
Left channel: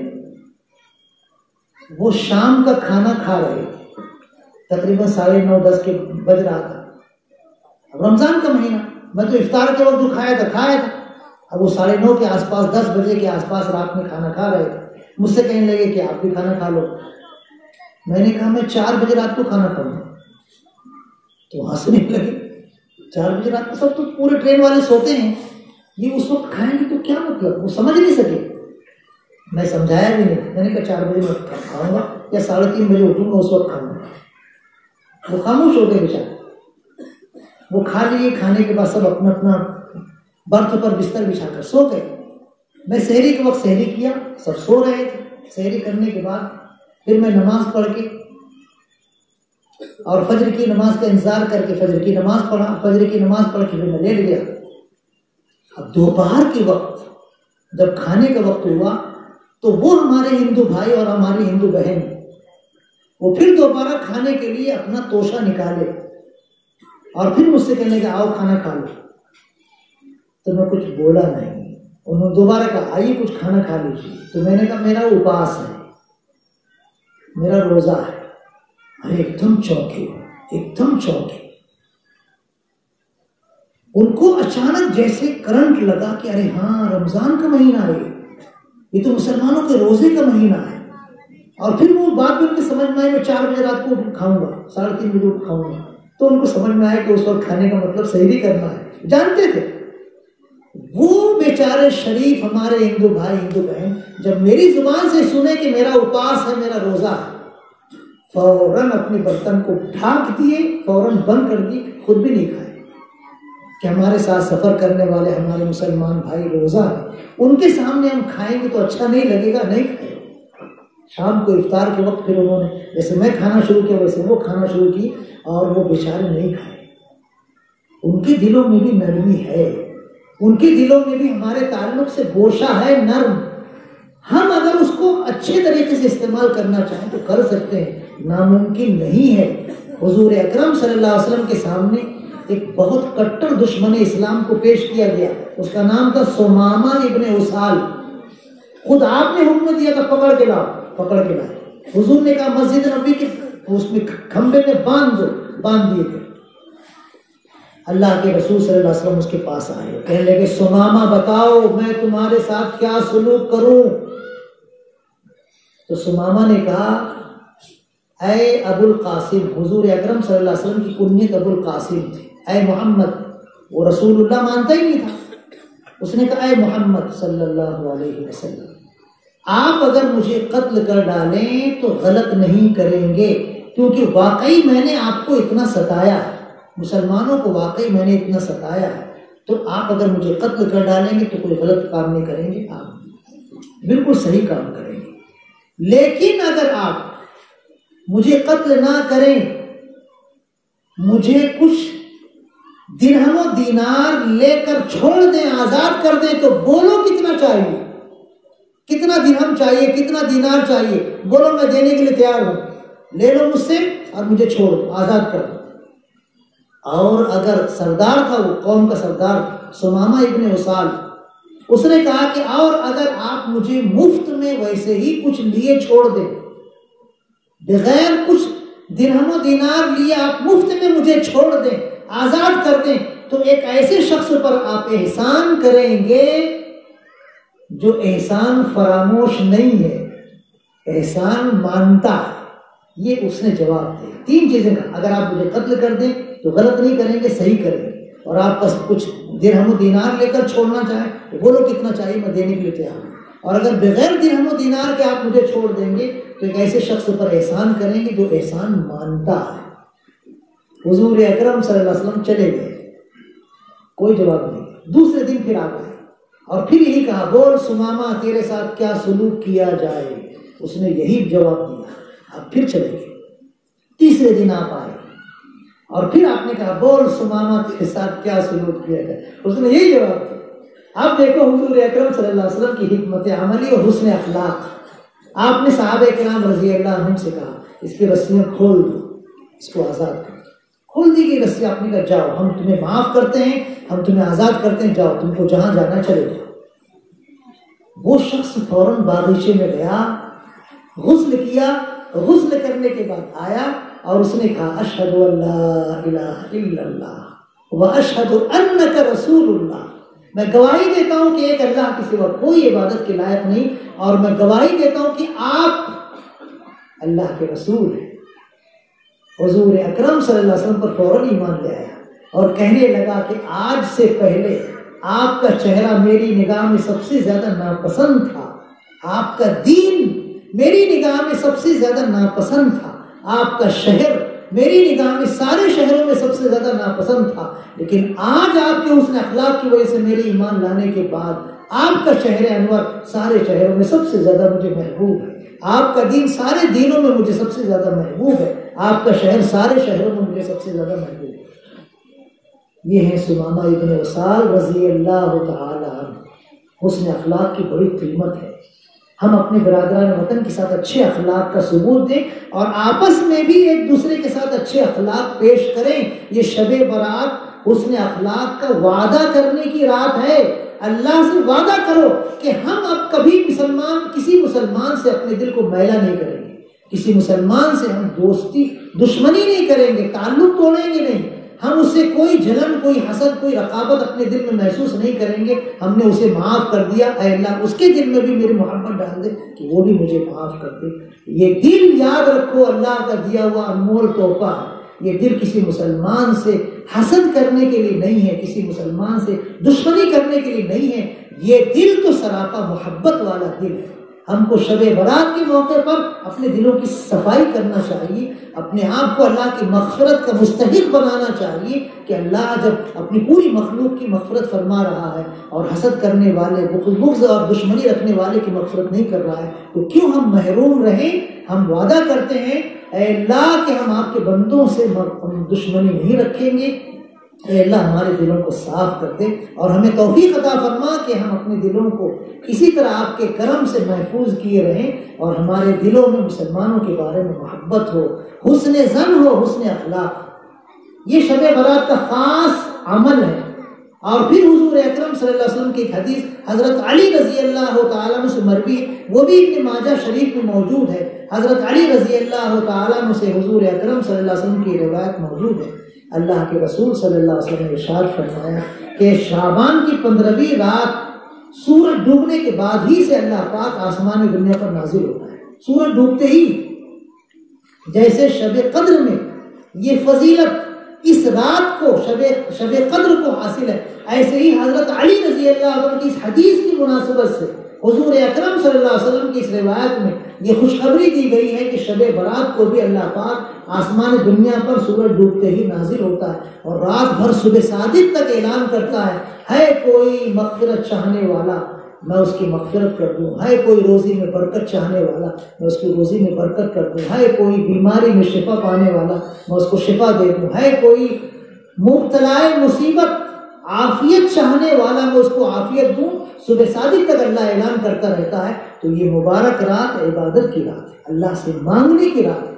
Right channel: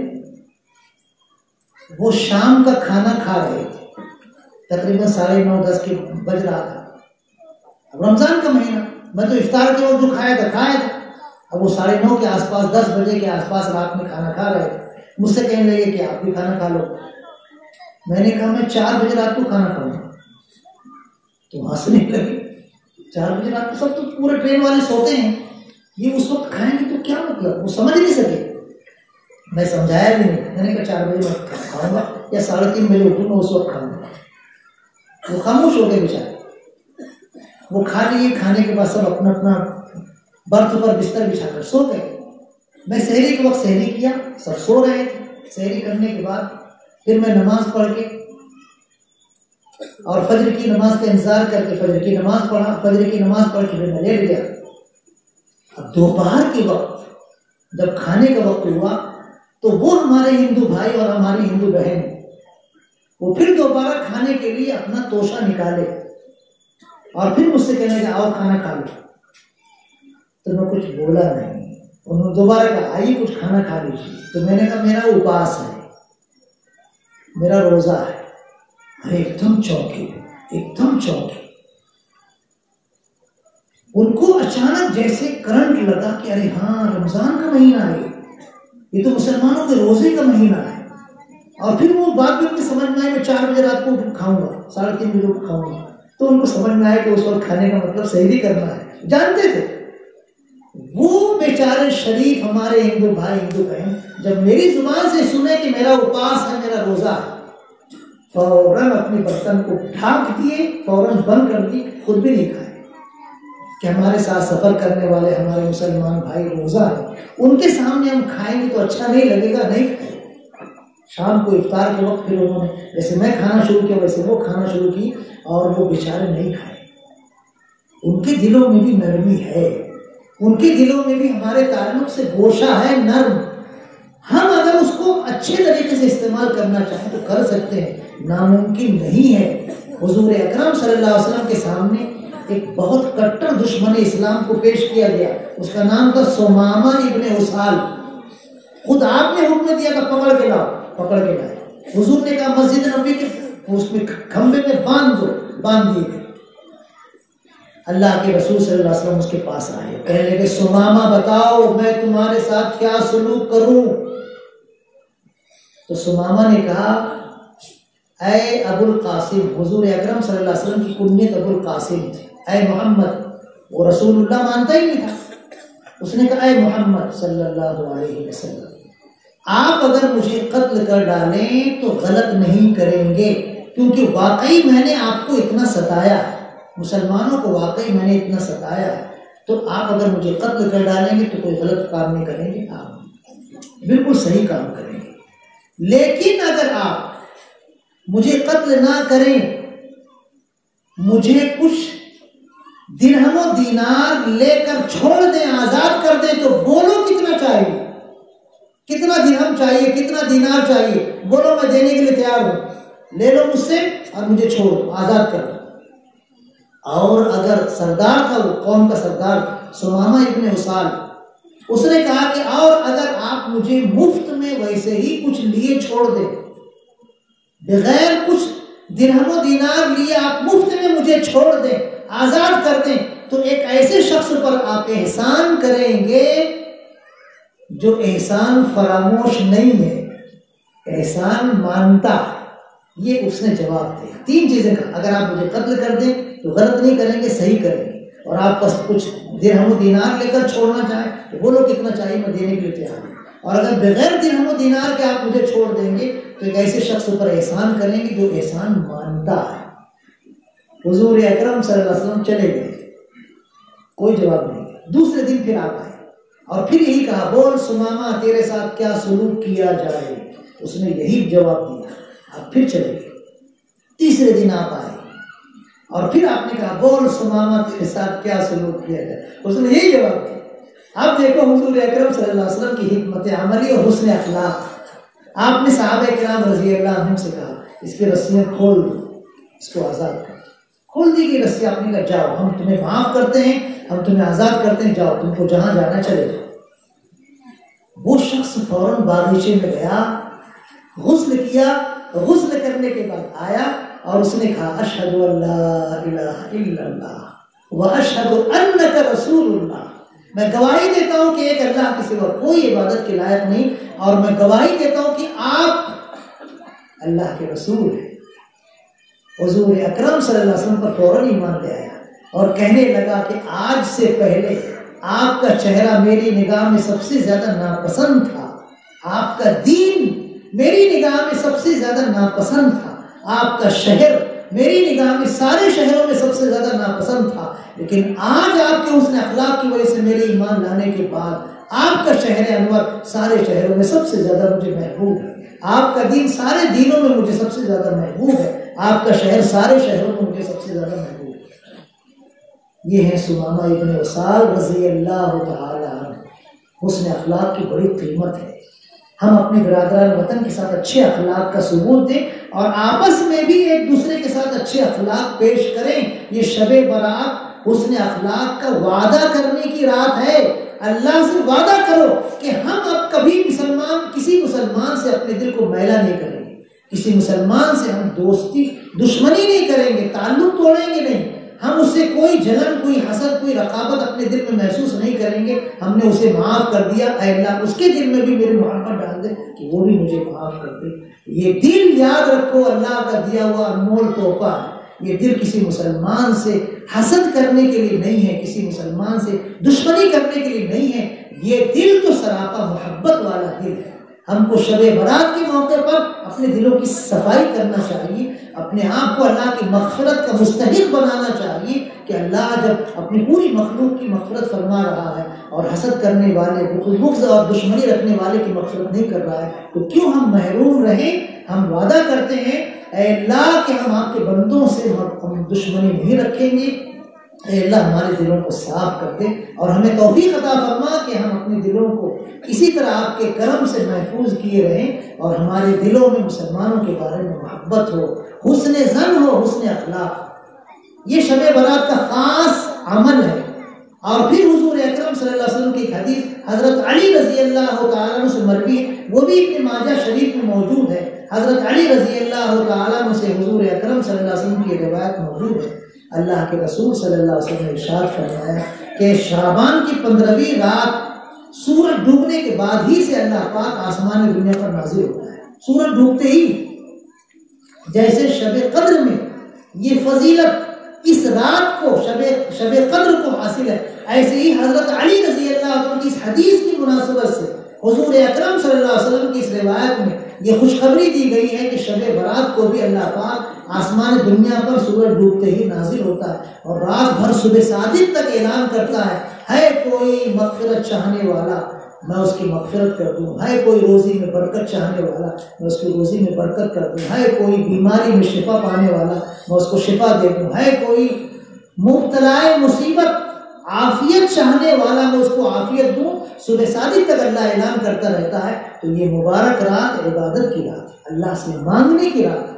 وہ شام کا کھانا کھا رہے تھے، تقریباً 9:30 کے بج رہا تھا، اب رمضان کا مہینہ، میں تو افطار کے وقت جو کھایا تھا، اب وہ 9:30 کے آس پاس 10 بجے کے آس پاس رات میں کھانا کھا رہے تھے، مجھ سے کہنے لگے کہ آپ بھی کھانا کھا لو، میں نے کہا میں 4 بجے رات کو کھانا کھاؤں گا، تو ہنسنے لگے، 4 بجے رات کو سب تو پورے ٹرین والے سوتے ہیں، یہ اس وقت کھائیں گے تو کیا مطلب، وہ سمجھ نہیں سکے، میں سمجھایا بھی نہیں، میں نے کہا 4 بجے میں کھاؤں گا یا 3:30 بجے اٹھوں گا اس وقت کھاؤں گا، وہ خاموش ہو گئے بیچارے، وہ کھا لیے، کھانے کے بعد سب اپنا اپنا برتھ پر بستر بچھا کر سو گئے، میں سحری کے وقت سحری کیا، سب سو رہے تھے، سحری کرنے کے بعد پھر میں نماز پڑھ کے اور فجر کی نماز کا انتظار کر کے فجر کی نماز پڑھ کے پھر میں لیٹ گیا۔ اب دوپہر کے وقت جب کھانے کا وقت ہوا تو وہ ہمارے ہندو بھائی اور ہماری ہندو بہن وہ پھر دوبارہ کھانے کے لیے اپنا توشہ نکالے اور پھر مجھ سے کہنے کہ آؤ کھانا کھا لو، تو میں کچھ بولا نہیں، انہوں نے دوبارہ کہا آئیے کچھ کھانا کھا لیجیے، تو میں نے کہا میرا اپاس ہے، میرا روزہ ہے، اور ایک دم چونکے، ان کو اچانک جیسے کرنٹ لگا کہ ارے ہاں رمضان کا مہینہ ہے، یہ تو مسلمانوں کے روزے کا مہینہ ہے، اور پھر وہ بات بھی ان کے سمجھ میں آئی، میں 4 بجے رات کو کھاؤں گا، 3:30 بجے کو کھاؤں گا، تو ان کو سمجھ میں آیا کہ اس وقت کھانے کا مطلب سحری کرنا ہے، جانتے تھے وہ بیچارے شریف ہمارے ہندو بھائی ہندو بہن جب میری زبان سے سنے کہ میرا اپاس ہے، میرا روزہ ہے، فوراً اپنے برتن کو ڈھانک دیے، فوراً بند کر دی، خود بھی نہیں کھائے، کہ ہمارے ساتھ سفر کرنے والے ہمارے مسلمان بھائی روزہ ہیں، ان کے سامنے ہم کھائیں گے تو اچھا نہیں لگے گا، نہیں کھائے۔ شام کو افطار کے وقت پھر انہوں نے جیسے میں کھانا شروع کیا ویسے وہ کھانا شروع کی، اور وہ بیچارے نہیں کھائے۔ ان کے دلوں میں بھی نرمی ہے، ان کے دلوں میں بھی ہمارے تعلق سے گوشہ ہے نرم، ہم اگر اس کو اچھے طریقے سے استعمال کرنا چاہیں تو کر سکتے ہیں، ناممکن نہیں ہے۔ حضور اکرم صلی اللہ علیہ وسلم کے سامنے ایک بہت کٹر دشمن اسلام کو پیش کیا گیا، اس کا نام تھا سمامہ ابن اسال، خود آپ نے حکم دیا تھا پکڑ کے لائے، حضور نے کہا مسجد نبوی کے اس میں کھمبے میں باندھ دیے گئے، اللہ کے رسول صلی اللہ علیہ وسلم اس کے پاس آئے، کہنے لگے سمامہ بتاؤ میں تمہارے ساتھ کیا سلوک کروں؟ تو سمامہ نے کہا اے ابو القاسم، حضور اکرم صلی اللہ علیہ وسلم کی کنیت ابو القاسم تھی، اے محمد، وہ رسول اللہ مانتا ہی نہیں تھا، اس نے کہا اے محمد صلی اللہ علیہ وسلم، آپ اگر مجھے قتل کر ڈالیں تو غلط نہیں کریں گے، کیونکہ واقعی میں نے آپ کو اتنا ستایا ہے، مسلمانوں کو واقعی میں نے اتنا ستایا ہے، تو آپ اگر مجھے قتل کر ڈالیں گے تو کوئی غلط کام نہیں کریں گے، آپ بالکل صحیح کام کریں گے، لیکن اگر آپ مجھے قتل نہ کریں، مجھے کچھ درہم و دینار لے کر چھوڑ دیں، آزاد کر دیں، تو بولو کتنا چاہیے، کتنا درہم چاہیے، کتنا دینار چاہیے، بولو میں دینے کے لیے تیار ہوں، لے لو مجھ سے اور مجھے چھوڑ دو، آزاد کر دو۔ اور اگر سردار تھا، وہ قوم کا سردار سمامہ ابن اسال، اس نے کہا کہ اور اگر آپ مجھے مفت میں ویسے ہی کچھ لیے چھوڑ دیں، بغیر کچھ درہم و دینار لیے آپ مفت میں مجھے چھوڑ دیں، آزاد کر دیں، تو ایک ایسے شخص پر آپ احسان کریں گے جو احسان فراموش نہیں ہے، احسان مانتا ہے۔ یہ اس نے جواب دیا، 3 چیزیں کہا، اگر آپ مجھے قتل کر دیں تو غلط نہیں کریں گے، صحیح کریں گے، اور آپ بس کچھ درہم و دینار لے کر چھوڑنا چاہیں تو بولو کتنا چاہیے، میں دینے کے لیے تیار ہوں، اور اگر بغیر درہم و دینار کے آپ مجھے چھوڑ دیں گے تو ایک ایسے شخص پر احسان کریں گے جو احسان مانتا ہے۔ حضور اکرم صلی اللہ علیہ وسلم چلے گئے، کوئی جواب نہیں۔ دوسرے دن پھر آپ آئے اور پھر یہی کہا، بول سمامہ تیرے ساتھ کیا سلوک کیا جائے؟ اس نے یہی جواب دیا، آپ پھر چلے گئے۔ تیسرے دن آپ آئے اور پھر آپ نے کہا، بول سمامہ تیرے ساتھ کیا سلوک کیا جائے؟ اس نے یہی جواب دیا۔ اب دیکھو حضور اکرم صلی اللہ علیہ وسلم کی حکمت عملی اور حسن اخلاق۔ آپ نے صحابہ کرام رضی اللہ عنہم سے کہا، اس کی رسیاں کھول دو، اس کو آزاد کر۔ کھول دی گئی رسیاں، آپ نے کہا جاؤ، ہم تمہیں معاف کرتے ہیں، ہم تمہیں آزاد کرتے ہیں، جاؤ، تم کو جہاں جانا چلے جاؤ۔ وہ شخص فوراً باغیچے میں گیا، غسل کیا، غسل کرنے کے بعد آیا اور اس نے کہا، اشہد ان لا الہ الا اللہ واشہد انک رسول اللہ، میں گواہی دیتا ہوں کہ ایک اللہ کے سوا کوئی عبادت کے لائق نہیں، اور میں گواہی دیتا ہوں کہ آپ اللہ کے رسول ہیں۔ حضور اکرم صلی اللہ علیہ وسلم پر فوراً ایمان لے آیا اور کہنے لگا کہ آج سے پہلے آپ کا چہرہ میری نگاہ میں سب سے زیادہ ناپسند تھا، آپ کا دین میری نگاہ میں سب سے زیادہ ناپسند تھا، آپ کا شہر میری نگاہ میں سارے شہروں میں سب سے زیادہ ناپسند تھا، لیکن آج آپ کے حسن اخلاق کی وجہ سے میرے ایمان لانے کے بعد آپ کا شہر انور سارے شہروں میں سب سے زیادہ مجھے محبوب ہے، آپ کا دین سارے دینوں میں مجھے سب سے زیادہ محبوب ہے، آپ کا شہر سارے شہروں میں مجھے سب سے زیادہ محبوب ہے۔ یہ ہے سمامہ ابن وصال رضی اللہ تعالی عنہ۔ حسن اخلاق کی بڑی قیمت ہے۔ ہم اپنے برادران وطن کے ساتھ اچھے اخلاق کا ثبوت دیں اور آپس میں بھی ایک دوسرے کے ساتھ اچھے اخلاق پیش کریں۔ یہ شب برات حسن اخلاق کا وعدہ کرنے کی رات ہے۔ اللہ سے وعدہ کرو کہ ہم اب کبھی کسی مسلمان سے اپنے دل کو میلا نہیں کریں گے، کسی مسلمان سے ہم دشمنی نہیں کریں گے، تعلق توڑیں گے نہیں، ہم اس سے کوئی جلن، کوئی حسد، کوئی رقابت اپنے دل میں محسوس نہیں کریں گے۔ ہم نے اسے معاف کر دیا، اے اللہ اس کے دل میں بھی میری محبت ڈال دے کہ وہ بھی مجھے معاف کر دے۔ یہ دل یاد رکھو اللہ کا دیا ہوا انمول تحفہ ہے۔ یہ دل کسی مسلمان سے حسد کرنے کے لیے نہیں ہے، کسی مسلمان سے دشمنی کرنے کے لیے نہیں ہے، یہ دل تو سراپا محبت والا دل ہے۔ ہم کو شب برات کے موقع پر اپنے دلوں کی صفائی کرنا چاہیے، اپنے آپ کو اللہ کی مغفرت کا مستحق بنانا چاہیے کہ اللہ جب اپنی پوری مخلوق کی مغفرت فرما رہا ہے اور حسد کرنے والے، بغض اور دشمنی رکھنے والے کی مغفرت نہیں کر رہا ہے، تو کیوں ہم محروم رہیں؟ ہم وعدہ کرتے ہیں اے اللہ کہ ہم آپ کے بندوں سے دشمنی نہیں رکھیں گے۔ اے اللہ ہمارے دلوں کو صاف کر دے اور ہمیں توفیق عطا فرما کہ ہم اپنے دلوں کو اسی طرح آپ کے کرم سے محفوظ کیے رہیں اور ہمارے دلوں میں مسلمانوں کے بارے میں محبت ہو، حسن ظن ہو، حسن اخلاق۔ یہ شب برات کا خاص عمل ہے۔ اور پھر حضور اکرم صلی اللہ علیہ وسلم کی ایک حدیث حضرت علی رضی اللہ تعالیٰ عنہ سے مروی ہے، وہ بھی ابن ماجہ شریف میں موجود ہے۔ حضرت علی رضی اللہ تعالیٰ عنہ سے حضور اکرم صلی اللہ علیہ وسلم کی روایت موجود ہے۔ اللہ کے رسول صلی اللہ علیہ وسلم نے ارشاد فرمایا کہ شعبان کی 15ویں رات سورج ڈوبنے کے بعد ہی سے اللہ پاک آسمان دنیا پر نازل ہوتا ہے، سورج ڈوبتے ہی۔ جیسے شب قدر میں یہ فضیلت اس رات کو شب قدر کو حاصل ہے، ایسے ہی حضرت علی رضی اللہ عنہ کی اس حدیث کی مناسبت سے حضور اکرم صلی اللہ علیہ وسلم کی اس روایت میں یہ خوشخبری دی گئی ہے کہ شب برات کو بھی اللہ پاک آسمان دنیا پر سورج ڈوبتے ہی نازل ہوتا ہے اور رات بھر صبح صادق تک اعلان کرتا ہے کوئی مغفرت چاہنے والا میں اس کی مغفرت کر دوں، ہے کوئی روزی میں برکت چاہنے والا میں اس کی روزی میں برکت کر دوں، ہے کوئی بیماری میں شفا پانے والا میں اس کو شفا دے دوں، ہے کوئی مبتلا مصیبت عافیت چاہنے والا میں اس کو عافیت دوں۔ صبح صادق تک اللہ اعلان کرتا رہتا ہے۔ تو یہ مبارک رات عبادت کی رات ہے، اللہ سے مانگنے کی رات ہے،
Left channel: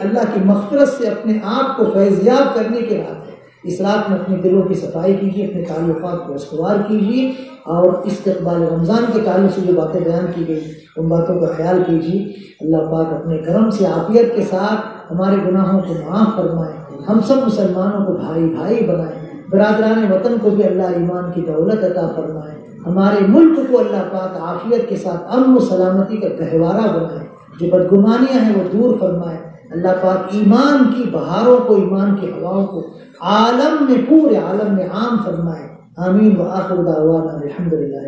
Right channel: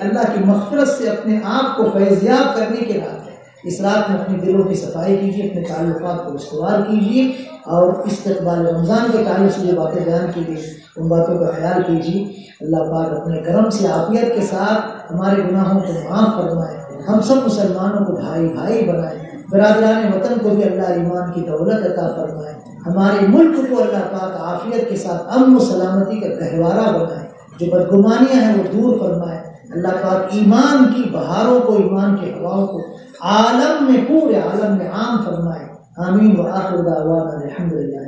اللہ کی مغفرت سے اپنے آپ کو فیضیاب کرنے کی رات ہے۔ اس رات میں اپنے دلوں کی صفائی کیجیے، اپنے تعلقات کو استوار کیجیے اور استقبال رمضان کے تعلق سے جو باتیں بیان کی گئی ان باتوں کا خیال کیجیے۔ اللہ پاک اپنے کرم سے عافیت کے ساتھ ہمارے گناہوں کو معاف فرمائے، ہم سب مسلمانوں کو بھائی بھائی بنائے، برادران وطن کو بھی اللہ ایمان کی دولت عطا فرمائے، ہمارے ملک کو اللہ پاک عافیت کے ساتھ امن و سلامتی کا گہوارہ بنائے، جو بدگمانیاں ہیں وہ دور فرمائے۔ اللہ پاک ایمان کی بہاروں کو، ایمان کی ہواؤں کو عالم میں، پورے عالم میں عام فرمائے۔ آمین وآخر دعوانا الحمدللہ۔